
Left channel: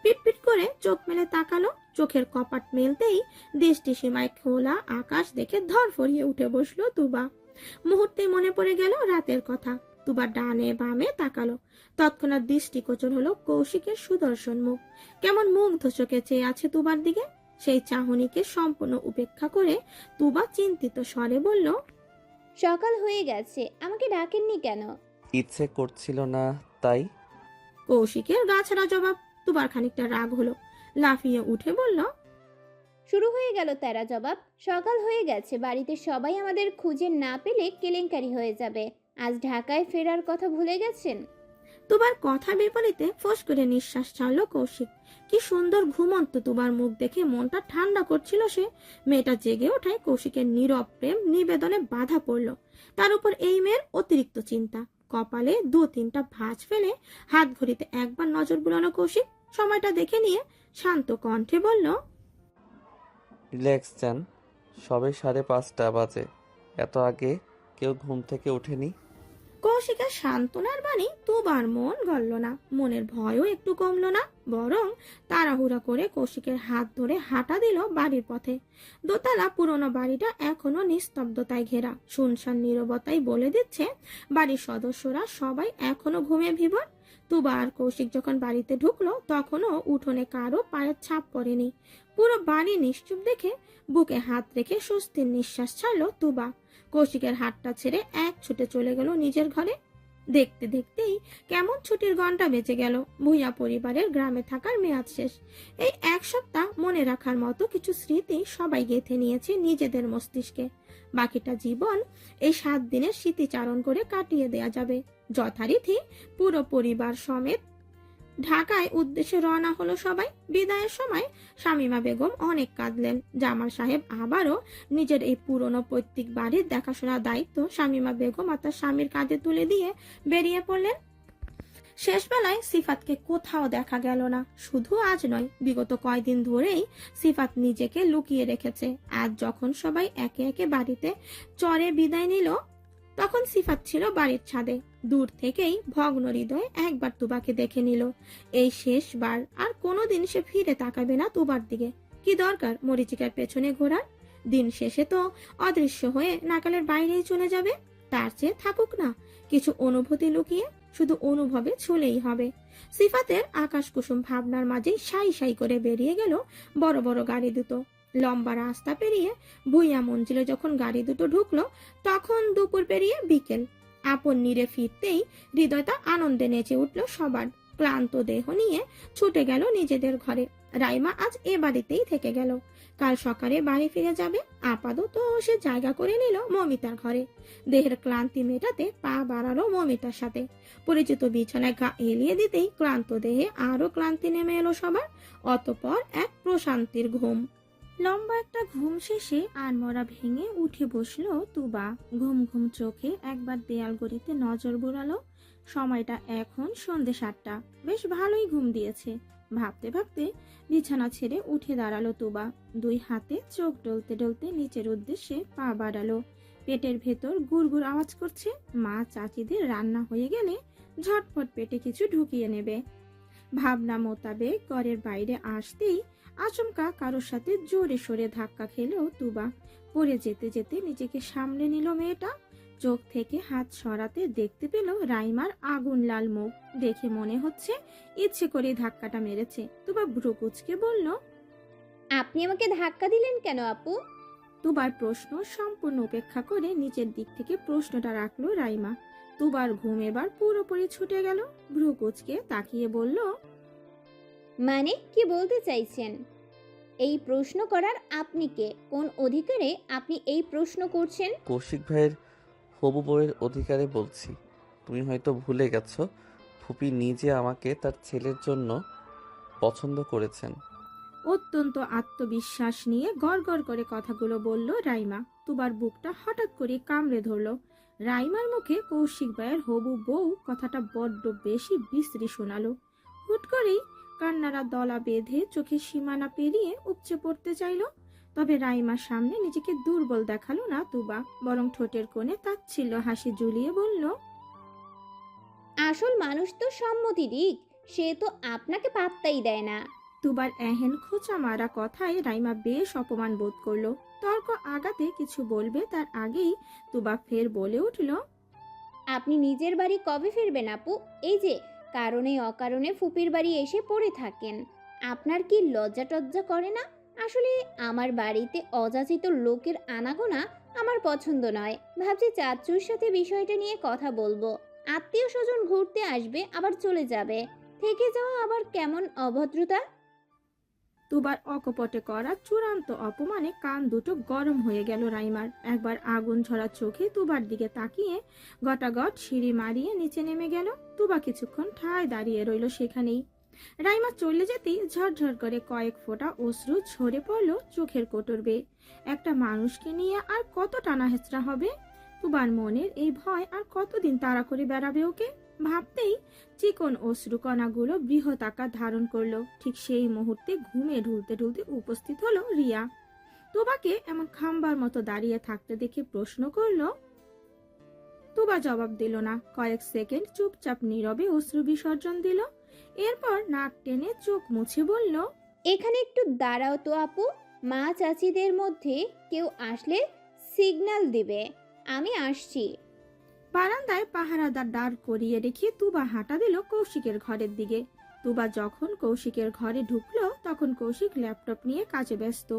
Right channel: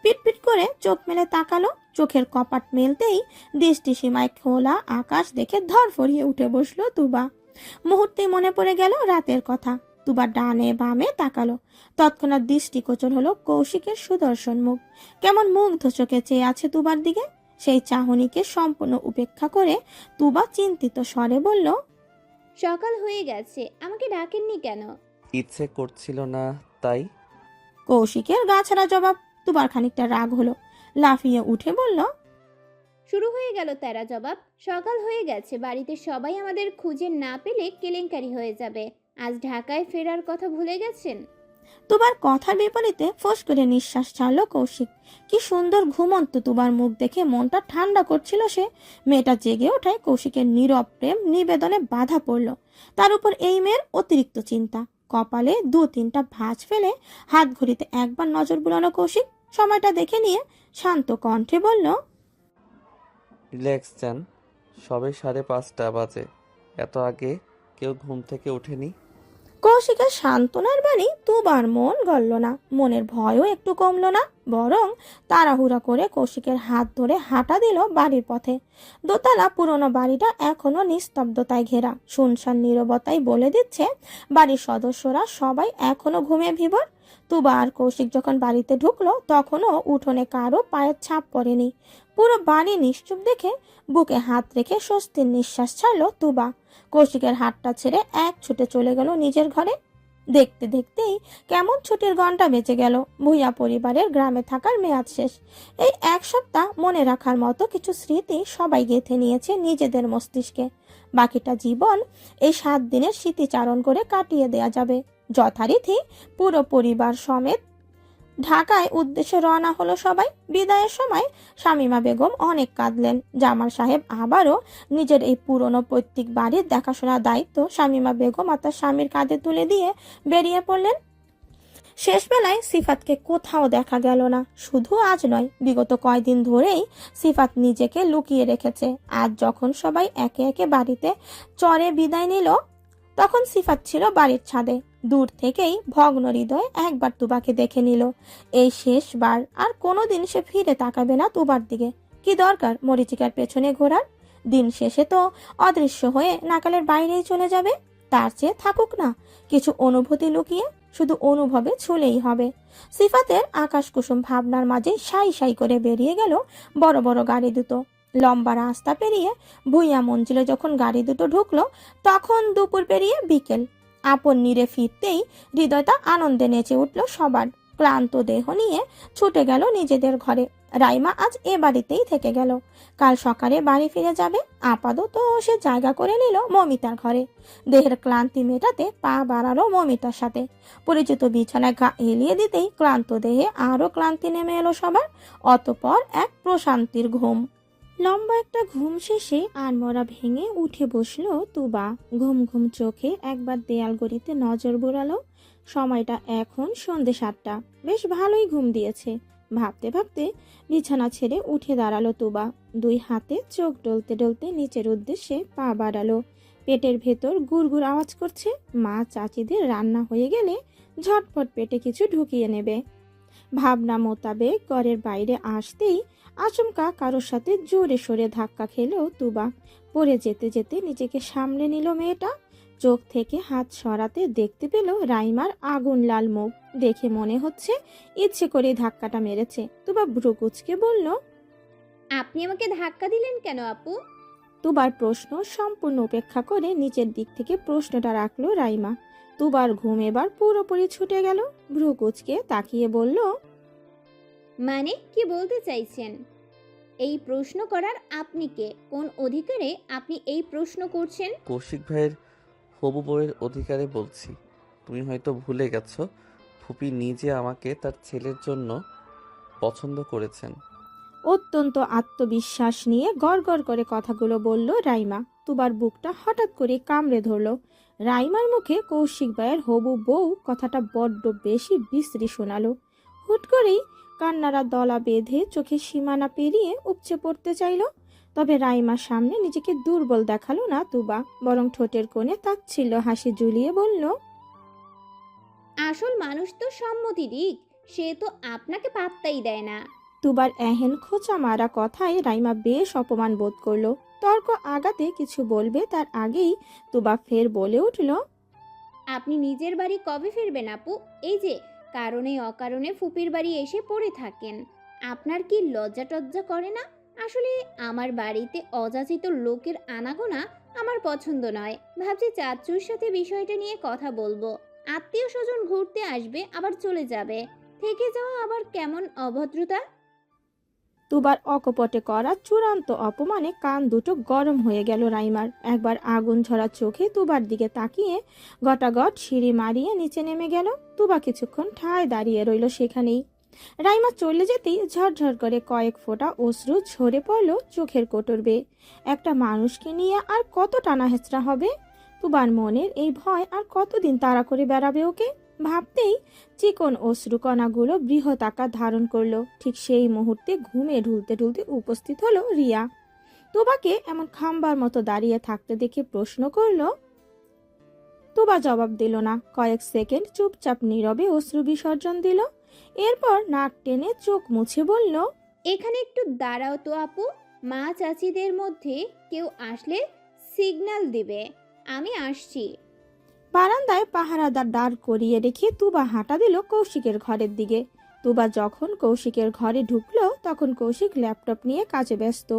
পিটপিট করে চোখ মেলে তাকালো। চোখের কপাট মেলতেই দৃষ্টি সীমায় খোলা আকাশ দেখে ধরফরিয়ে উঠে বসলো তুবা। মুহূর্তেই মনে পড়ে গেল রাতের কথা। তুবা ডানে বামে তাকালো। তৎক্ষণাৎ দৃষ্টিগোচর হলো কৌশিকের সুদর্শন মুখ। কেমন মুগ্ধ চোখে চেয়ে আছে তুবার দিকে। সেই চাহনিকে সম্পূর্ণ উপেক্ষা করে তুবা চিন্তিত স্বরে বলল, সকাল হয়ে গেছে, আমাকে ডাকেননি কেন? ইচ্ছে করছিল না তাই। কৌশিকের গাছাড়া জবাব। তুবার খানিকটা রাগ হলো, লাফিয়ে উঠে বলল, শুরু হয়ে গেল তেরা জবাব। সকাল হয়ে গেছে, বাড়িতে সবাই আমাদের খুঁজে না পেলে কেলেঙ্কারি হয়ে যাবে। আজ ঢাকায় ফেরার কথা ভুলে গেছেন? তুবার কথার বিপরীতে ফোঁস করে নিঃশ্বাস ছাড়ল কৌশিক। কি সুন্দর ঘুমন্ত তুবার মুখ দেখে মনটা ঠান্ডা করছিল সে। মেয়েটা জেগে ওঠায় কৌশিকের নীরব প্রেম নিবেদনে বাধা পড়ল। তার উপর এই মেয়ের অতিরিক্ত চিন্তা। কপালে 2-3টা ভাঁজ ফেলে হাত ঘড়িতে একবার নজর বুলানো কৌশিক। সময়টা দেখে নিয়ে শান্ত কণ্ঠে বলল, রিল্যাক্স চান, সবে 5:30 বাজে, এত আগে কেউ ঘুম থেকে ওঠেনি। কৌশিকের সান্ত্বনার বাণী তুবার মন গলল না, মনের ভয়ও একটু কমলো না, বরং তাড়াহুড়া করে কৌশিকের হাত ধরে হাঁটা দিল বাড়ির পথে। দোতলা পুরোনো বাড়িটা এখনো নিস্তব্ধতায় ঘেরা, শুনশান নীরবতাই বলে দিচ্ছে বাড়ির সদস্যরা সবাই এখনো ঘুমে ভিবর। তুবা আর কৌশিক যখন বাড়িতে ঢুকলো তখনও উঠোনে কারো পায়ের ছাপ পড়েনি। পুরো বাড়ি নিশ্চুপ দেখে বুকে হাত রেখে স্বস্তির নিঃশ্বাস ছাড়লো তুবা। কৌশিকের হাতটা ছেড়ে এক ছুটে চলে গেল নিজের ঘরে। দেখতে দেখতেই কেমন ছুটির ঘন্টা বেঁচে গেল। ভূঁইয়া পরিবারের গ্রামে থাকার মেয়াদ শেষ। এই এক সপ্তাহ মনে রাখার মতো কিছু স্মৃতি সবাই গেঁথে নিয়েছে নিজেদের মস্তিষ্কে। বাকিটা জীবন এই 7 দিনের স্মৃতিচারণ করে কাটিয়ে দেয়া যাবে। যথারীতি পুরো পরিবার সমেত ঢাকায় উদ্দেশ্যে রওনা হলো সবাই। বিদায়ের সময় শামীমা বেগম অনেক কাঁদলেন। জামাল সাহেব আবারও নিজের এই পুরনো পৈতৃক বাড়ির দেখাশোনার দায়িত্ব শামীমা বেগম আর তার স্বামীর কাঁধে তুলে দিয়ে বেরিয়ে পড়লেন। শেষ বেলায় সিফাতকে কোথাও দেখা গেল না। শুধু আজ নয়, বিগত কয়েকদিন ধরেই সিফাত নিজেকে লুকিয়ে রেখেছে। আজ যখন সবাই একে একে বাড়িতে চড়ে বিদায় নিল তখন সিফাত ছিল বাড়ির ছাদে। দূর থেকেই ভগ্ন হৃদয়ে একবার তুবাকে দেখে নিল। এই শেষবার আর কোনোদিন সে ফিরে তাকাবে না তুবার দিকে। কি দরকার মরিচিকার পেছনে ঘোরার? দিন শেষে তো অদৃশ্য হয়ে নাকালের বাইরেই চলে যাবে। তার চেয়ে থাকুক না কিছু অনুভূতি লুকিয়ে, শুধু অনুভবে ছুলেই হবে। সিফাতের আকাশ কুসুম ভাবনার মাঝে সাই সাই করে বেরিয়ে গেল বড় বড় গাড়ি দুটো। লম্বা রাস্তা পেরিয়ে ভুইয়া মঞ্জিলে যখন গাড়ি দুটো ঢুকলো তখন দুপুর পেরিয়ে বিকেল। আপন নীরে ফিরতেই হৃদয়টা আনন্দে নেচে উঠল সবার। ক্লান্ত দেহ নিয়ে ছুটে গেল নিজেদের ঘরে। রাইমা আজ এ বাড়িতেই থেকে গেল, কাল সকালে বাড়ি ফিরে যাবে। আপাতত সে জায়গা করে নিল মমিতার ঘরে। দেহের ক্লান্তি মেটাতে পা বাড়ালো মমিতার সাথে। পরিচিত বিছানায় গা এলিয়ে দিতেই ক্লান্ত দেহে আরো ক্লান্তি নেমে এলো সবার। অতঃপর এক প্রশান্তির ঘুম। লম্বা একটা ঘুম শেষে আড়মোড়া ভেঙে উঠে বসলো তুবা। ঘুম ঘুম চোখে একবার দেয়াল গড়িতে নজর বুড়ালো। সময়টা এখন সন্ধে 7টা। বেশ ভালোই ঘুম দিয়েছে। ভাবতে ভাবতে বিছানা ছেড়ে উঠে দাঁড়ালো তুবা। 2 হাতে চোখ ডলতে ডলতে নিচের উদ্দেশ্যে পা বাড়ালো। পেটের ভেতর গুড়গুড় আওয়াজ করছে। মা চাচিদের রান্না হয়ে গেলে ঝটপট পেটে কিছু ঢুকিয়ে নেবে। ভাবনা মোতাবেক ঘরের বাইরে আসতেই আচমকা কারোর সাথে জোরে সোরে ধাক্কা খেলেও তুবা। পড়ে যেতে যেতে নিজেকে সামলে নিল মেয়েটা। চোখ থেকে হাত সরাতে দেখতে পেল রাইমার আগুন লাল মুখ। দেখে মনে হচ্ছে ইচ্ছে করে ধাক্কাটা মেরেছে। তুবা ভ্রু কুঁচকে বলল, আপনি আমাকে ধাক্কা দিলেন কেন আপু? তুবার প্রশ্ন সম্পূর্ণ উপেক্ষা করে নিচের দিক থেকে প্রশ্নটা রাখলো রাইমা। তুবার ঘুম এবার পুরোপুরি ছুটে গেল। ভ্রু কুঁচকে তাকিয়ে বলল, মানে কি বলতে চাইছেন? এই প্রশ্ন করার আপনি কে? কোন অধিকারে আপনি এই প্রশ্ন করছেন? কৌশিক ভাইয়ের হবু বউয়ের অধিকারে বলছি। তুমি হয়তো ভুলে গেছো, ফুপি নিজে আমাকে তার ছেলের জন্য পছন্দ করেছেন। অত্যন্ত আত্মবিশ্বাস নিয়ে গড়গড় করে কথাগুলো বলল রাইমা। তুবার বুকটা হঠাৎ করে কামড়ে ধরল। রাইমার মুখে কৌশিক ভাইয়ের হবু বউ কথাটা বড্ড বেশি বিশ্রী শোনালো। হুট করেই কান্নারা দলা বেঁধে চোখের সীমানা পেরিয়ে উপচে পড়তে চাইল। তবে রাইমার সামনে নিজেকে দুর্বল দেখালো না তুবা, বরং ঠোঁটের কোণে তাচ্ছিল্য হাসি ঝুলিয়ে বলল, আসল মানুষ তো সম্মতি দিক, সে তো আপনাকে পাত্তাই দেয় না। তুবার এহেন খোঁচা মারা কথায় রাইমা বেশ অপমান বোধ করলো। তর্ক আগাতে কিছু বলবে তার আগেই তুবা ফের বলে উঠল, আপনি নিজের বাড়ি কবে ফিরবেন আপু? এই যে কারণে অকারণে ফুপির বাড়ি এসে পড়ে থাকেন, আপনার কি লজ্জা টজ্জা করে না? আসলে আমার বাড়িতে অযাচিত লোকের আনাগোনা আমার পছন্দ নয়। ভাবছি চাচুর সাথে বিষয়টা নিয়ে কথা বলবো। আত্মীয় স্বজন ঘুরতে আসবে আবার চলে যাবে, থেকে যাওয়া আবার কেমন অভদ্রতা। তুবার অকপটে করা চূড়ান্ত অপমানে কান দুটো গরম হয়ে গেল রাইমার। একবার আগুন ঝরা চোখে তুবার দিকে তাকিয়ে গটাগট সিঁড়ি মারিয়ে নিচে নেমে গেল। তুবা কিছুক্ষণ ঠায় দাঁড়িয়ে রইল সেখানেই। রাইমা চলে যেতেই ঝরঝর করে কয়েক ফোঁটা অশ্রু ঝরে পড়ল চোখের কোটর বেয়ে। একটা মানুষকে নিয়ে আর কত টানা হেঁচড়া হবে? তুবার মনের এই ভয় আর কতদিন তাড়া করে বেড়াবে ওকে? ভাবতেই চিকন অশ্রুকণাগুলো বৃহৎ আকার ধারণ করলো। ঠিক সেই মুহূর্তে ঘুমে ঢুলতে ঢুলতে উপস্থিত হলো রিয়া। তোবাকে এমন খাম্বার মতো দাঁড়িয়ে থাকতে দেখে প্রশ্ন করলো। তোবা জবাব দিল না। কয়েক সেকেন্ড চুপচাপ নীরবে অশ্রু বিসর্জন দিল। এরপর নাক টেনে চোখ মুছে বলল, এখানে একটু দাঁড়াও তো আপু, মা চাচিদের মধ্যে কেউ আসলে সিগন্যাল দিবে, আমি আসছি। বারান্দায় পাহারাদার দাঁড় করিয়ে রেখে তুবা হাঁটা দিল কৌশিকের ঘরের দিকে। তুবা যখন কৌশিকের ঘরে ঢুকলো তখন কৌশিক ল্যাপটপ নিয়ে কাজে ব্যস্ত।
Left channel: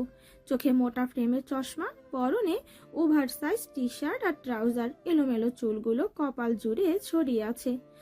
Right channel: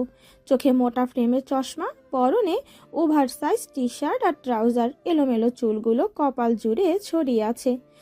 চোখে মোটা ফ্রেমের চশমা, পরনে ওভারসাইজ টি শার্ট আর ট্রাউজার, এলোমেলো চুলগুলো কপাল জুড়ে ছড়িয়ে আছে।